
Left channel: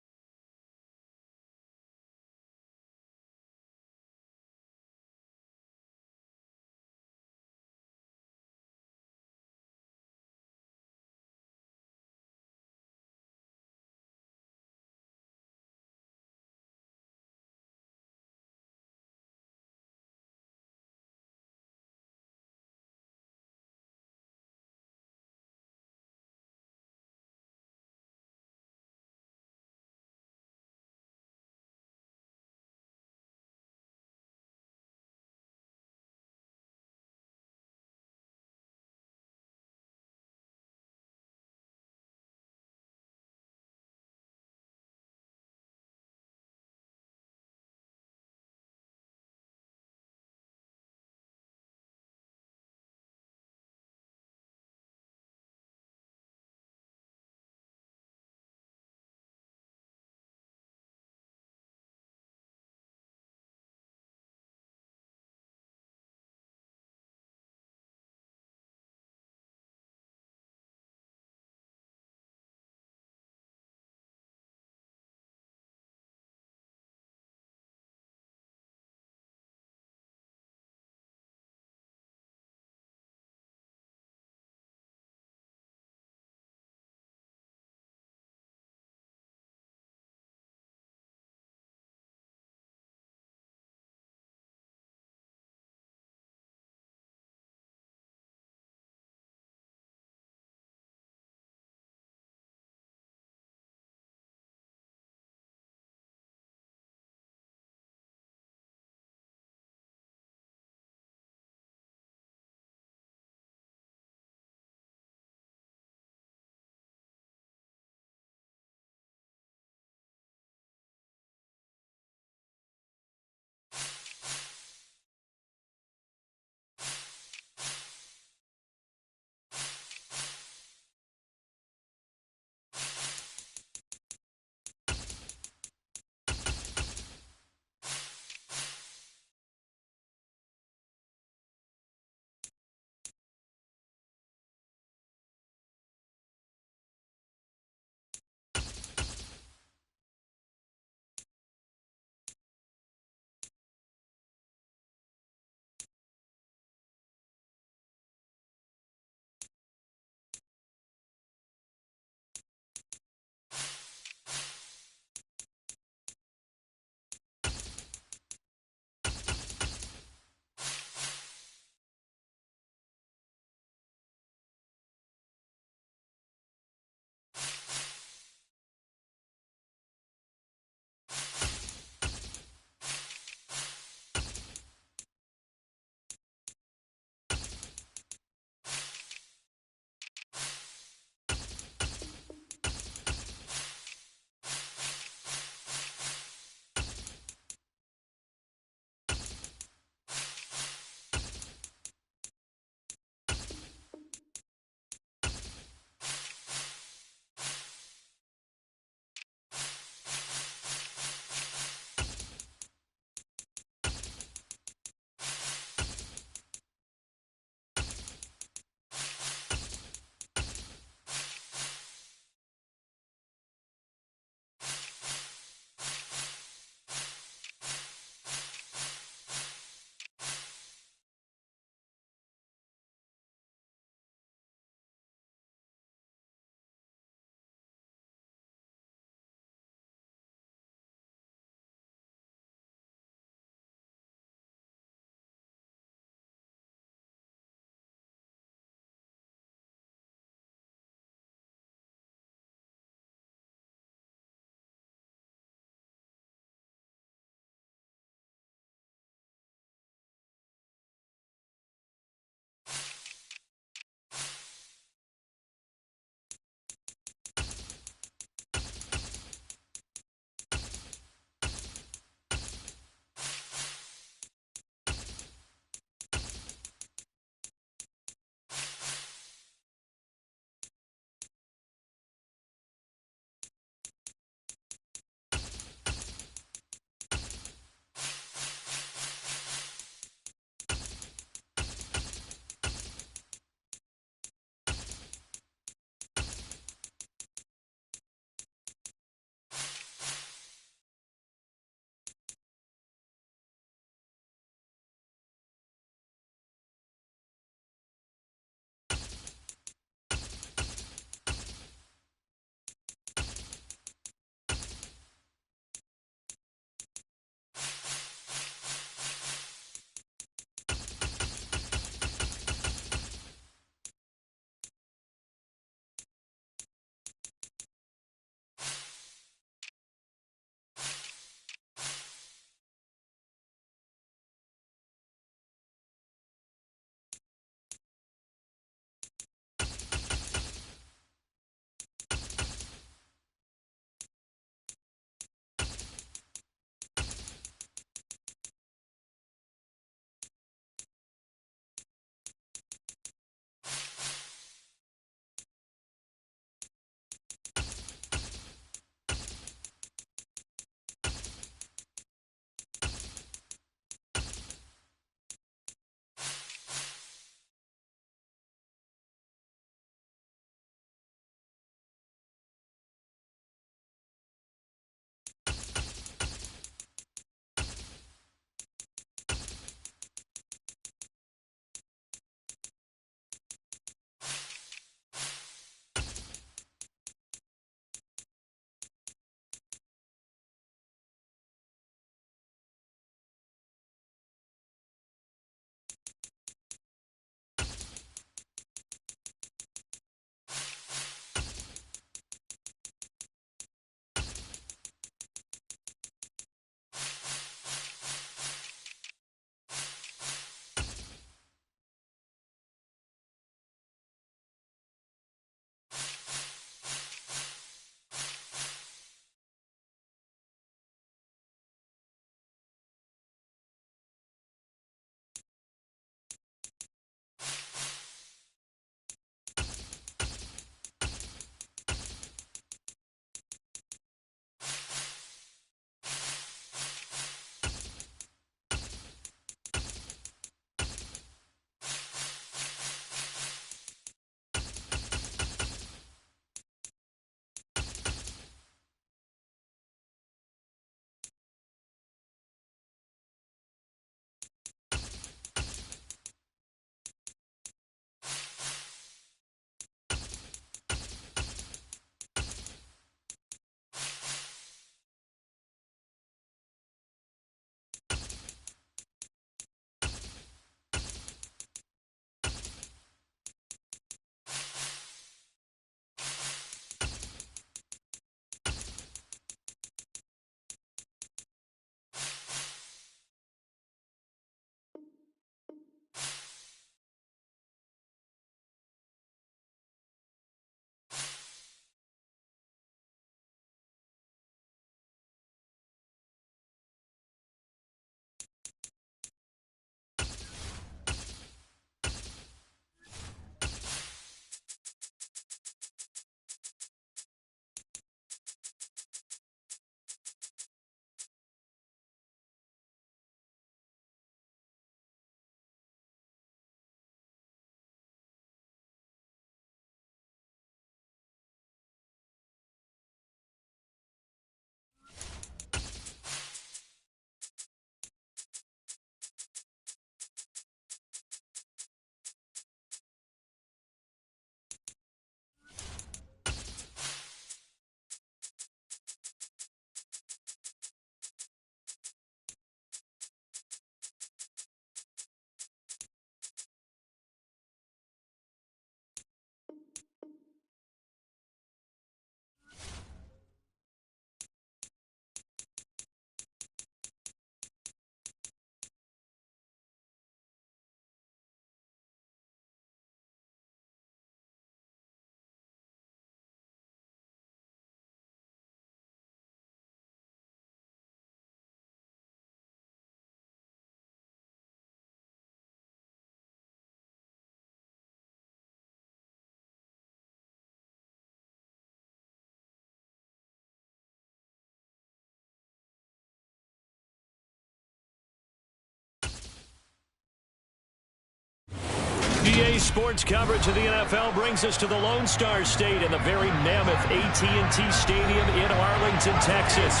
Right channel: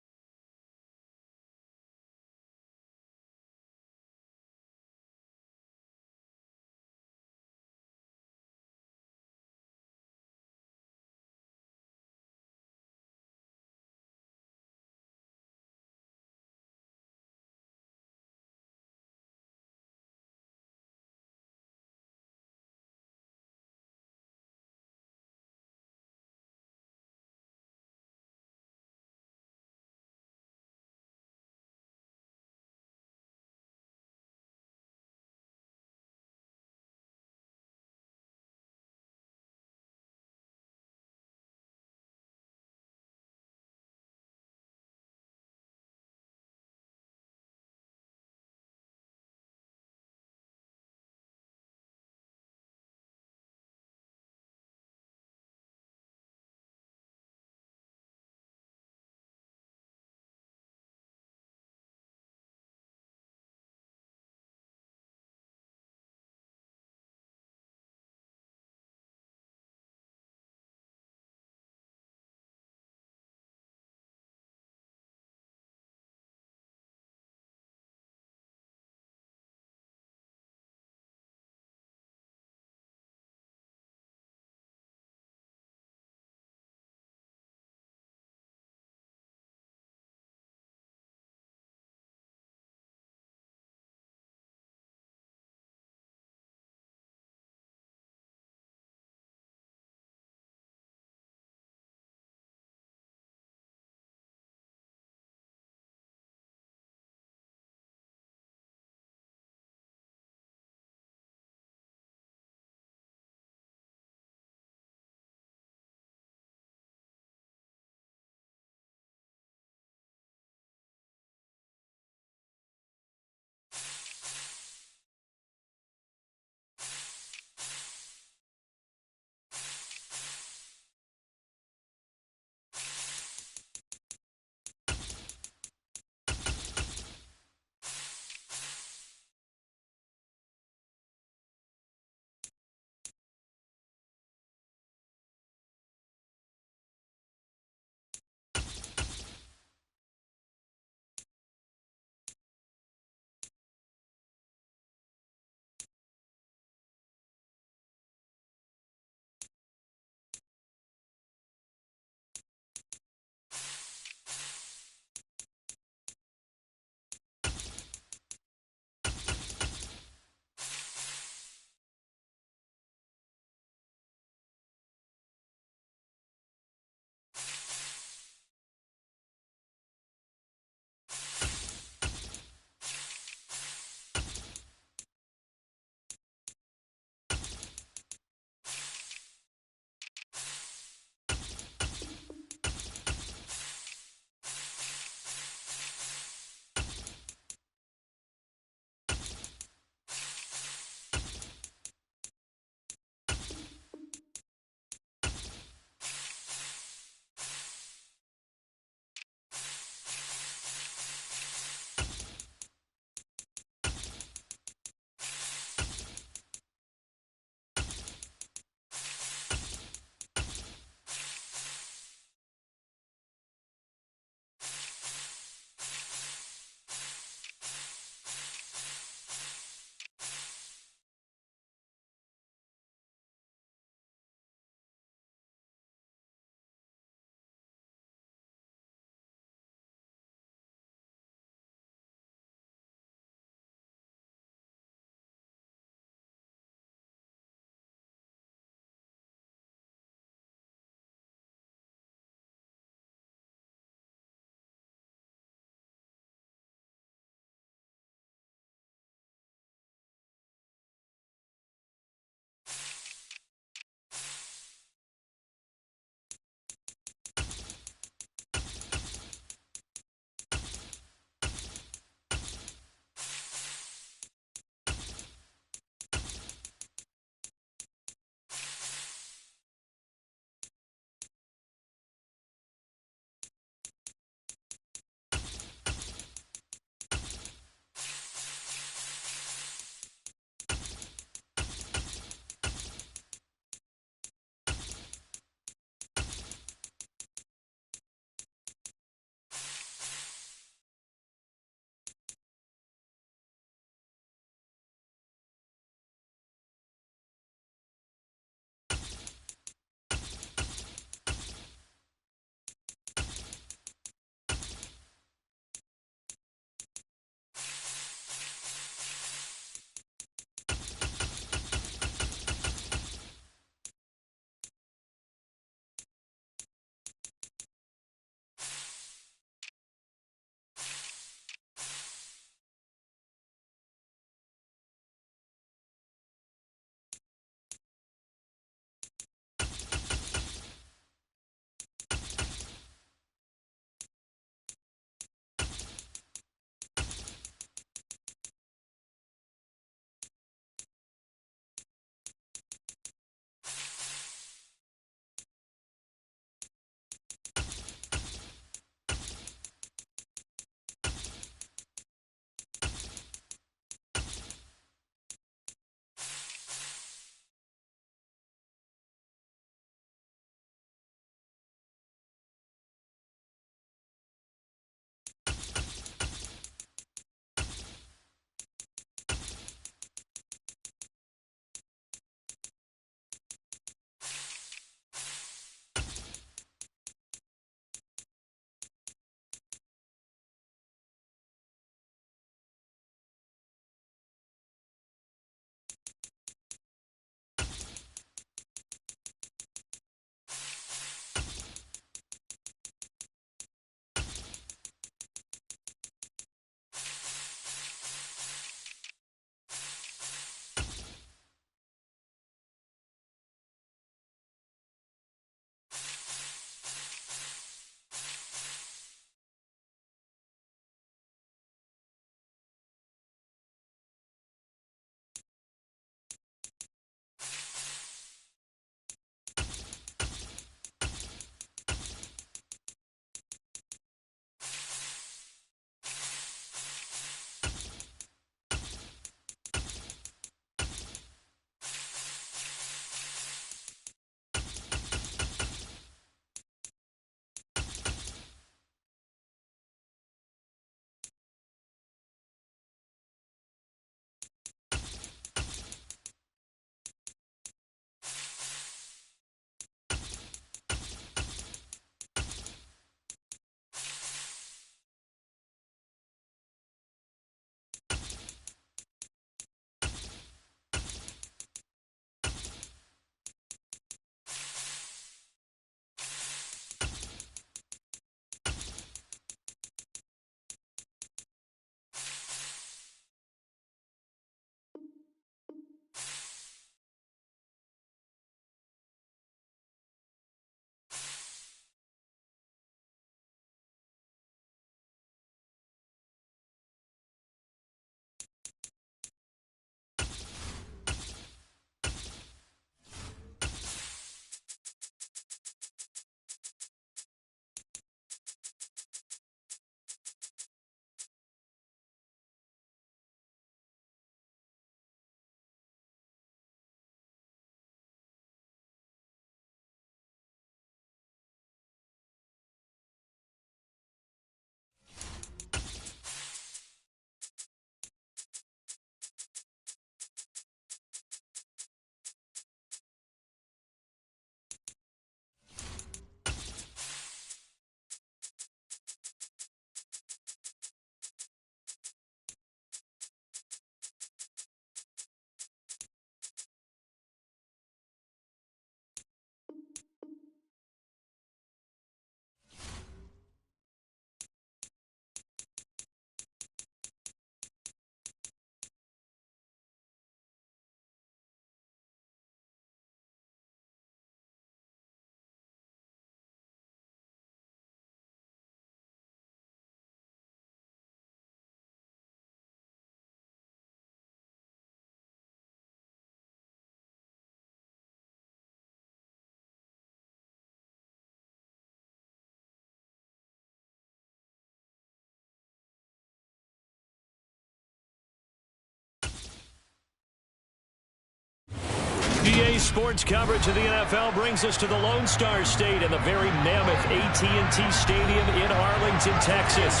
UVA sports coverage of the NFL brings us to the Lone Star State and the very mammoth AT&T Stadium in Arlington, Texas.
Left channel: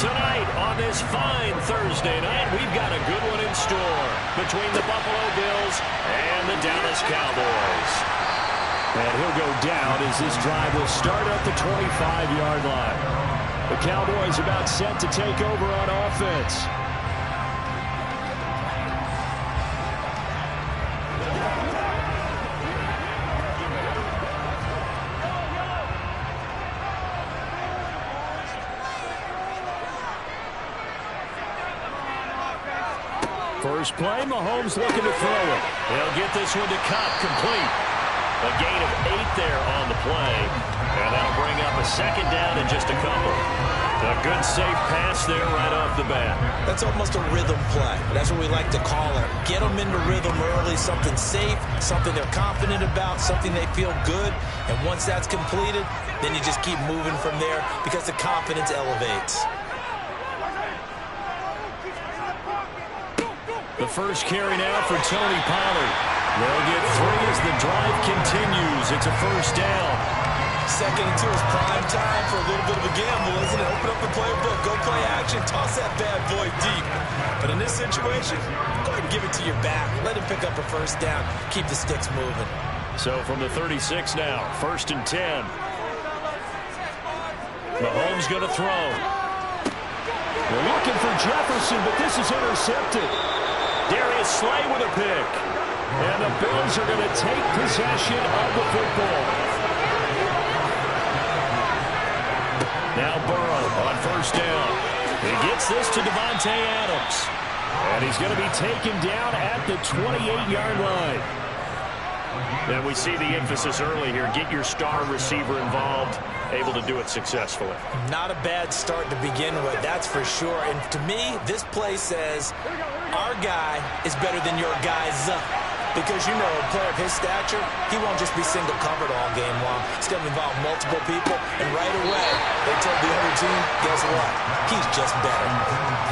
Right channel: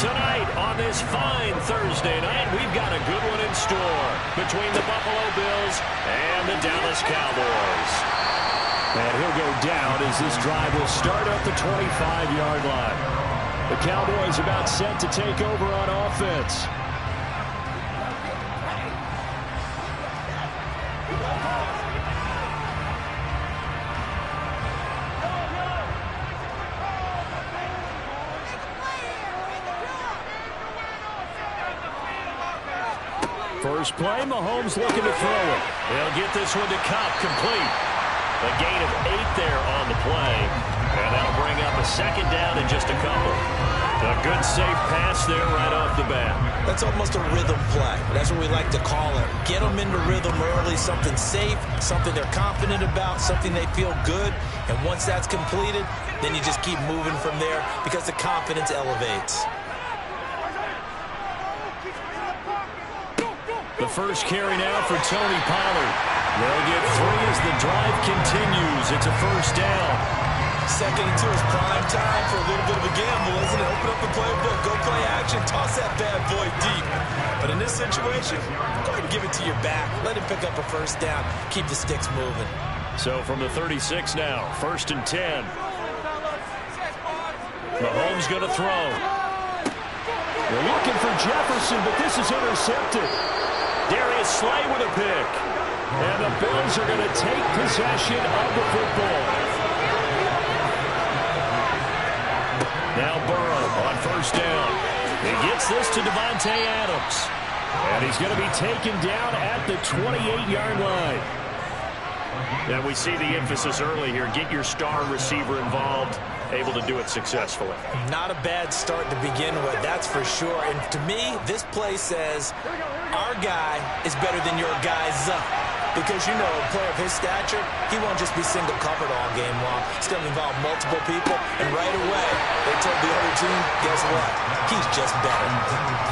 Tonight on this fine Thursday night, we've got a good one in store between the Buffalo Bills and the Dallas Cowboys. And he'll go down as this drive will start at the 25-yard line. The Cowboys about set to take over on offense. First play, Mahomes looking to throw it. They'll get this one to Kupp, complete. A gain of 8 there on the play, and that'll bring up a second down in just a couple. A good, safe pass there right off the bat. That's almost a rhythm play. That's what we like to call it. Get them into rhythm early, something safe, something they're confident about, something they feel good. And once that's completed, then you just keep moving from there because the confidence elevates. The first carry now for Tony Pollard. They'll get 3 as the drive continues. It's a first down. Second and 2 is prime time for a little bit of a gamble, isn't it? Open up the playbook, go play action, toss that bad boy deep. But in this situation, go ahead and give it to your back. Let him pick up a first down. Keep the sticks moving. So from the 36 now, first and 10. Mahomes going to throw. They're looking for Jefferson, but this is intercepted. Darius Slay with a pick. And the Bills are going to take possession of the football. Now Burrow on first down. He gets this to Davante Adams. And he's going to be taken down at the 28-yard line. And we see the emphasis early here. Get your star receiver involved, able to do it successfully. Not a bad start to begin with, that's for sure. And to me, this play says our guy is better than your guy's. Because, you know, a player of his stature, he won't just be single covered all game long. He's going to involve multiple people. And right away, they told the other team, guess what? He's just better.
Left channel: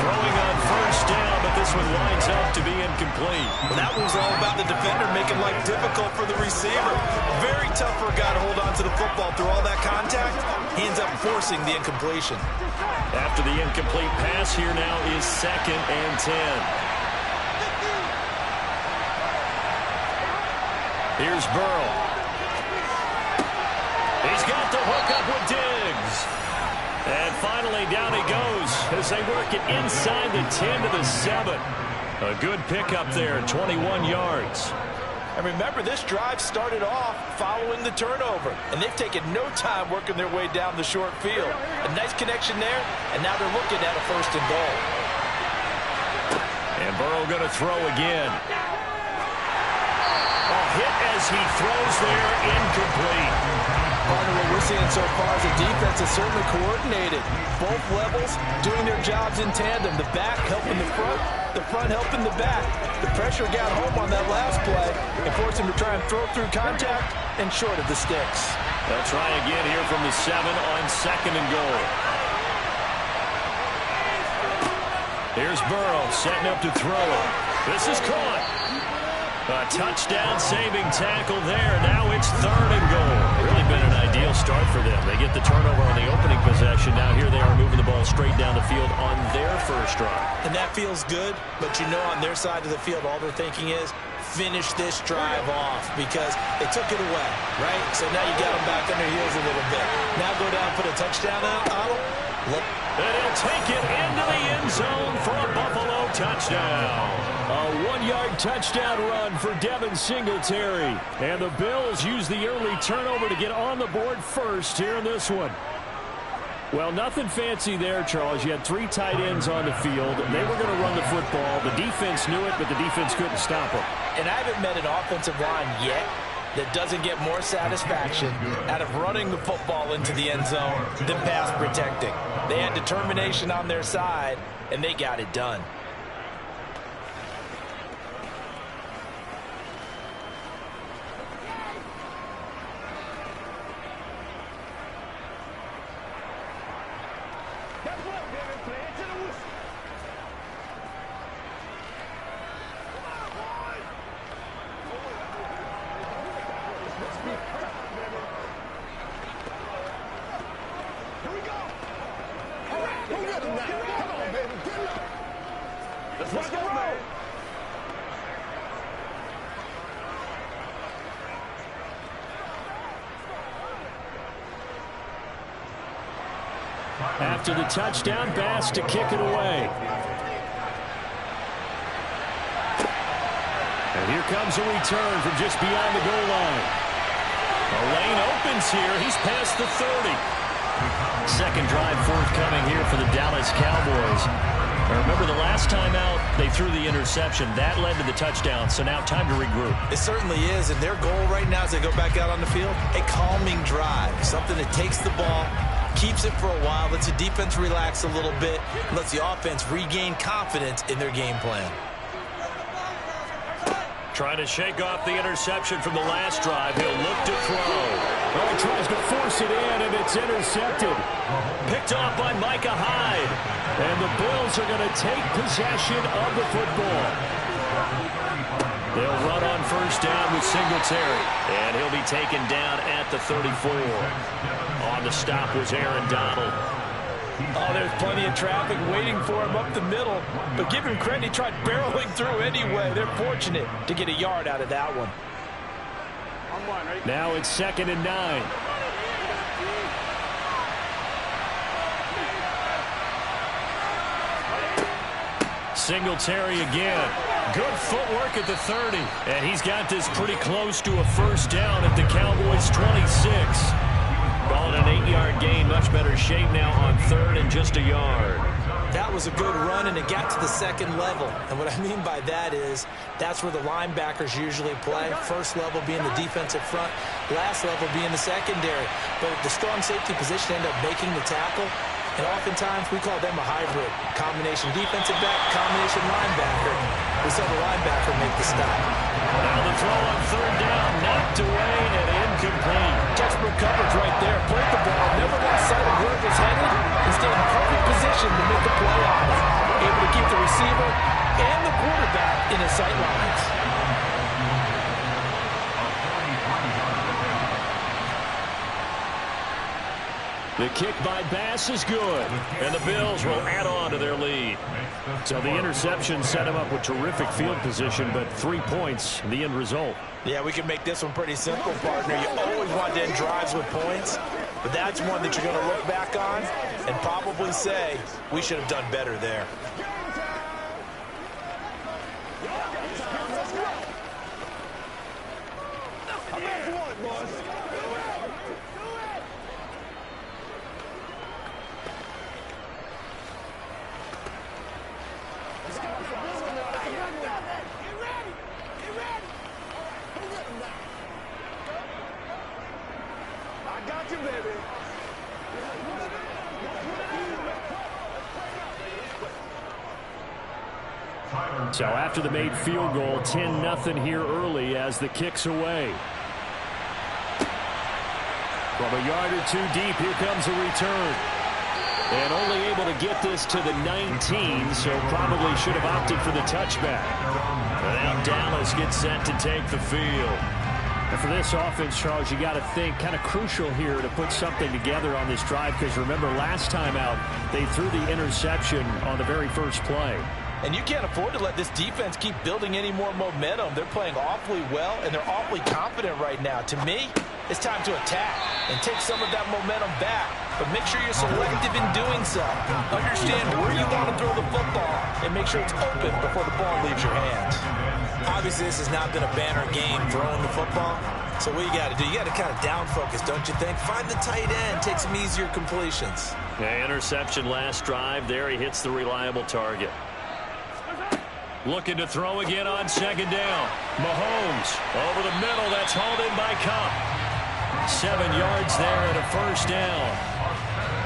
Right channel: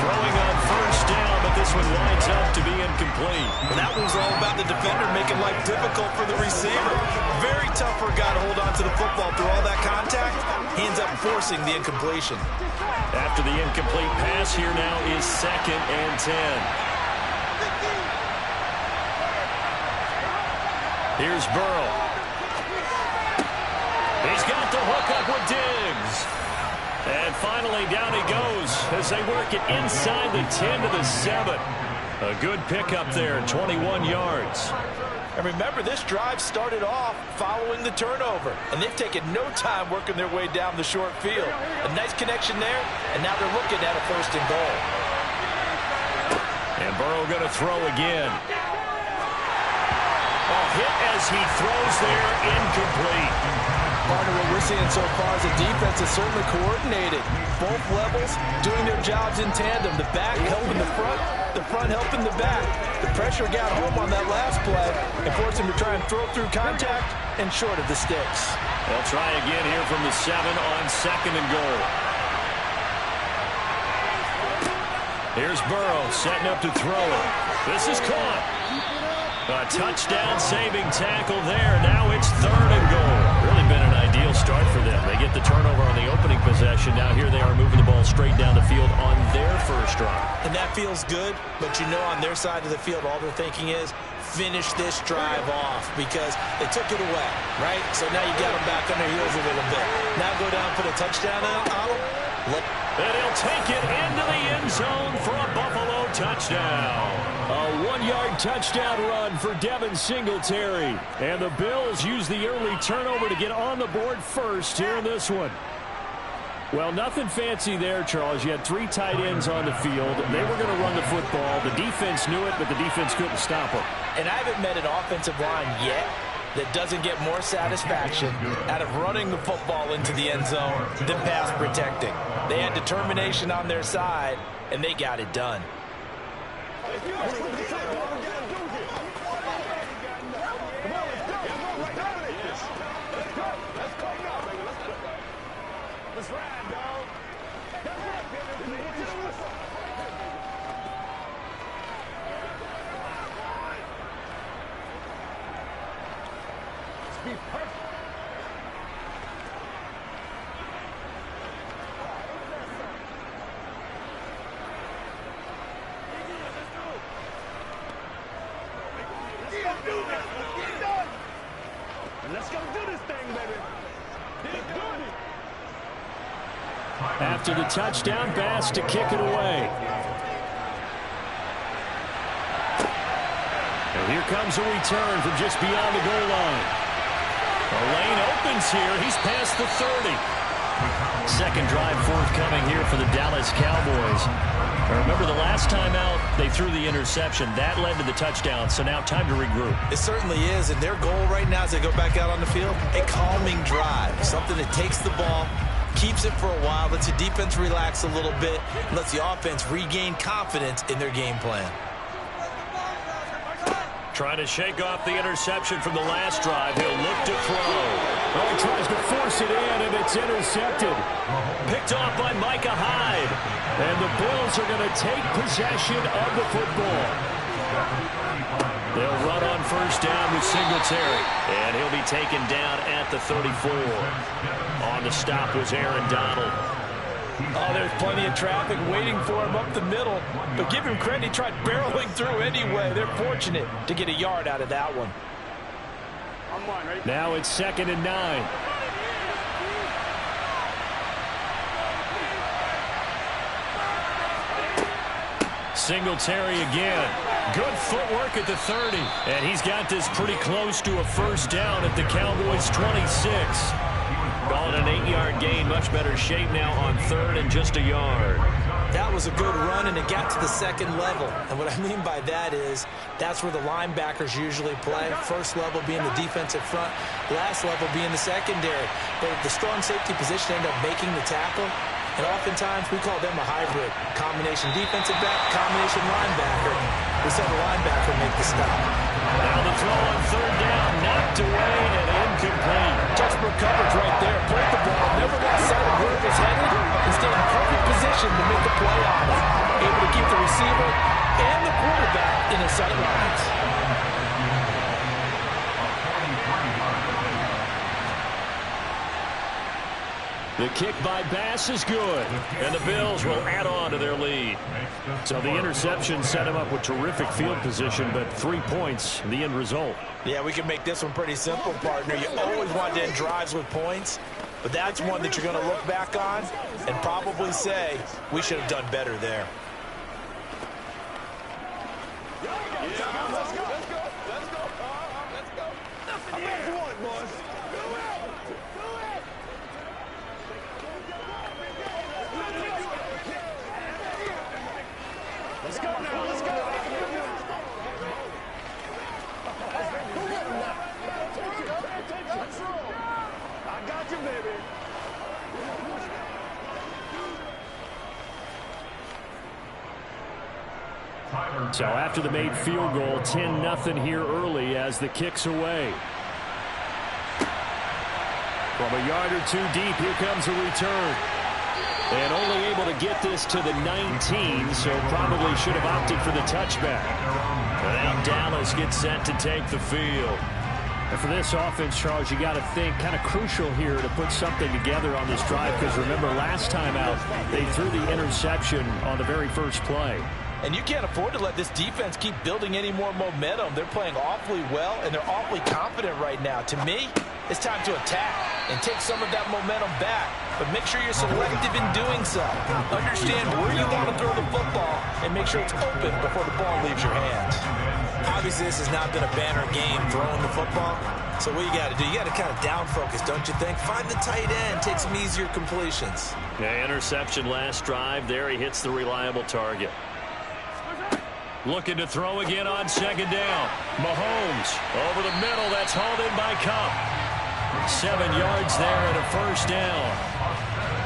Throwing on first down, but this one winds up to be incomplete. Well, that was all about the defender making life difficult for the receiver. Very tough for a guy to hold on to the football through all that contact. He ends up forcing the incompletion. After the incomplete pass, here now is second and 10. Here's Burrow. He's got the hook up with Diggs. And finally, down he goes as they work it inside the 10 to the 7. A good pickup there, 21 yards. And remember, this drive started off following the turnover. And they've taken no time working their way down the short field. A nice connection there, and now they're looking at a first and goal. And Burrow going to throw again. Hit as he throws there, incomplete. Partner, what we're seeing so far is the defense is certainly coordinated. Both levels doing their jobs in tandem. The back helping the front helping the back. The pressure got home on that last play and forced him to try and throw through contact and short of the sticks. They'll try again here from the 7 on second and goal. Here's Burrow setting up to throw it. This is caught. A touchdown-saving tackle there. Now it's third and goal. Really been an ideal start for them. They get the turnover on the opening possession. Now here they are moving the ball straight down the field on their first drive. And that feels good, but you know on their side of the field, all they're thinking is finish this drive off because they took it away, right? So now you got them back on their heels a little bit. Now go down and put a touchdown on them. Look. And he'll take it into the end zone for a Buffalo touchdown. A 1-yard touchdown run for Devin Singletary. And the Bills use the early turnover to get on the board first here in this one. Well, nothing fancy there, Charles. You had 3 tight ends on the field. They were going to run the football. The defense knew it, but the defense couldn't stop them. And I haven't met an offensive line yet that doesn't get more satisfaction out of running the football into the end zone than pass protecting. They had determination on their side, and they got it done. be perfect. Let's go. After the touchdown, Bass to kick it away. And here comes a return from just beyond the goal line. The lane opens here. He's past the 30. Second drive forthcoming here for the Dallas Cowboys. Now remember, the last time out, they threw the interception. That led to the touchdown, so now time to regroup. It certainly is, and their goal right now as they go back out on the field, a calming drive, something that takes the ball, keeps it for a while, lets the defense relax a little bit, and lets the offense regain confidence in their game plan. Trying to shake off the interception from the last drive. He'll look to throw. Well, he tries to force it in, and it's intercepted. Picked off by Micah Hyde. And the Bills are going to take possession of the football. They'll run on first down with Singletary. And he'll be taken down at the 34. On the stop was Aaron Donald. Oh, there's plenty of traffic waiting for him up the middle. But give him credit, he tried barreling through anyway. They're fortunate to get a yard out of that one. Now it's 2nd and 9. Singletary again. Good footwork at the 30. And he's got this pretty close to a first down at the Cowboys' 26. Call it an 8-yard gain. Much better shape now on 3rd and just a yard. That was a good run, and it got to the second level. And what I mean by that is that's where the linebackers usually play. First level being the defensive front, last level being the secondary. But the strong safety position ended up making the tackle. And oftentimes we call them a hybrid. Combination defensive back, combination linebacker. We saw the linebacker make the stop. Now the throw on 3rd down, knocked away and incomplete. Textbook coverage right there. Played the ball, never lost sight of where it was headed, and stayed in perfect position to make the play on it. Able to keep the receiver and the quarterback in his sight lines. The kick by Bass is good. And the Bills will add on to their lead. So the interception set him up with terrific field position, but 3 points, the end result. Yeah, we can make this one pretty simple, partner. You always want to end drives with points, but that's one that you're going to look back on and probably say, we should have done better there. Let's go now. Let's go. Get ready. Who got him now? I got you, baby. So after the made field goal, 10-0 here early as the kick's away. From a yard or two deep, here comes a return. And only able to get this to the 19, so probably should have opted for the touchback. And now Dallas gets set to take the field. And for this offense, Charles, you got to think kind of crucial here to put something together on this drive, because remember last time out, they threw the interception on the very first play. And you can't afford to let this defense keep building any more momentum. They're playing awfully well, and they're awfully confident right now. To me, it's time to attack and take some of that momentum back. But make sure you're selective in doing so. Understand where you want to throw the football and make sure it's open before the ball leaves your hands. Obviously, this has not been a banner game throwing the football. So what you got to do, you got to kind of down focus, don't you think? Find the tight end, take some easier completions. Yeah, interception last drive. There he hits the reliable target. Looking to throw again on 2nd down. Mahomes over the middle. That's hauled in by Kupp. 7 yards there and a first down.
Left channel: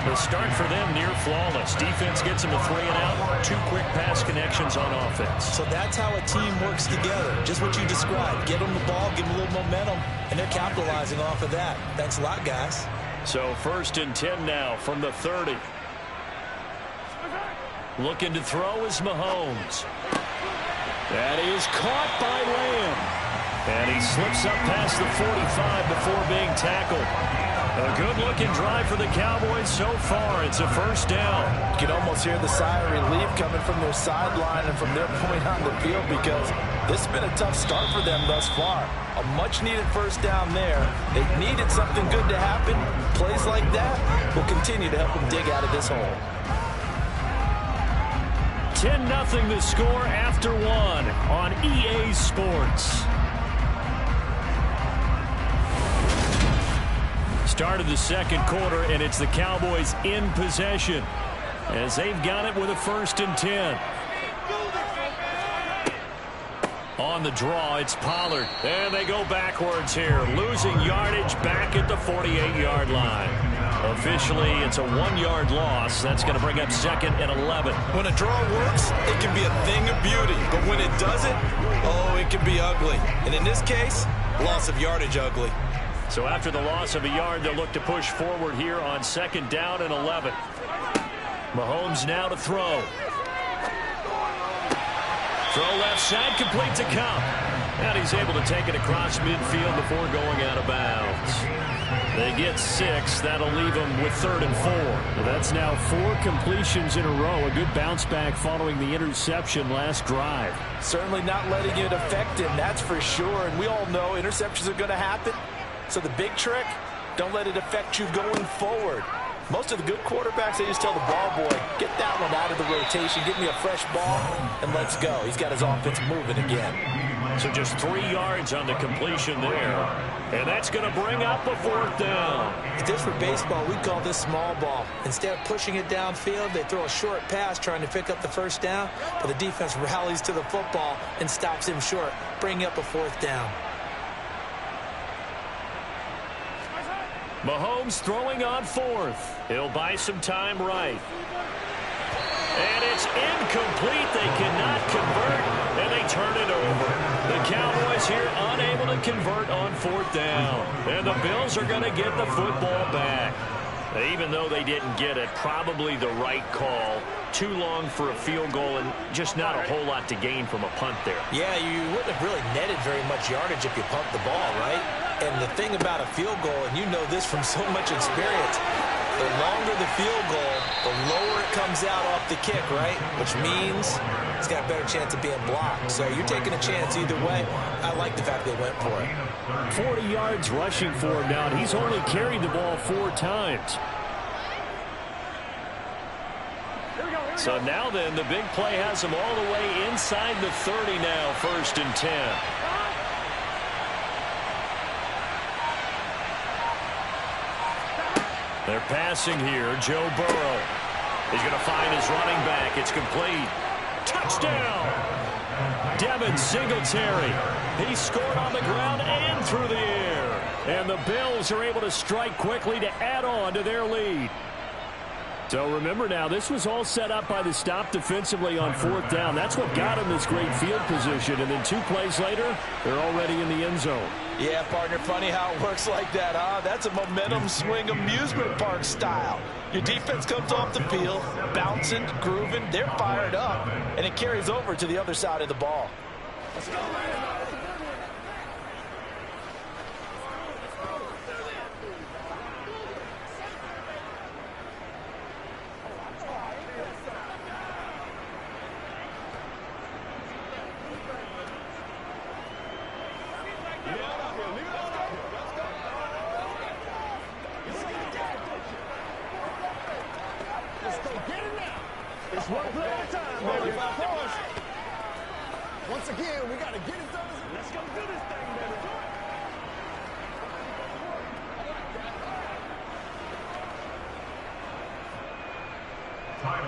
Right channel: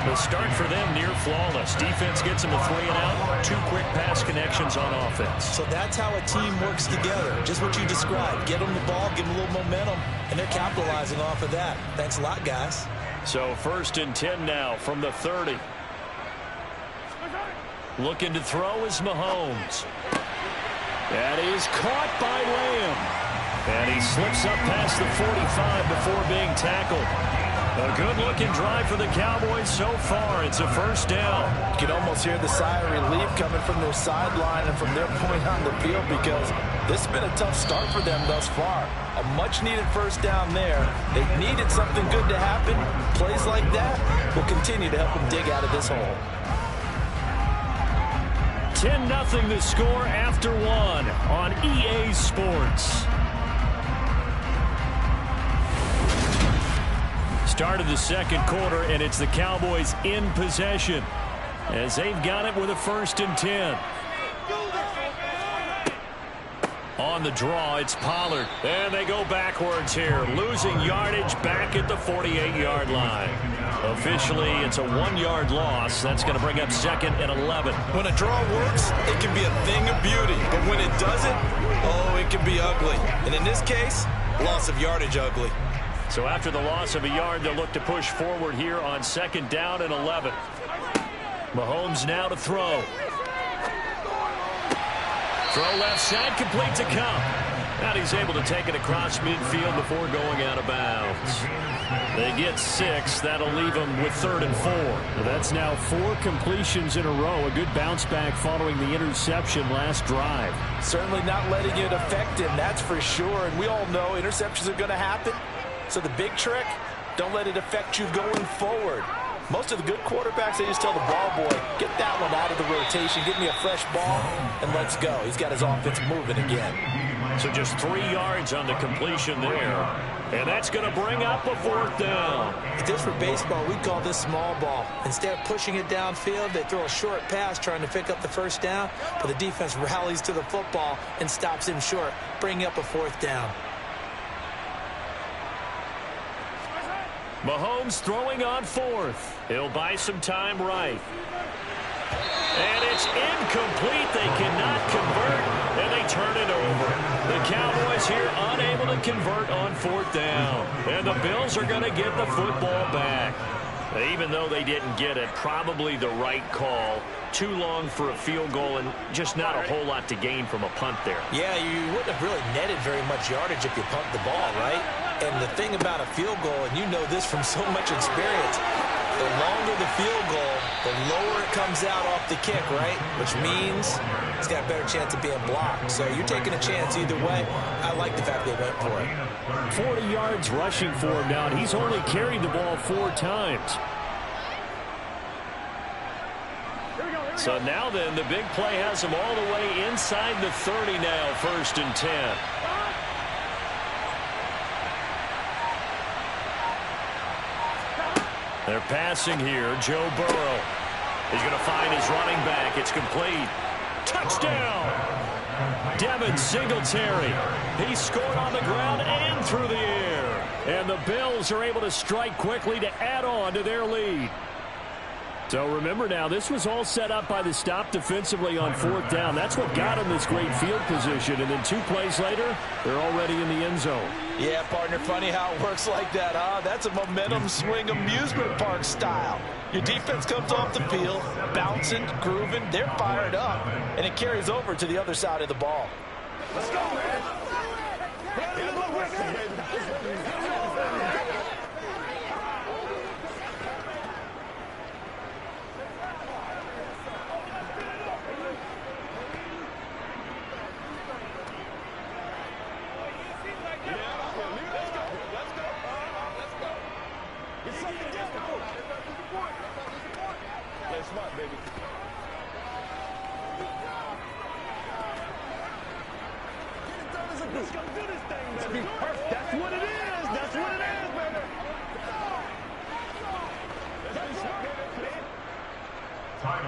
The start for them near flawless. Defense gets them a 3 and out. 2 quick pass connections on offense. So that's how a team works together. Just what you described. Get them the ball, give them a little momentum, and they're capitalizing off of that. Thanks a lot, guys. So 1st and 10 now from the 30. Looking to throw is Mahomes. That is caught by Lamb. And he slips up past the 45 before being tackled. A good-looking drive for the Cowboys so far. It's a first down. You can almost hear the sigh of relief coming from their sideline and from their point on the field because this has been a tough start for them thus far. A much-needed first down there. They needed something good to happen. Plays like that will continue to help them dig out of this hole. 10-0 the score after one on EA Sports. Start of the second quarter, and it's the Cowboys in possession as they've got it with a 1st and 10. On the draw, it's Pollard. And they go backwards here, losing yardage back at the 48-yard line. Officially, it's a 1-yard loss. That's going to bring up 2nd and 11. When a draw works, it can be a thing of beauty. But when it doesn't, oh, it can be ugly. And in this case, loss of yardage ugly. So after the loss of a yard, they'll look to push forward here on 2nd down and 11. Mahomes now to throw. Throw left side, complete to Kupp. And he's able to take it across midfield before going out of bounds. They get 6. That'll leave them with 3rd and 4. Well, that's now 4 completions in a row. A good bounce back following the interception last drive. Certainly not letting it affect him, that's for sure. And we all know interceptions are going to happen. So the big trick, don't let it affect you going forward. Most of the good quarterbacks, they just tell the ball boy, get that one out of the rotation, give me a fresh ball, and let's go. He's got his offense moving again. So just 3 yards on the completion there. And that's going to bring up a 4th down. If this were baseball, we'd call this small ball. Instead of pushing it downfield, they throw a short pass trying to pick up the 1st down, but the defense rallies to the football and stops him short, bringing up a 4th down. Mahomes throwing on 4th. He'll buy some time right. And it's incomplete. They cannot convert, and they turn it over. The Cowboys here unable to convert on 4th down. And the Bills are going to get the football back. Even though they didn't get it, probably the right call. Too long for a field goal and just not a whole lot to gain from a punt there. Yeah, you wouldn't have really netted very much yardage if you pumped the ball, right? And the thing about a field goal, and you know this from so much experience, the longer the field goal, the lower it comes out off the kick, right? Which means it's got a better chance of being blocked. So you're taking a chance either way. I like the fact they went for it. 40 yards rushing for him now, and he's only carried the ball 4 times. So now then, the big play has them all the way inside the 30 now, 1st and 10. They're passing here. Joe Burrow. He's going to find his running back. It's complete. Touchdown! Devin Singletary. He scored on the ground and through the air. And the Bills are able to strike quickly to add on to their lead. So remember now, this was all set up by the stop defensively on 4th down. That's what got them this great field position. And then 2 plays later, they're already in the end zone. Yeah, partner, funny how it works like that, huh? That's a momentum swing amusement park style. Your defense comes off the field, bouncing, grooving, they're fired up, and it carries over to the other side of the ball. Let's go, man.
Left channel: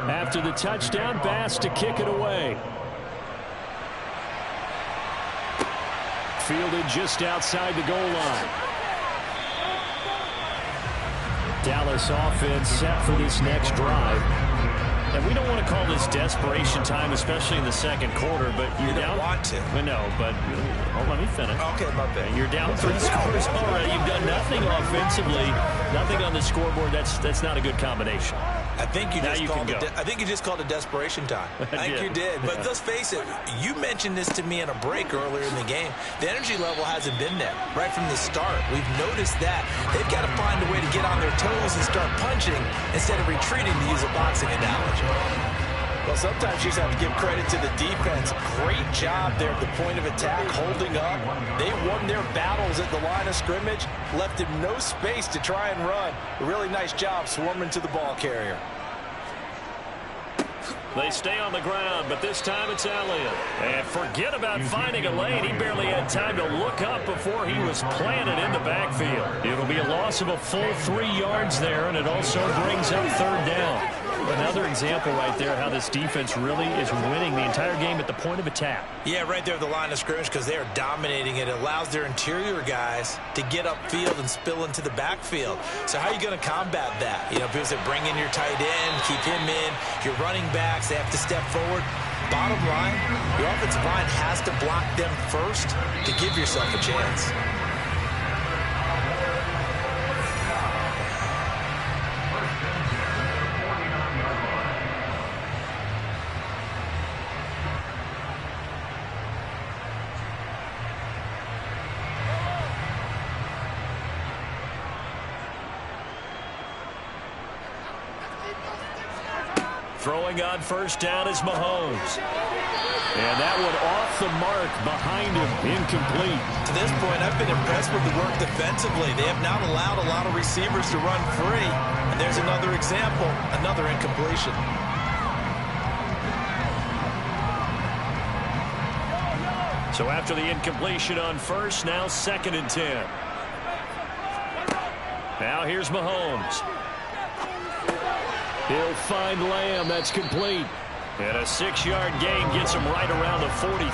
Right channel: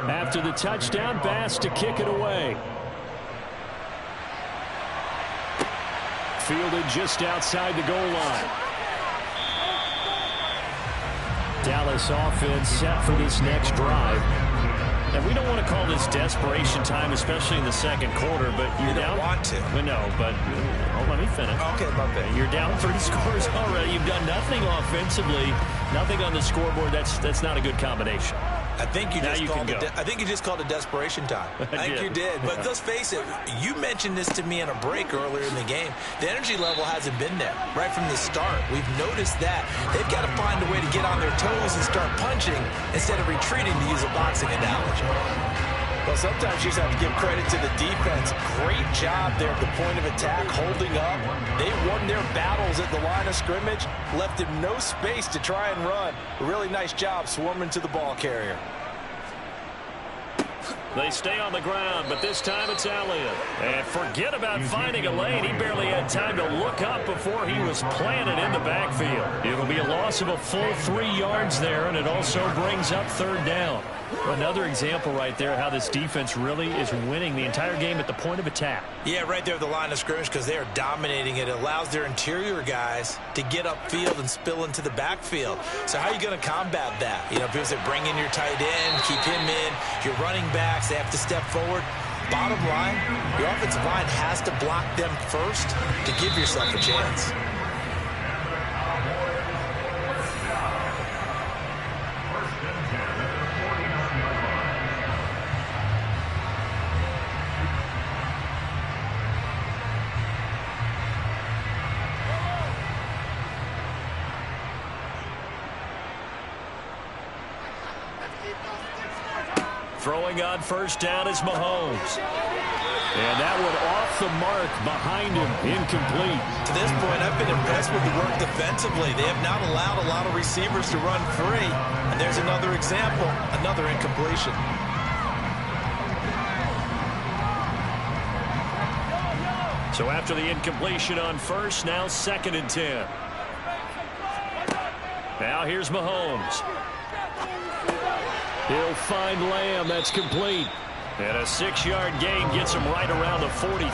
After the touchdown, Bass to kick it away. Fielded just outside the goal line. Dallas offense set for this next drive. And we don't want to call this desperation time, especially in the second quarter, but you're down. You don't want to. No, but let me finish. Okay, my bad. You're down 3 scores already. You've done nothing offensively, nothing on the scoreboard. That's not a good combination. I think you Now just you called can it. go. I think you just called it desperation time. I think you did. But let's face it. You mentioned this to me in a break earlier in the game. The energy level hasn't been there right from the start. We've noticed that they've got to find a way to get on their toes and start punching instead of retreating, to use a boxing analogy. Well, sometimes you just have to give credit to the defense. Great job there at the point of attack, holding up. They won their battles at the line of scrimmage, left him no space to try and run. A really nice job swarming to the ball carrier. They stay on the ground, but this time it's Elliott. And forget about finding a lane. He barely had time to look up before he was planted in the backfield. It'll be a loss of a full 3 yards there, and it also brings up 3rd down. Another example right there how this defense really is winning the entire game at the point of attack. Yeah, right there at the line of scrimmage, because they are dominating it. It allows their interior guys to get upfield and spill into the backfield. So how are you going to combat that? You know, because they bring in your tight end, keep him in, your running backs, they have to step forward. Bottom line, your offensive line has to block them first to give yourself a chance. Throwing on 1st down is Mahomes. And that one off the mark behind him, incomplete. To this point, I've been impressed with the work defensively. They have not allowed a lot of receivers to run free. And there's another example, another incompletion. So after the incompletion on 1st, now 2nd and 10. Now here's Mahomes. He'll find Lamb. That's complete. And a 6-yard gain gets him right around the 43.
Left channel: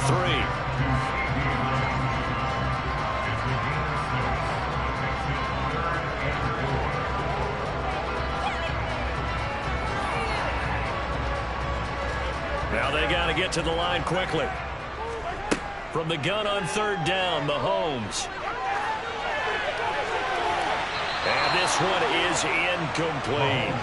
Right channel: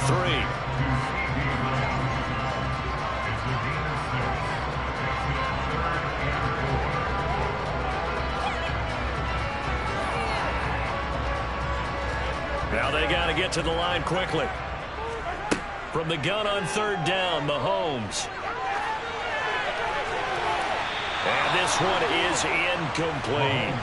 Now they got to get to the line quickly. From the gun on 3rd down, Mahomes. And this one is incomplete.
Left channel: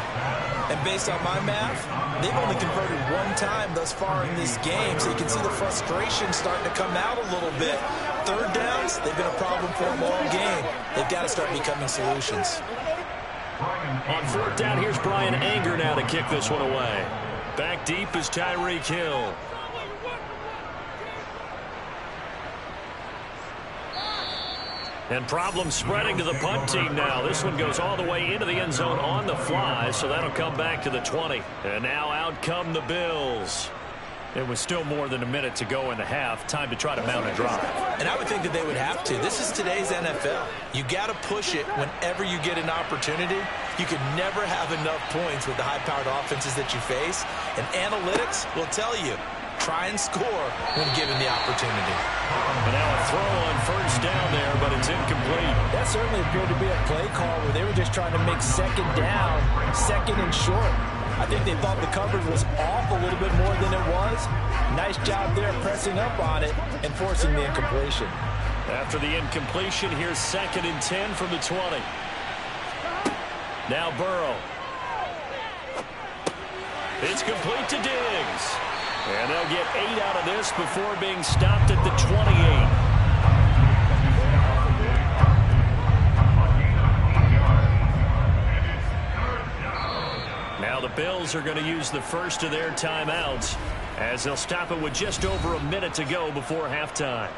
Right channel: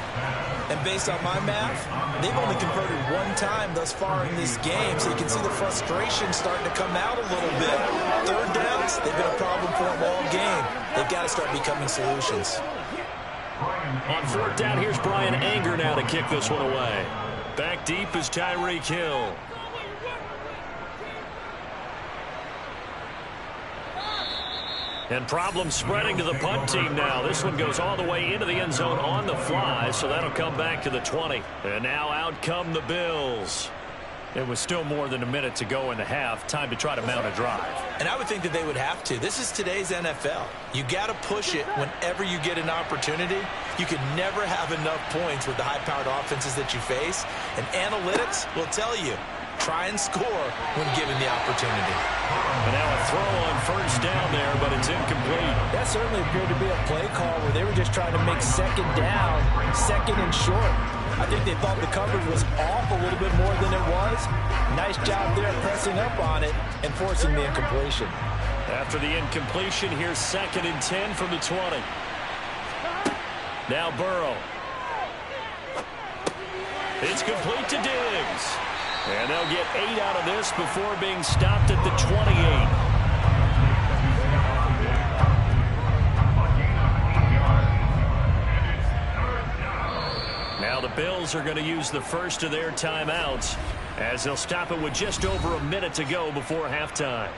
And based on my math, they've only converted 1 time thus far in this game, so you can see the frustration starting to come out a little bit. 3rd downs, they've been a problem for them all game. They've got to start becoming solutions. On 4th down, here's Brian Anger now to kick this one away. Back deep is Tyreek Hill. And problems spreading to the punt team now. This one goes all the way into the end zone on the fly, so that'll come back to the 20. And now out come the Bills. It was still more than a minute to go in the half. Time to try to mount a drive. And I would think that they would have to. This is today's NFL. You got to push it whenever you get an opportunity. You can never have enough points with the high-powered offenses that you face. And analytics will tell you, try and score when given the opportunity. And now a throw on 1st down there, but it's incomplete. That certainly appeared to be a play call where they were just trying to make 2nd down, 2nd and short. I think they thought the coverage was off a little bit more than it was. Nice job there pressing up on it and forcing the incompletion. After the incompletion, here's 2nd and 10 from the 20. Now Burrow. It's complete to Diggs. And they'll get 8 out of this before being stopped at the 28. Now the Bills are going to use the first of their timeouts as they'll stop it with just over a minute to go before halftime.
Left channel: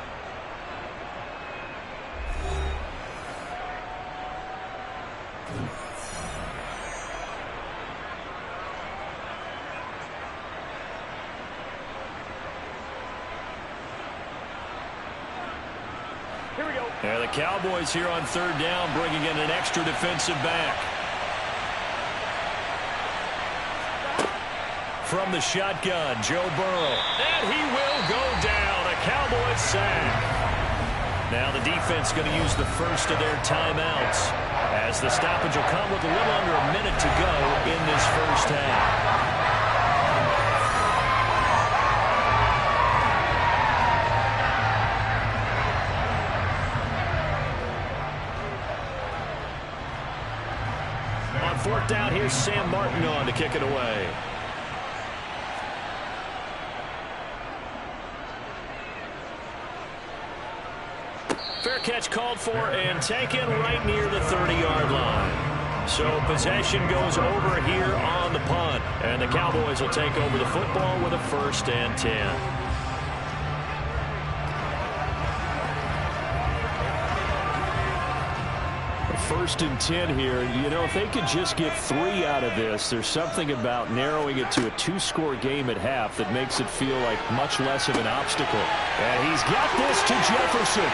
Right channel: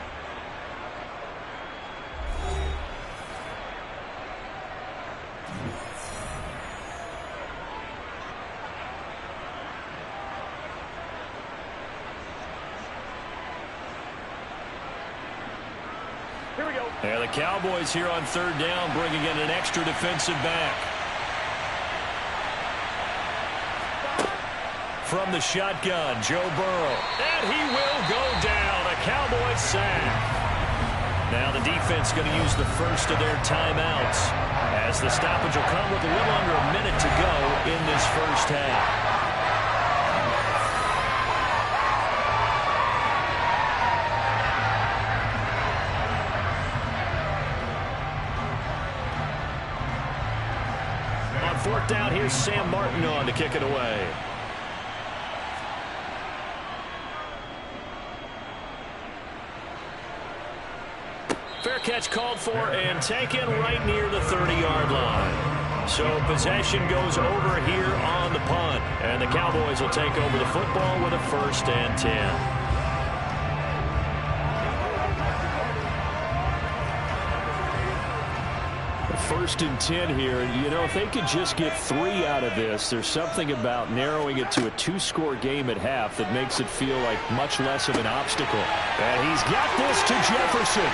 Here we go. And the Cowboys here on 3rd down, bringing in an extra defensive back. From the shotgun, Joe Burrow. And he will go down. A Cowboys sack. Now the defense going to use the first of their timeouts as the stoppage will come with a little under a minute to go in this first half. 4th down, here's Sam Martin on to kick it away. Fair catch called for and taken right near the 30-yard line. So possession goes over here on the punt. And the Cowboys will take over the football with a 1st and 10. First and 10 here. You know, if they could just get 3 out of this, there's something about narrowing it to a 2-score game at half that makes it feel like much less of an obstacle. And he's got this to Jefferson.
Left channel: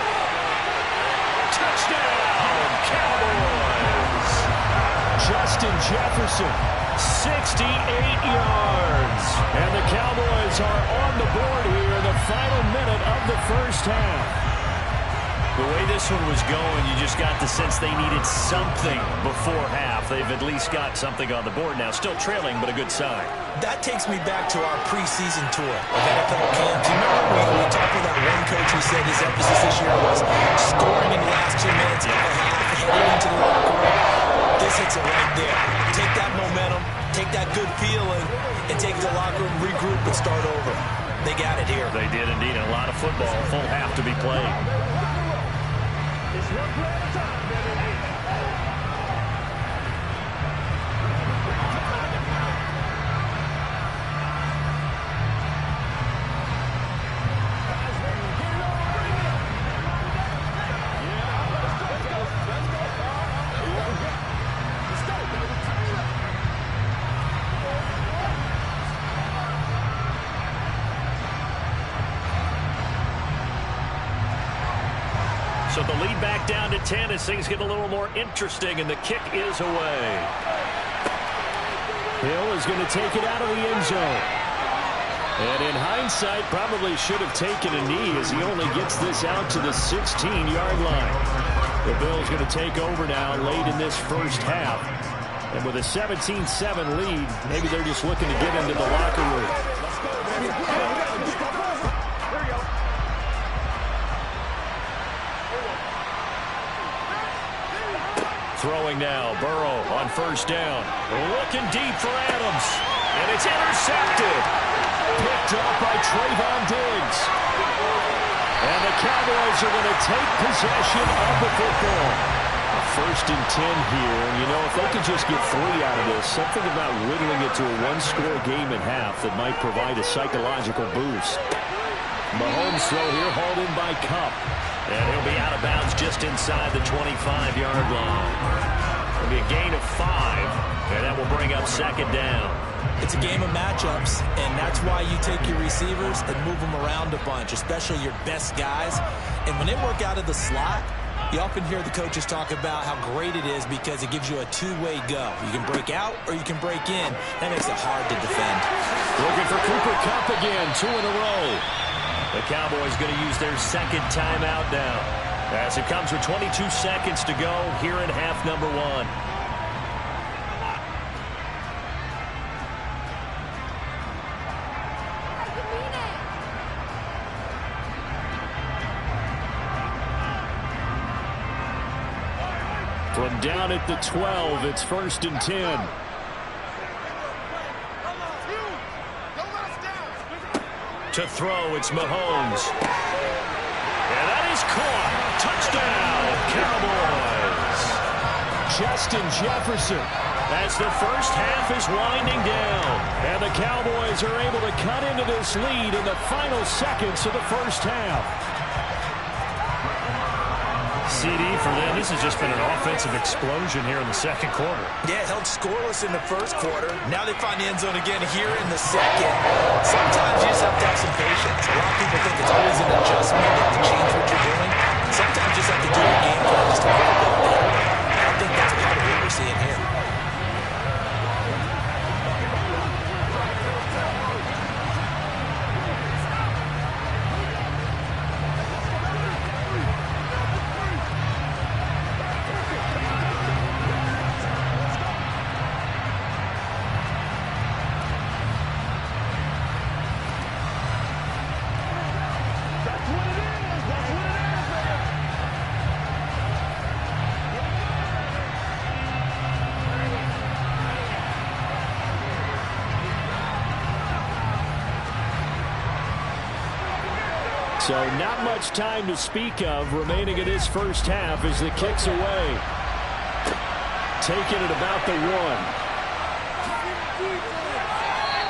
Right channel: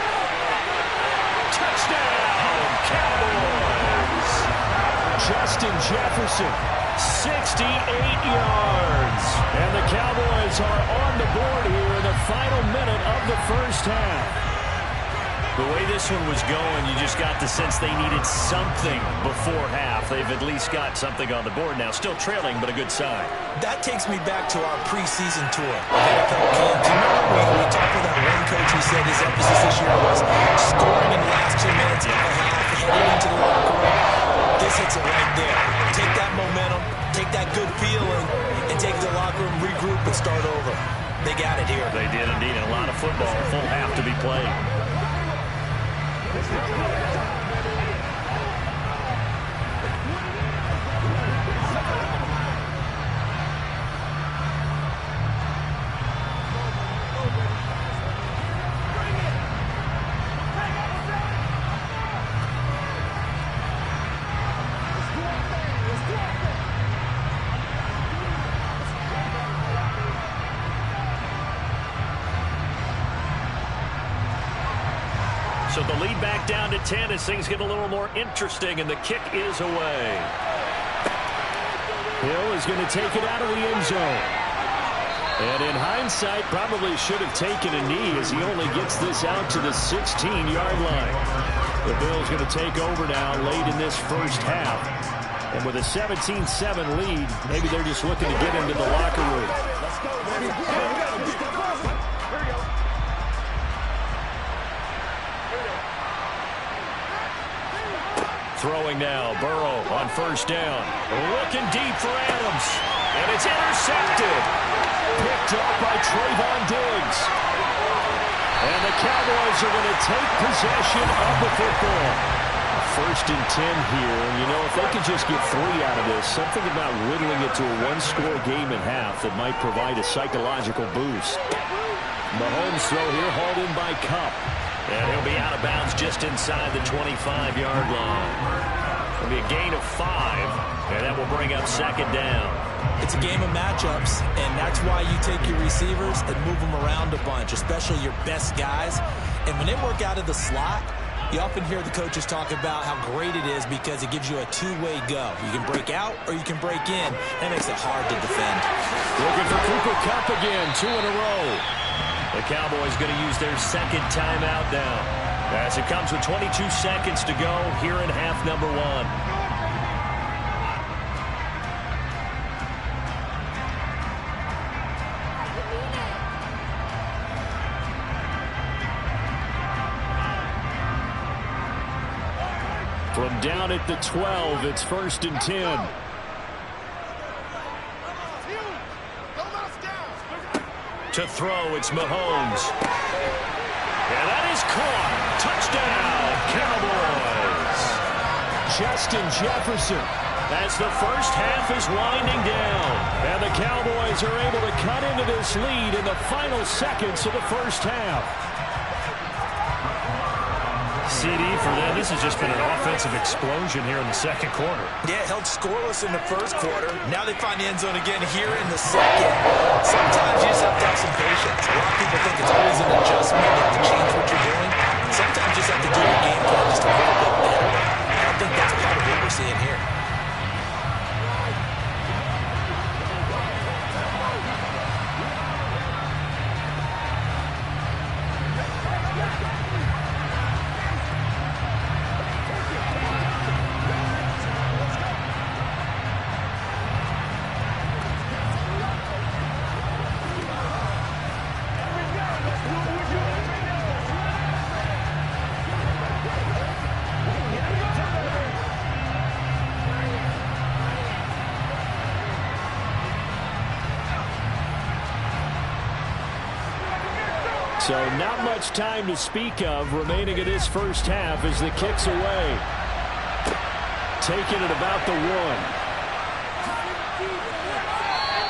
Touchdown, Cowboys! Justin Jefferson, 68 yards. And the Cowboys are on the board here in the final minute of the first half. The way this one was going, you just got the sense they needed something before half. They've at least got something on the board now. Still trailing, but a good sign. That takes me back to our preseason tour of NFL camp. Do you remember we talked with that one coach who said his emphasis this year was scoring in the last 2 minutes of the half, heading into the locker room? This hits it right there. Take that momentum, take that good feeling, and take it to the locker room, regroup, and start over. They got it here. They did indeed. And a lot of football, full half to be played. So the lead back down to 10 as things get a little more interesting, and the kick is away. Hill is going to take it out of the end zone. And in hindsight, probably should have taken a knee as he only gets this out to the 16-yard line. The Bills going to take over now late in this first half. And with a 17-7 lead, maybe they're just looking to get into the locker room. Let's go, baby. Here we go. Throwing now, Burrow on 1st down. Looking deep for Adams. And it's intercepted. Picked up by Trayvon Diggs. And the Cowboys are going to take possession of the football. 1st and 10 here. And, you know, if they could just get 3 out of this, something about whittling it to a 1-score game at half that might provide a psychological boost. Mahomes throw here, hauled in by Kupp. And he'll be out of bounds just inside the 25-yard line. It'll be a gain of 5, and that will bring up 2nd down. It's a game of matchups, and that's why you take your receivers and move them around a bunch, especially your best guys. And when they work out of the slot, you often hear the coaches talk about how great it is because it gives you a two-way go. You can break out or you can break in. That makes it hard to defend. Looking for Cooper Kupp again, 2 in a row. The Cowboys going to use their 2nd timeout now, as it comes with 22 seconds to go here in half number 1. From down at the 12, it's 1st and 10. To throw, it's Mahomes. And that is caught. Touchdown, Cowboys. Justin Jefferson. As the first half is winding down. And the Cowboys are able to cut into this lead in the final seconds of the first half. CD for them. This has just been an offensive explosion here in the 2nd quarter. Yeah, held scoreless in the 1st quarter. Now they find the end zone again here in the 2nd. Sometimes you just have to have some patience. A lot of people think it's always an adjustment. You have to change what you're doing. Sometimes you just have to do your game plan just a little bit better. I think that's part of what we're seeing here. So not much time to speak of remaining in this first half as the kick's away. Taking it about the 1.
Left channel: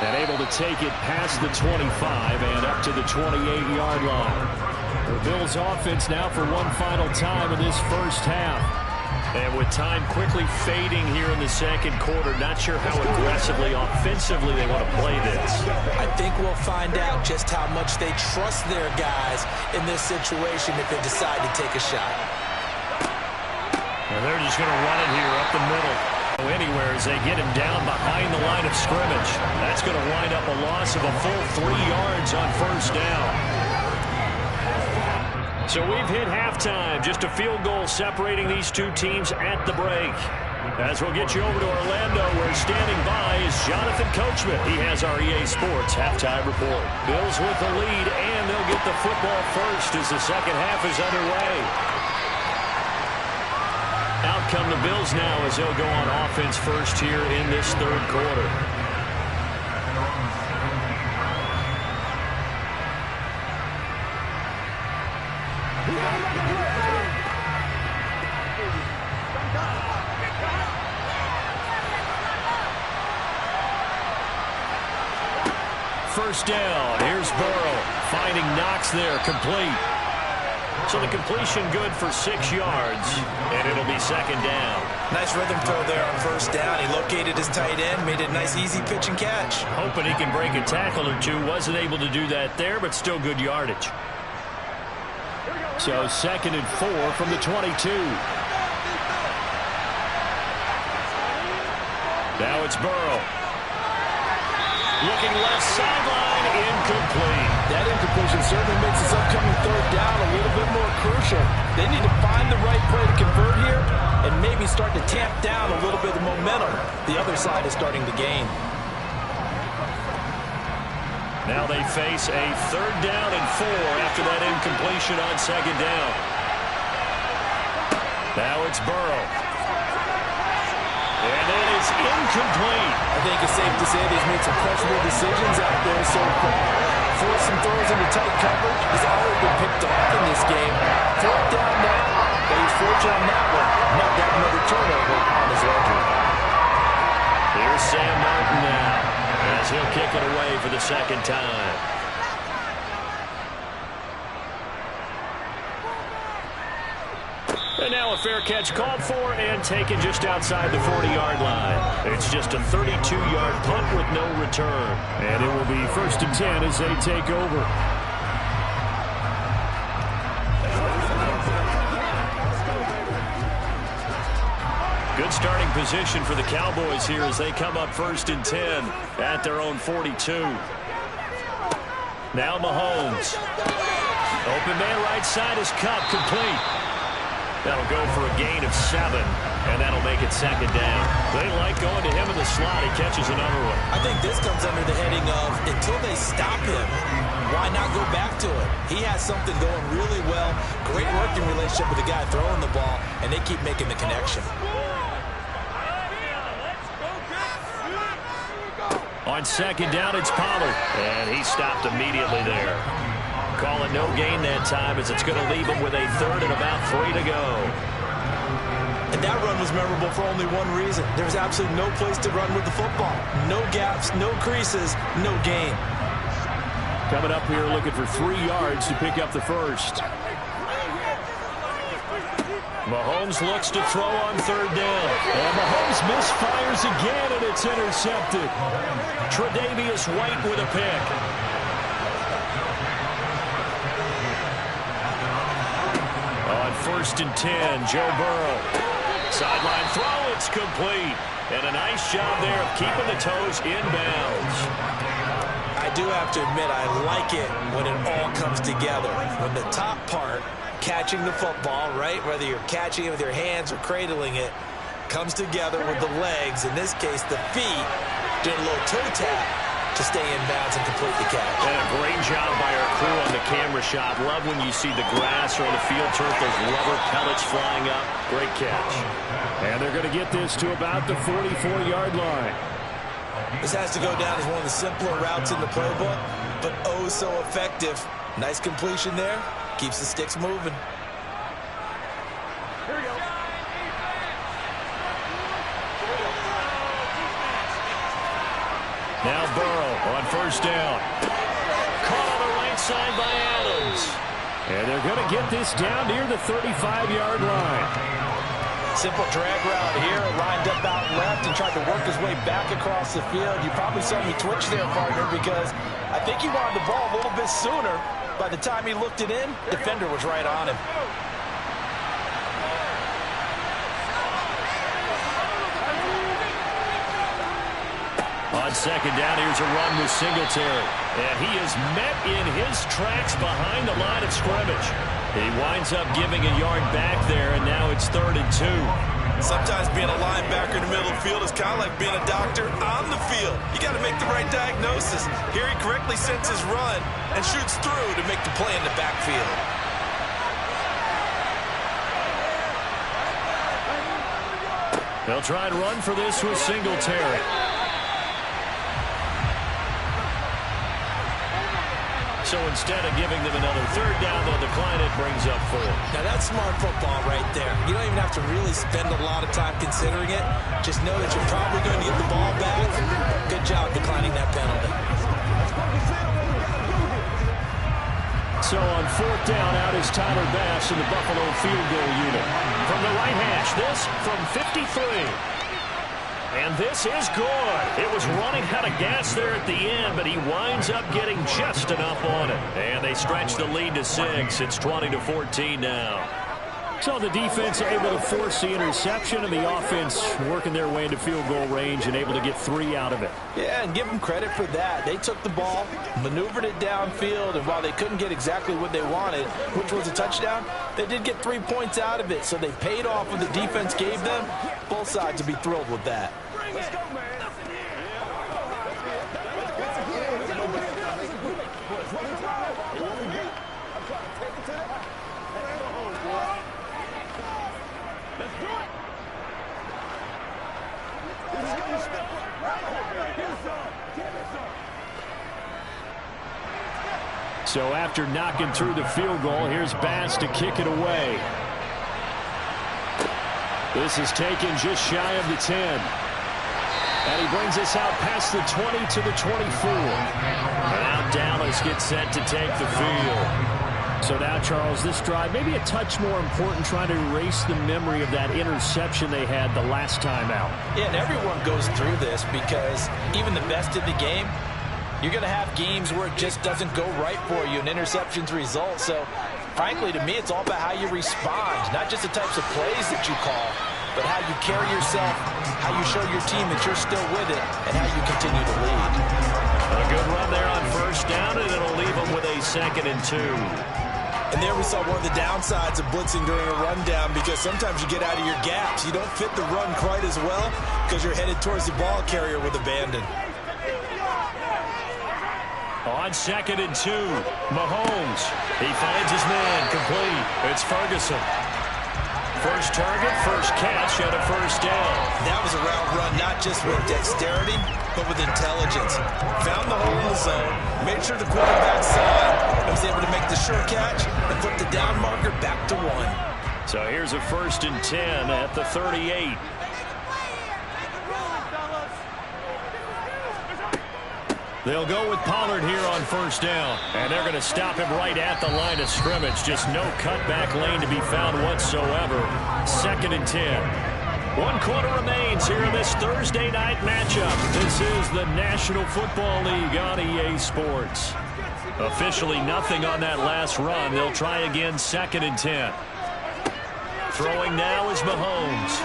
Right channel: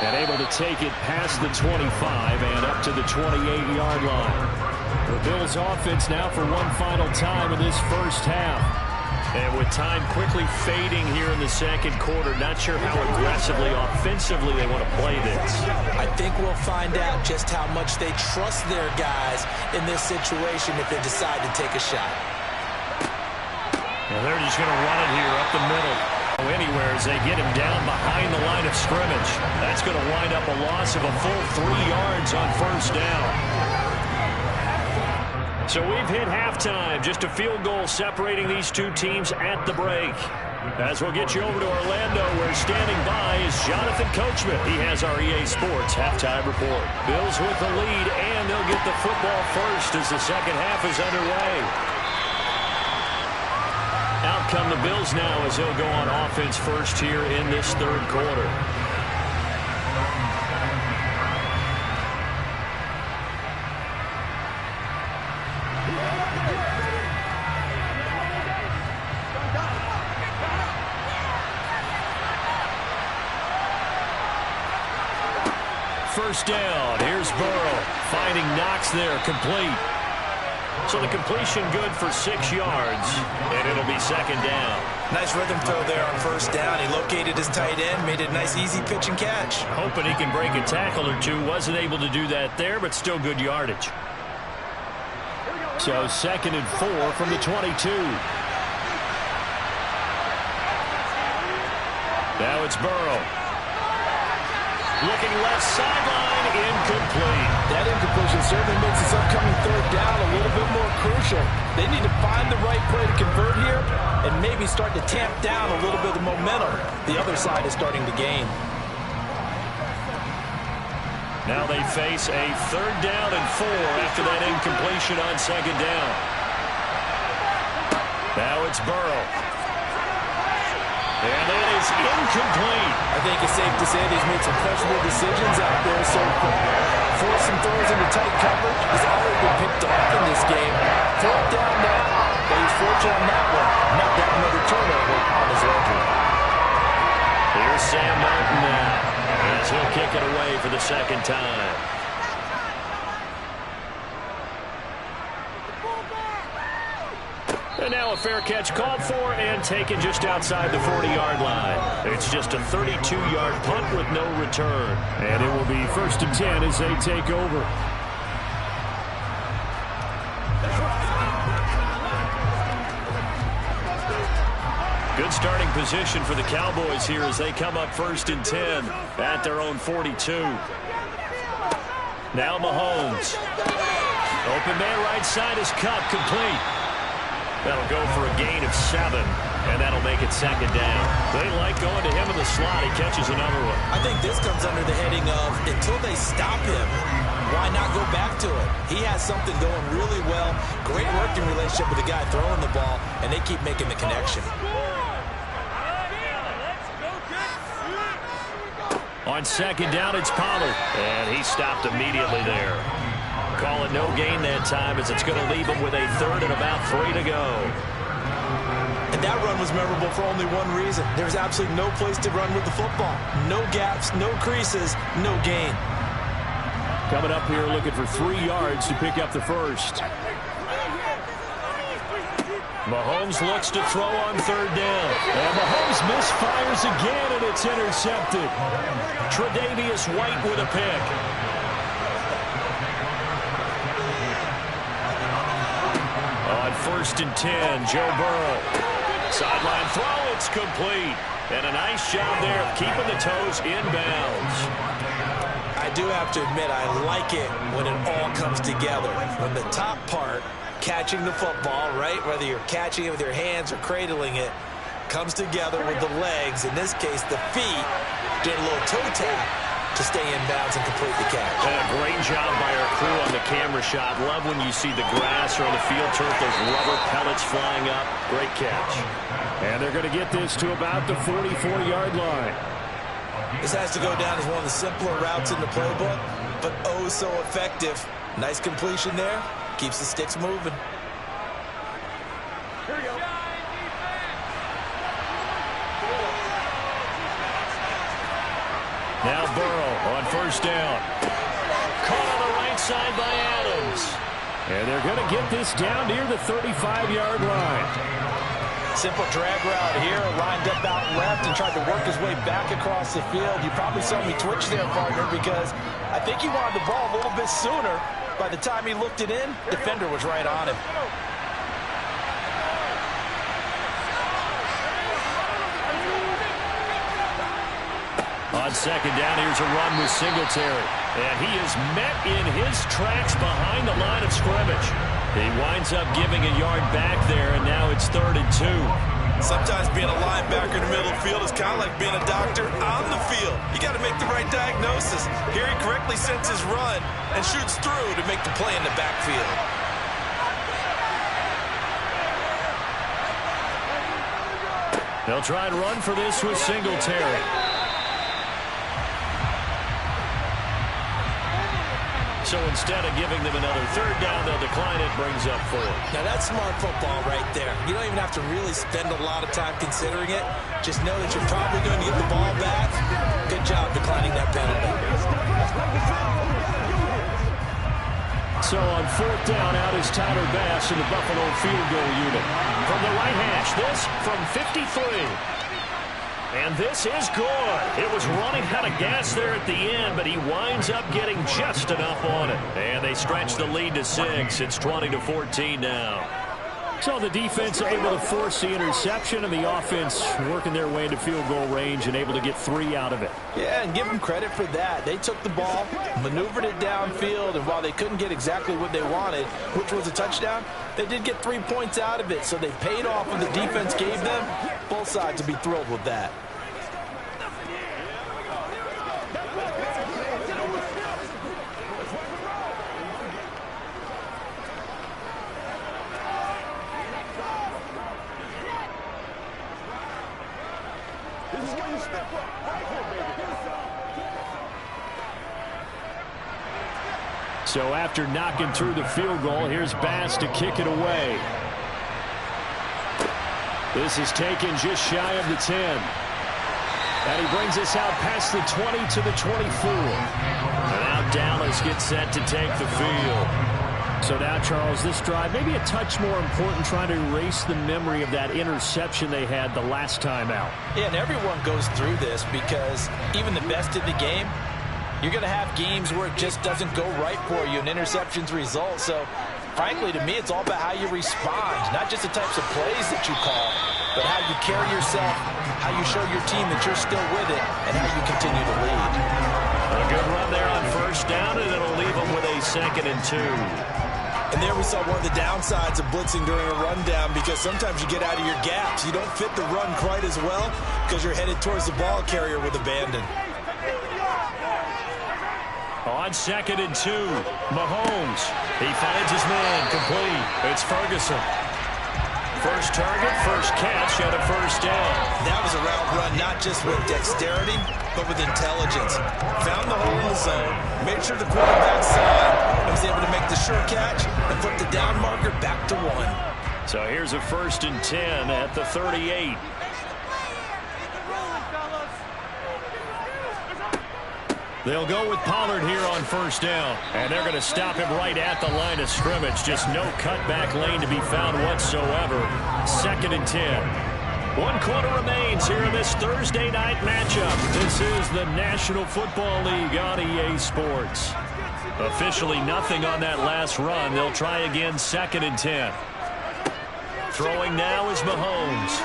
And able to take it past the 25 and up to the 28-yard line. The Bills offense now for one final time in this first half. And with time quickly fading here in the second quarter, not sure how aggressively, offensively they want to play this. I think we'll find out just how much they trust their guys in this situation if they decide to take a shot. And they're just going to run it here up the middle. Anywhere as they get him down behind the line of scrimmage. That's going to wind up a loss of a full 3 yards on first down. So we've hit halftime. Just a field goal separating these two teams at the break. As we'll get you over to Orlando, where standing by is Jonathan Coachman. He has our EA Sports halftime report. Bills with the lead, and they'll get the football first as the second half is underway. Out come the Bills now as they'll go on offense first here in this third quarter. First down. Here's Burrow finding Knox there, complete. So the completion good for 6 yards, and it'll be second down. Nice rhythm throw there on first down. He located his tight end, made it a nice easy pitch and catch. Hoping he can break a tackle or two. Wasn't able to do that there, but still good yardage. So 2nd and 4 from the 22. Now it's Burrow. Looking left sideline, incomplete. That incompletion certainly makes this upcoming third down a little bit more crucial. They need to find the right play to convert here and maybe start to tamp down a little bit of momentum. The other side is starting to gain. Now they face a 3rd down and 4 after that incompletion on 2nd down. Now it's Burrow. And that is incomplete. I think it's safe to say he's made some questionable decisions out there so far. Forced some throws into tight coverage. He's already been picked off in this game. 4th down now, but he's fortunate on that one. Not that another turnover on his ledger. Here's Sam Martin now, as he'll kick it away for the second time. And now a fair catch called for and taken just outside the 40-yard line. It's just a 32-yard punt with no return. And it will be 1st and 10 as they take over. Good starting position for the Cowboys here as they come up 1st and 10 at their own 42. Now Mahomes. Open man right side is Kupp, complete. That'll go for a gain of 7, and that'll make it 2nd down. They like going to him in the slot. He catches another one. I think this comes under the heading of until they stop him, why not go back to it? He has something going really well. Great working relationship with the guy throwing the ball, and they keep making the connection. On 2nd down, it's Pollard, and he stopped immediately there. Call it no gain that time as it's going to leave him with a 3rd and about 3 to go. And that run was memorable for only one reason. There was absolutely no place to run with the football. No gaps, no creases, no gain. Coming up here looking for 3 yards to pick up the first. Mahomes looks to throw on 3rd down. And Mahomes misfires again, and it's intercepted. Tre'Davious White with a pick. On 1st and 10, Joe Burrow. Sideline throw, it's complete. And a nice job there of keeping the toes inbounds. I do have to admit, I like it when it all comes together. When the top part, catching the football, right, whether you're catching it with your hands or cradling it, comes together with the legs, in this case the feet, doing a little toe tap to stay in bounds and complete the catch. And a great job by our crew on the camera shot. Love when you see the grass or on the field turf, those rubber pellets flying up. Great catch. And they're going to get this to about the 44-yard line. This has to go down as one of the simpler routes in the playbook, but oh so effective Nice completion there. Keeps the sticks moving. Here we go. Now Burrow on first down. Caught on the right side by Adams. And they're going to get this down near the 35-yard line. Simple drag route here, lined up out left and tried to work his way back across the field. You probably saw me twitch there, partner, because I think he wanted the ball a little bit sooner. By the time he looked it in, defender was right on him. On second down, here's a run with Singletary. And he is met in his tracks behind the line of scrimmage. He winds up giving a yard back there, and now it's 3rd and 2. Sometimes being a linebacker in the middle of the field is kind of like being a doctor on the field. You got to make the right diagnosis. Here he correctly sets his run and shoots through to make the play in the backfield. They'll try and run for this with Singletary. So instead of giving them another 3rd down, they'll decline it, brings up 4. Now that's smart football right there. You don't even have to really spend a lot of time considering it. Just know that you're probably going to get the ball back. Good job declining that penalty. So on 4th down, out is Tyler Bass in the Buffalo field goal unit. From the right hash, this from 53. And this is good. It was running out of gas there at the end, but he winds up getting just enough on it. And they stretch the lead to 6. It's 20-14 now. So the defense able to force the interception, and the offense working their way into field goal range and able to get 3 out of it. Yeah, and give them credit for that. They took the ball, maneuvered it downfield, and while they couldn't get exactly what they wanted, which was a touchdown, they did get 3 points out of it. So they paid off what the defense gave them. Both sides will be thrilled with that. So after knocking through the field goal, here's Bass to kick it away. This is taken just shy of the 10. And he brings us out past the 20 to the 24. And now Dallas gets set to take the field. So now, Charles, this drive maybe a touch more important, trying to erase the memory of that interception they had the last time out. Yeah, and everyone goes through this because even the best in the game, you're going to have games where it just doesn't go right for you and interceptions result. So, frankly, to me, it's all about how you respond, not just the types of plays that you call, but how you carry yourself, how you show your team that you're still with it, and how you continue to lead. A good run there on first down, and it'll leave them with a 2nd and 2. And there we saw one of the downsides of blitzing during a rundown, because sometimes you get out of your gaps. You don't fit the run quite as well because you're headed towards the ball carrier with abandon. On 2nd and 2, Mahomes. He finds his man, complete. It's Ferguson. First target, first catch, and a first down. That was a route run not just with dexterity, but with intelligence. Found the hole in the zone, made sure the quarterback saw it, and was able to make the sure catch and put the down marker back to 1. So here's a 1st and 10 at the 38. They'll go with Pollard here on first down. And they're going to stop him right at the line of scrimmage. Just no cutback lane to be found whatsoever. 2nd and 10. 1 quarter remains here in this Thursday night matchup. This is the National Football League on EA Sports. Officially nothing on that last run. They'll try again, 2nd and 10. Throwing now is Mahomes.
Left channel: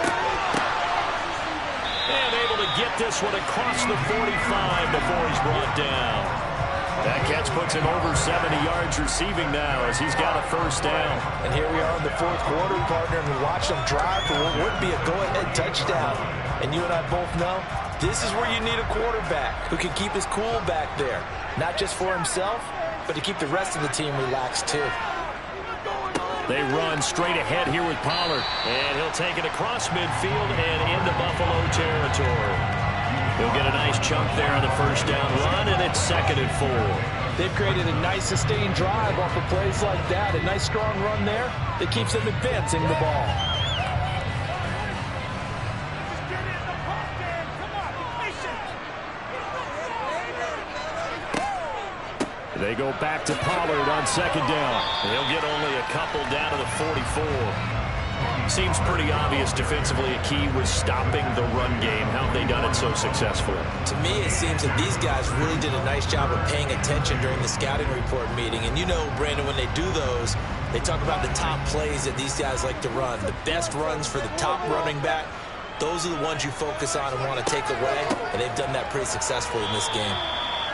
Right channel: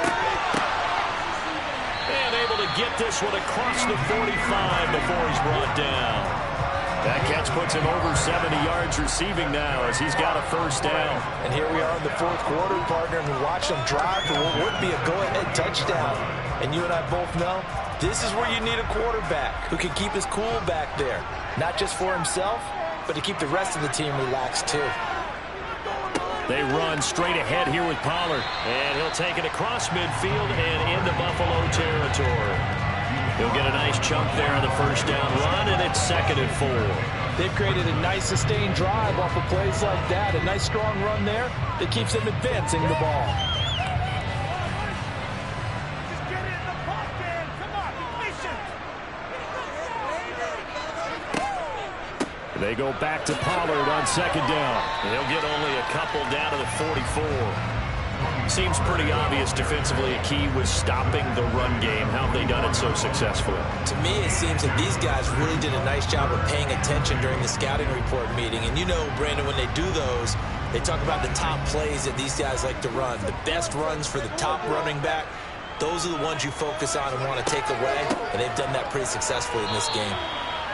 And able to get this one across the 45 before he's brought down. That catch puts him over 70 yards receiving now as he's got a first down. And here we are in the 4th quarter, partner, and we watch them drive for what would be a go-ahead touchdown. And you and I both know this is where you need a quarterback who can keep his cool back there. Not just for himself, but to keep the rest of the team relaxed too. They run straight ahead here with Pollard. And he'll take it across midfield and into Buffalo territory. He'll get a nice chunk there on the first down run, and it's 2nd and 4. They've created a nice sustained drive off of plays like that. A nice strong run there that keeps them advancing the ball. Just get it in the pocket. Come on, be patient. They go back to Pollard on 2nd down. He'll get only a couple down to the 44. Seems pretty obvious defensively a key was stopping the run game. How have they done it so successfully? To me, it seems that these guys really did a nice job of paying attention during the scouting report meeting. And you know, Brandon, when they do those, they talk about the top plays that these guys like to run. The best runs for the top running back, those are the ones you focus on and want to take away. And they've done that pretty successfully in this game.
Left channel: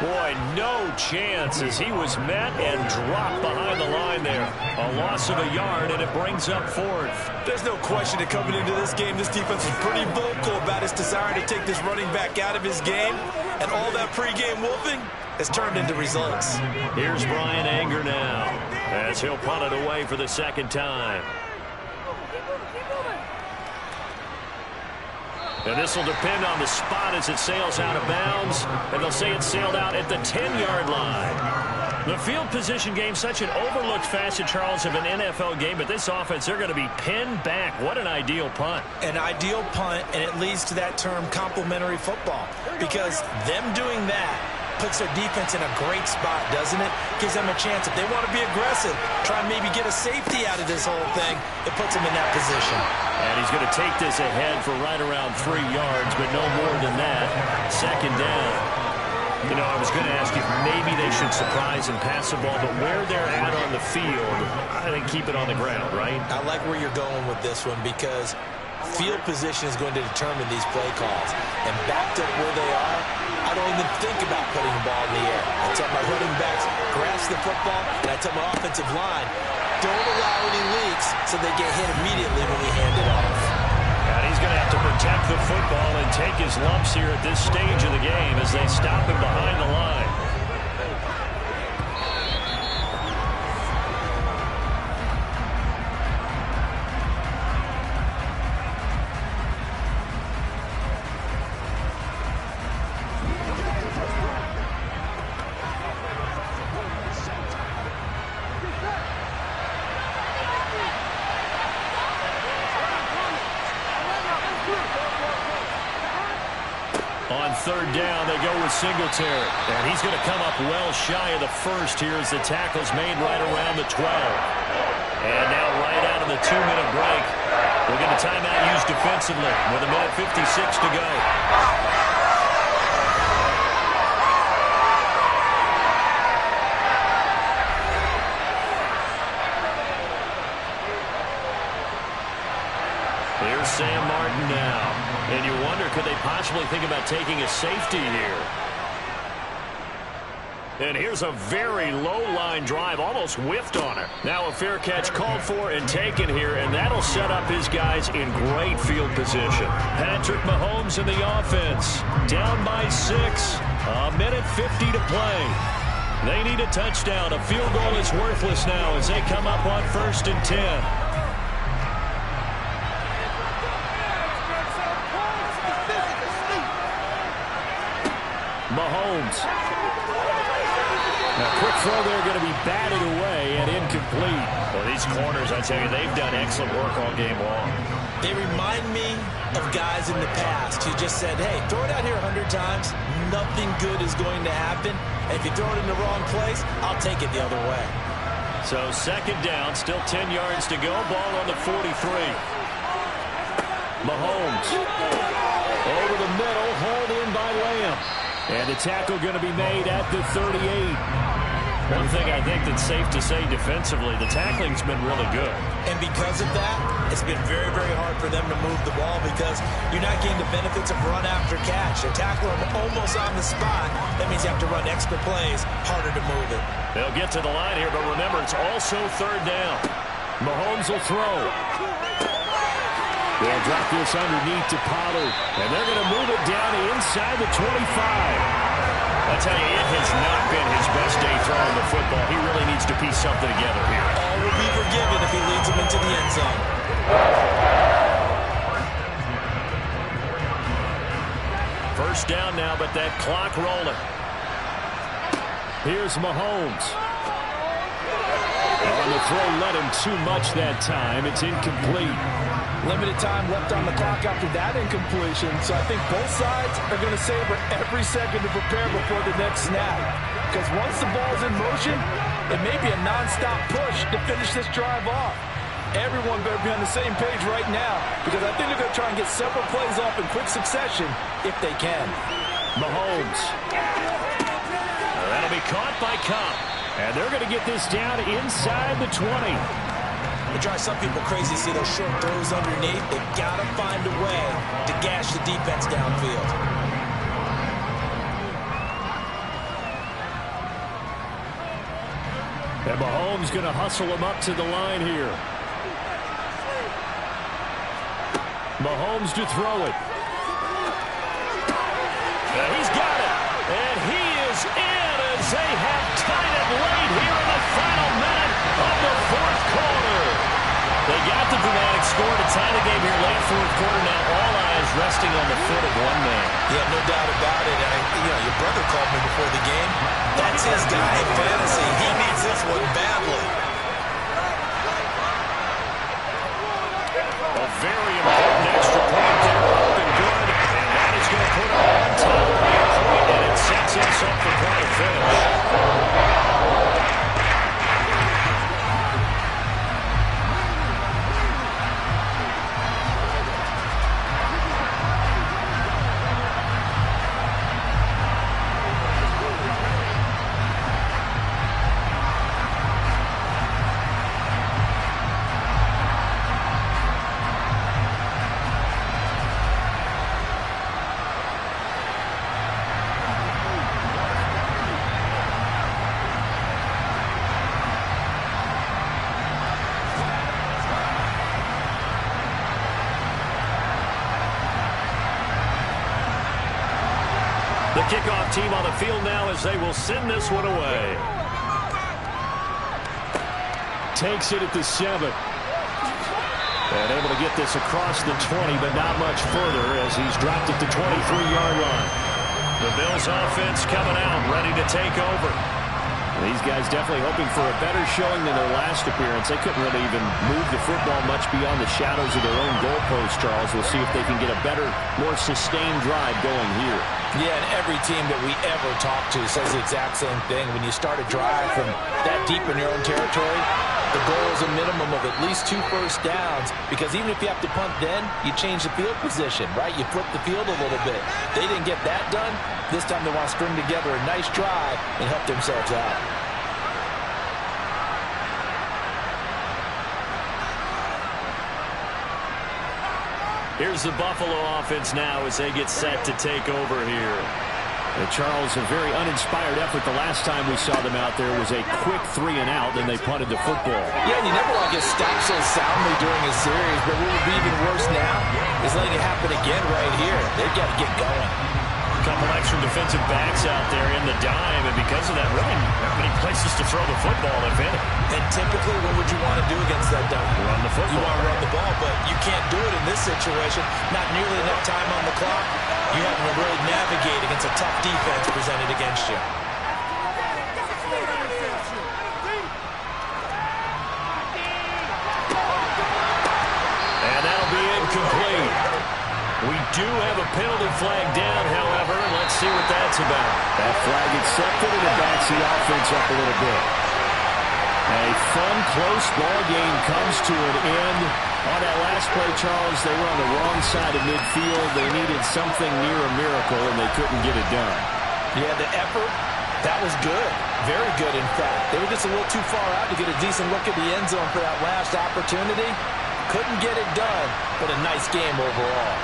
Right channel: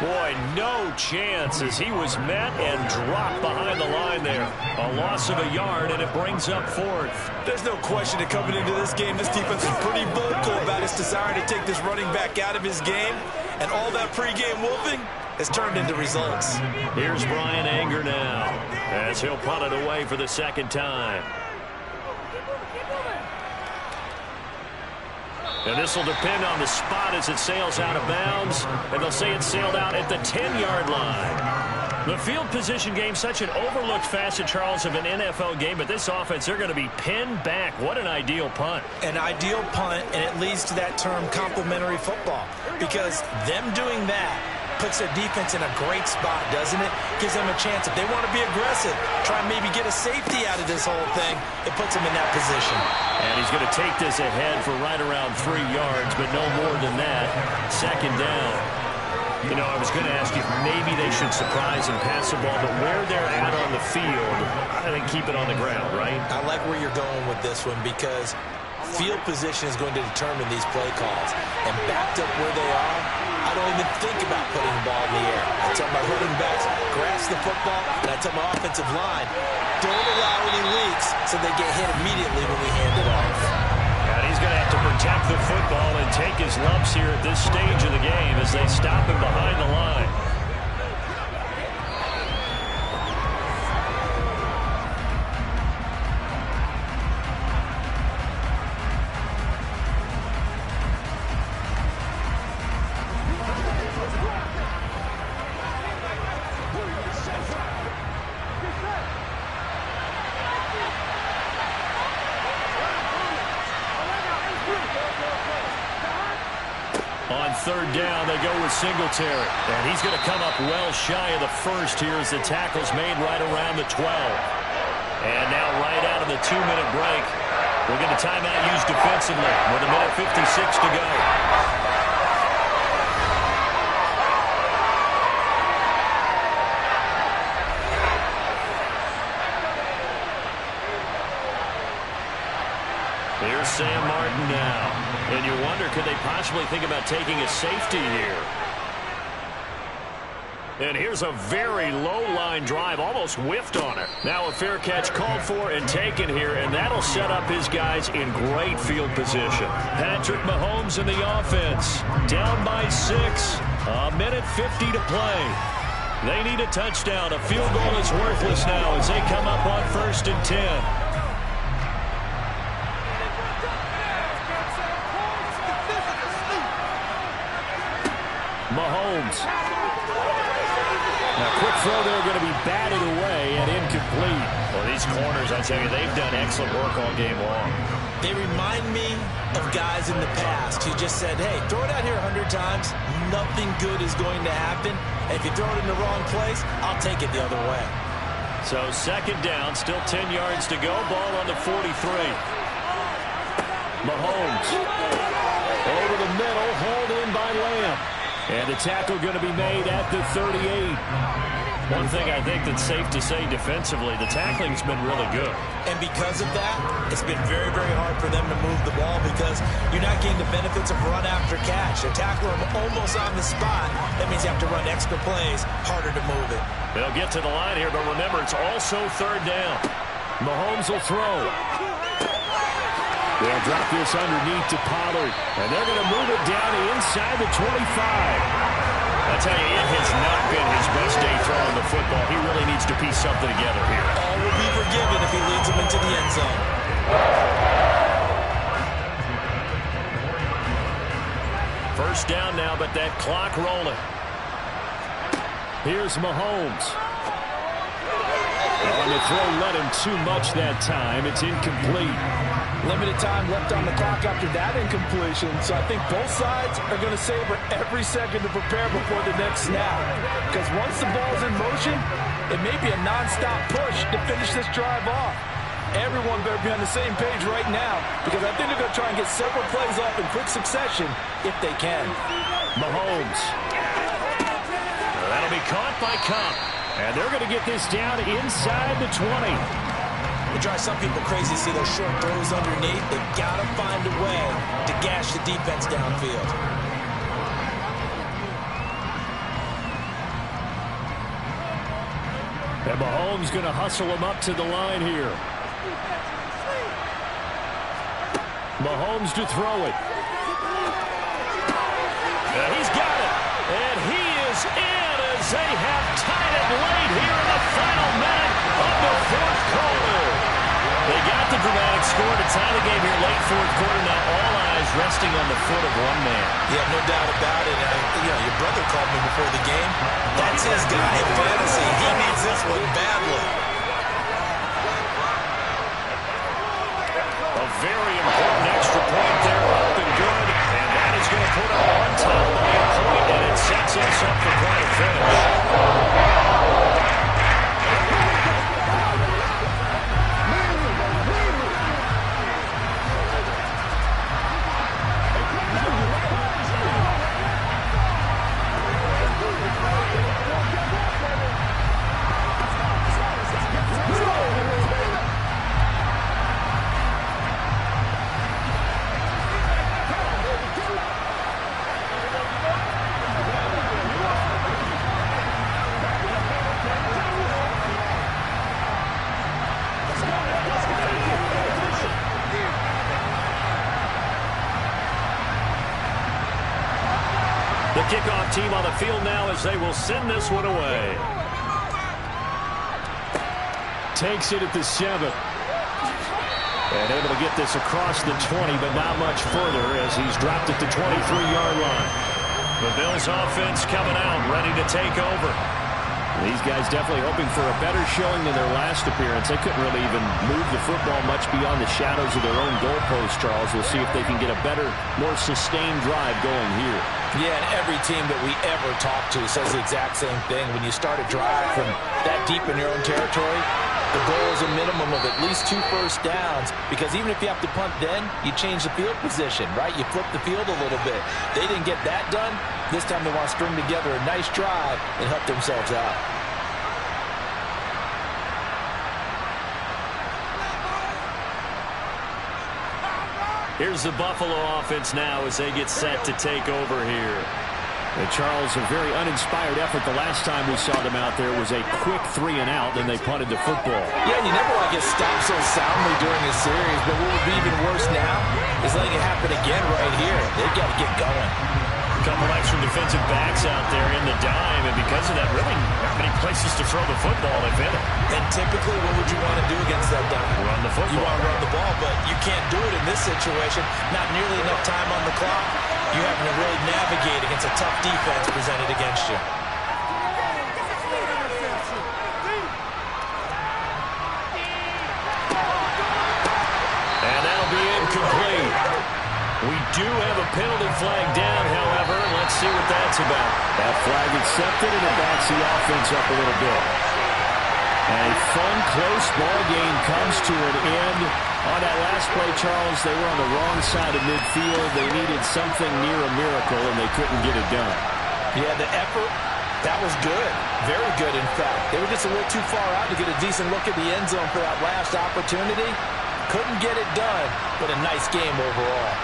Boy, no chance as he was met and dropped behind the line there. A loss of a yard, and it brings up 4th. There's no question that coming into this game, this defense is pretty vocal about its desire to take this running back out of his game. And all that pregame wolfing has turned into results. Here's Bryan Anger now as he'll punt it away for the 2nd time. And this will depend on the spot as it sails out of bounds. And they'll say it sailed out at the 10-yard line. The field position game, such an overlooked facet, Charles, of an NFL game. But this offense, they're going to be pinned back. What an ideal punt. An ideal punt, and it leads to that term complementary football. Because them doing that puts their defense in a great spot, doesn't it? Gives them a chance. If they want to be aggressive, try and maybe get a safety out of this whole thing, it puts them in that position. And he's going to take this ahead for right around 3 yards, but no more than that. 2nd down. You know, I was going to ask you if maybe they should surprise and pass the ball, but where they're at on the field, I think keep it on the ground, right? I like where you're going with this one because field position is going to determine these play calls. And backed up where they are, I don't even think about putting the ball in the air. I tell my running backs, grasp the football, and I tell my offensive line, don't allow any leaks so they get hit immediately when we hand it off. And he's going to have to protect the football and take his lumps here at this stage of the game as they stop him behind the line. On 3rd down, they go with Singletary. And he's going to come up well shy of the 1st here as the tackle's made right around the 12. And now right out of the 2-minute break, we'll get a timeout used defensively with 1:56 to go. Here's Sam Martin now. And you wonder, could they possibly think about taking a safety here? And here's a very low-line drive, almost whiffed on it. Now a fair catch called for and taken here, and that'll set up his guys in great field position. Patrick Mahomes in the offense. Down by 6. 1:50 to play. They need a touchdown. A field goal is worthless now as they come up on 1st and 10. Mahomes. Now, quick throw there, going to be batted away and incomplete. Well, these corners, I tell you, they've done excellent work all game long. They remind me of guys in the past who just said, hey, throw it out here 100 times. Nothing good is going to happen. And if you throw it in the wrong place, I'll take it the other way. So 2nd down, still 10 yards to go. Ball on the 43. Mahomes. Over the middle, hauled in by Lamb. And the tackle going to be made at the 38. One thing I think that's safe to say defensively, the tackling's been really good. And because of that, it's been very, very hard for them to move the ball because you're not getting the benefits of run after catch. They tackle them almost on the spot. That means you have to run extra plays, harder to move it. They'll get to the line here, but remember, it's also 3rd down. Mahomes will throw. They'll drop this underneath to Pollard, and they're going to move it down inside the 25. I tell you, it has not been his best day throwing the football. He really needs to piece something together here. All will be forgiven if he leads them into the end zone. first down now, but that clock rolling. Here's Mahomes. On the throw, let him too much that time. It's incomplete. Limited time left on the clock after that incompletion, so I think both sides are going to savor every second to prepare before the next snap. Because once the ball's in motion, it may be a nonstop push to finish this drive off. Everyone better be on the same page right now, because I think they're going to try and get several plays off in quick succession if they can. Mahomes. That'll be caught by Kupp. And they're going to get this down inside the 20. It drives some people crazy to see those short throws underneath. They've got to find a way to gash the defense downfield. And Mahomes going to hustle him up to the line here. Mahomes to throw it. And he's got it. And he is in as they have tied it late here in the final minute of the fourth quarter. They got the dramatic score to tie the game here late fourth quarter. Now all eyes resting on the foot of one man. Yeah, no doubt about it. Your brother called me before the game. That's his guy in fantasy. He needs this one badly. A very important extra point there, up and good. And that is going to put him on top by a point, and it sets us up for quite a finish. The kickoff team on the field now as they will send this one away. Takes it at the 7. And able to get this across the 20, but not much further as he's dropped at the 23-yard line. The Bills offense coming out, ready to take over. These guys definitely hoping for a better showing than their last appearance. They couldn't really even move the football much beyond the shadows of their own goalpost, Charles. We'll see if they can get a better, more sustained drive going here. Yeah, and every team that we ever talk to says the exact same thing. When you start a drive from that deep in your own territory, the goal is a minimum of at least 2 first downs, because even if you have to punt then, you change the field position, right? You flip the field a little bit. They didn't get that done. This time they want to string together a nice drive and help themselves out. Here's the Buffalo offense now as they get set to take over here. And Charles, a very uninspired effort. The last time we saw them out there was a quick 3 and out, then they punted the football. Yeah, and you never want to get stopped so soundly during a series, but what would be even worse now is letting it happen again right here. They've got to get going. A couple extra defensive backs out there in the dime, and because of that, really not many places to throw the football, if any. And typically, what would you want to do against that dime? Run the football. You want to run the ball, but you can't do it in this situation. Not nearly enough time on the clock. You having to really navigate against a tough defense presented against you. And that'll be incomplete. We do have a penalty flag down, however. Let's see what that's about. That flag accepted, and it backs the offense up a little bit. And a fun, close ball game comes to an end. On that last play, Charles, they were on the wrong side of midfield. They needed something near a miracle, and they couldn't get it done. Yeah, the effort, that was good. Very good, in fact. They were just a little too far out to get a decent look at the end zone for that last opportunity. Couldn't get it done, but a nice game overall.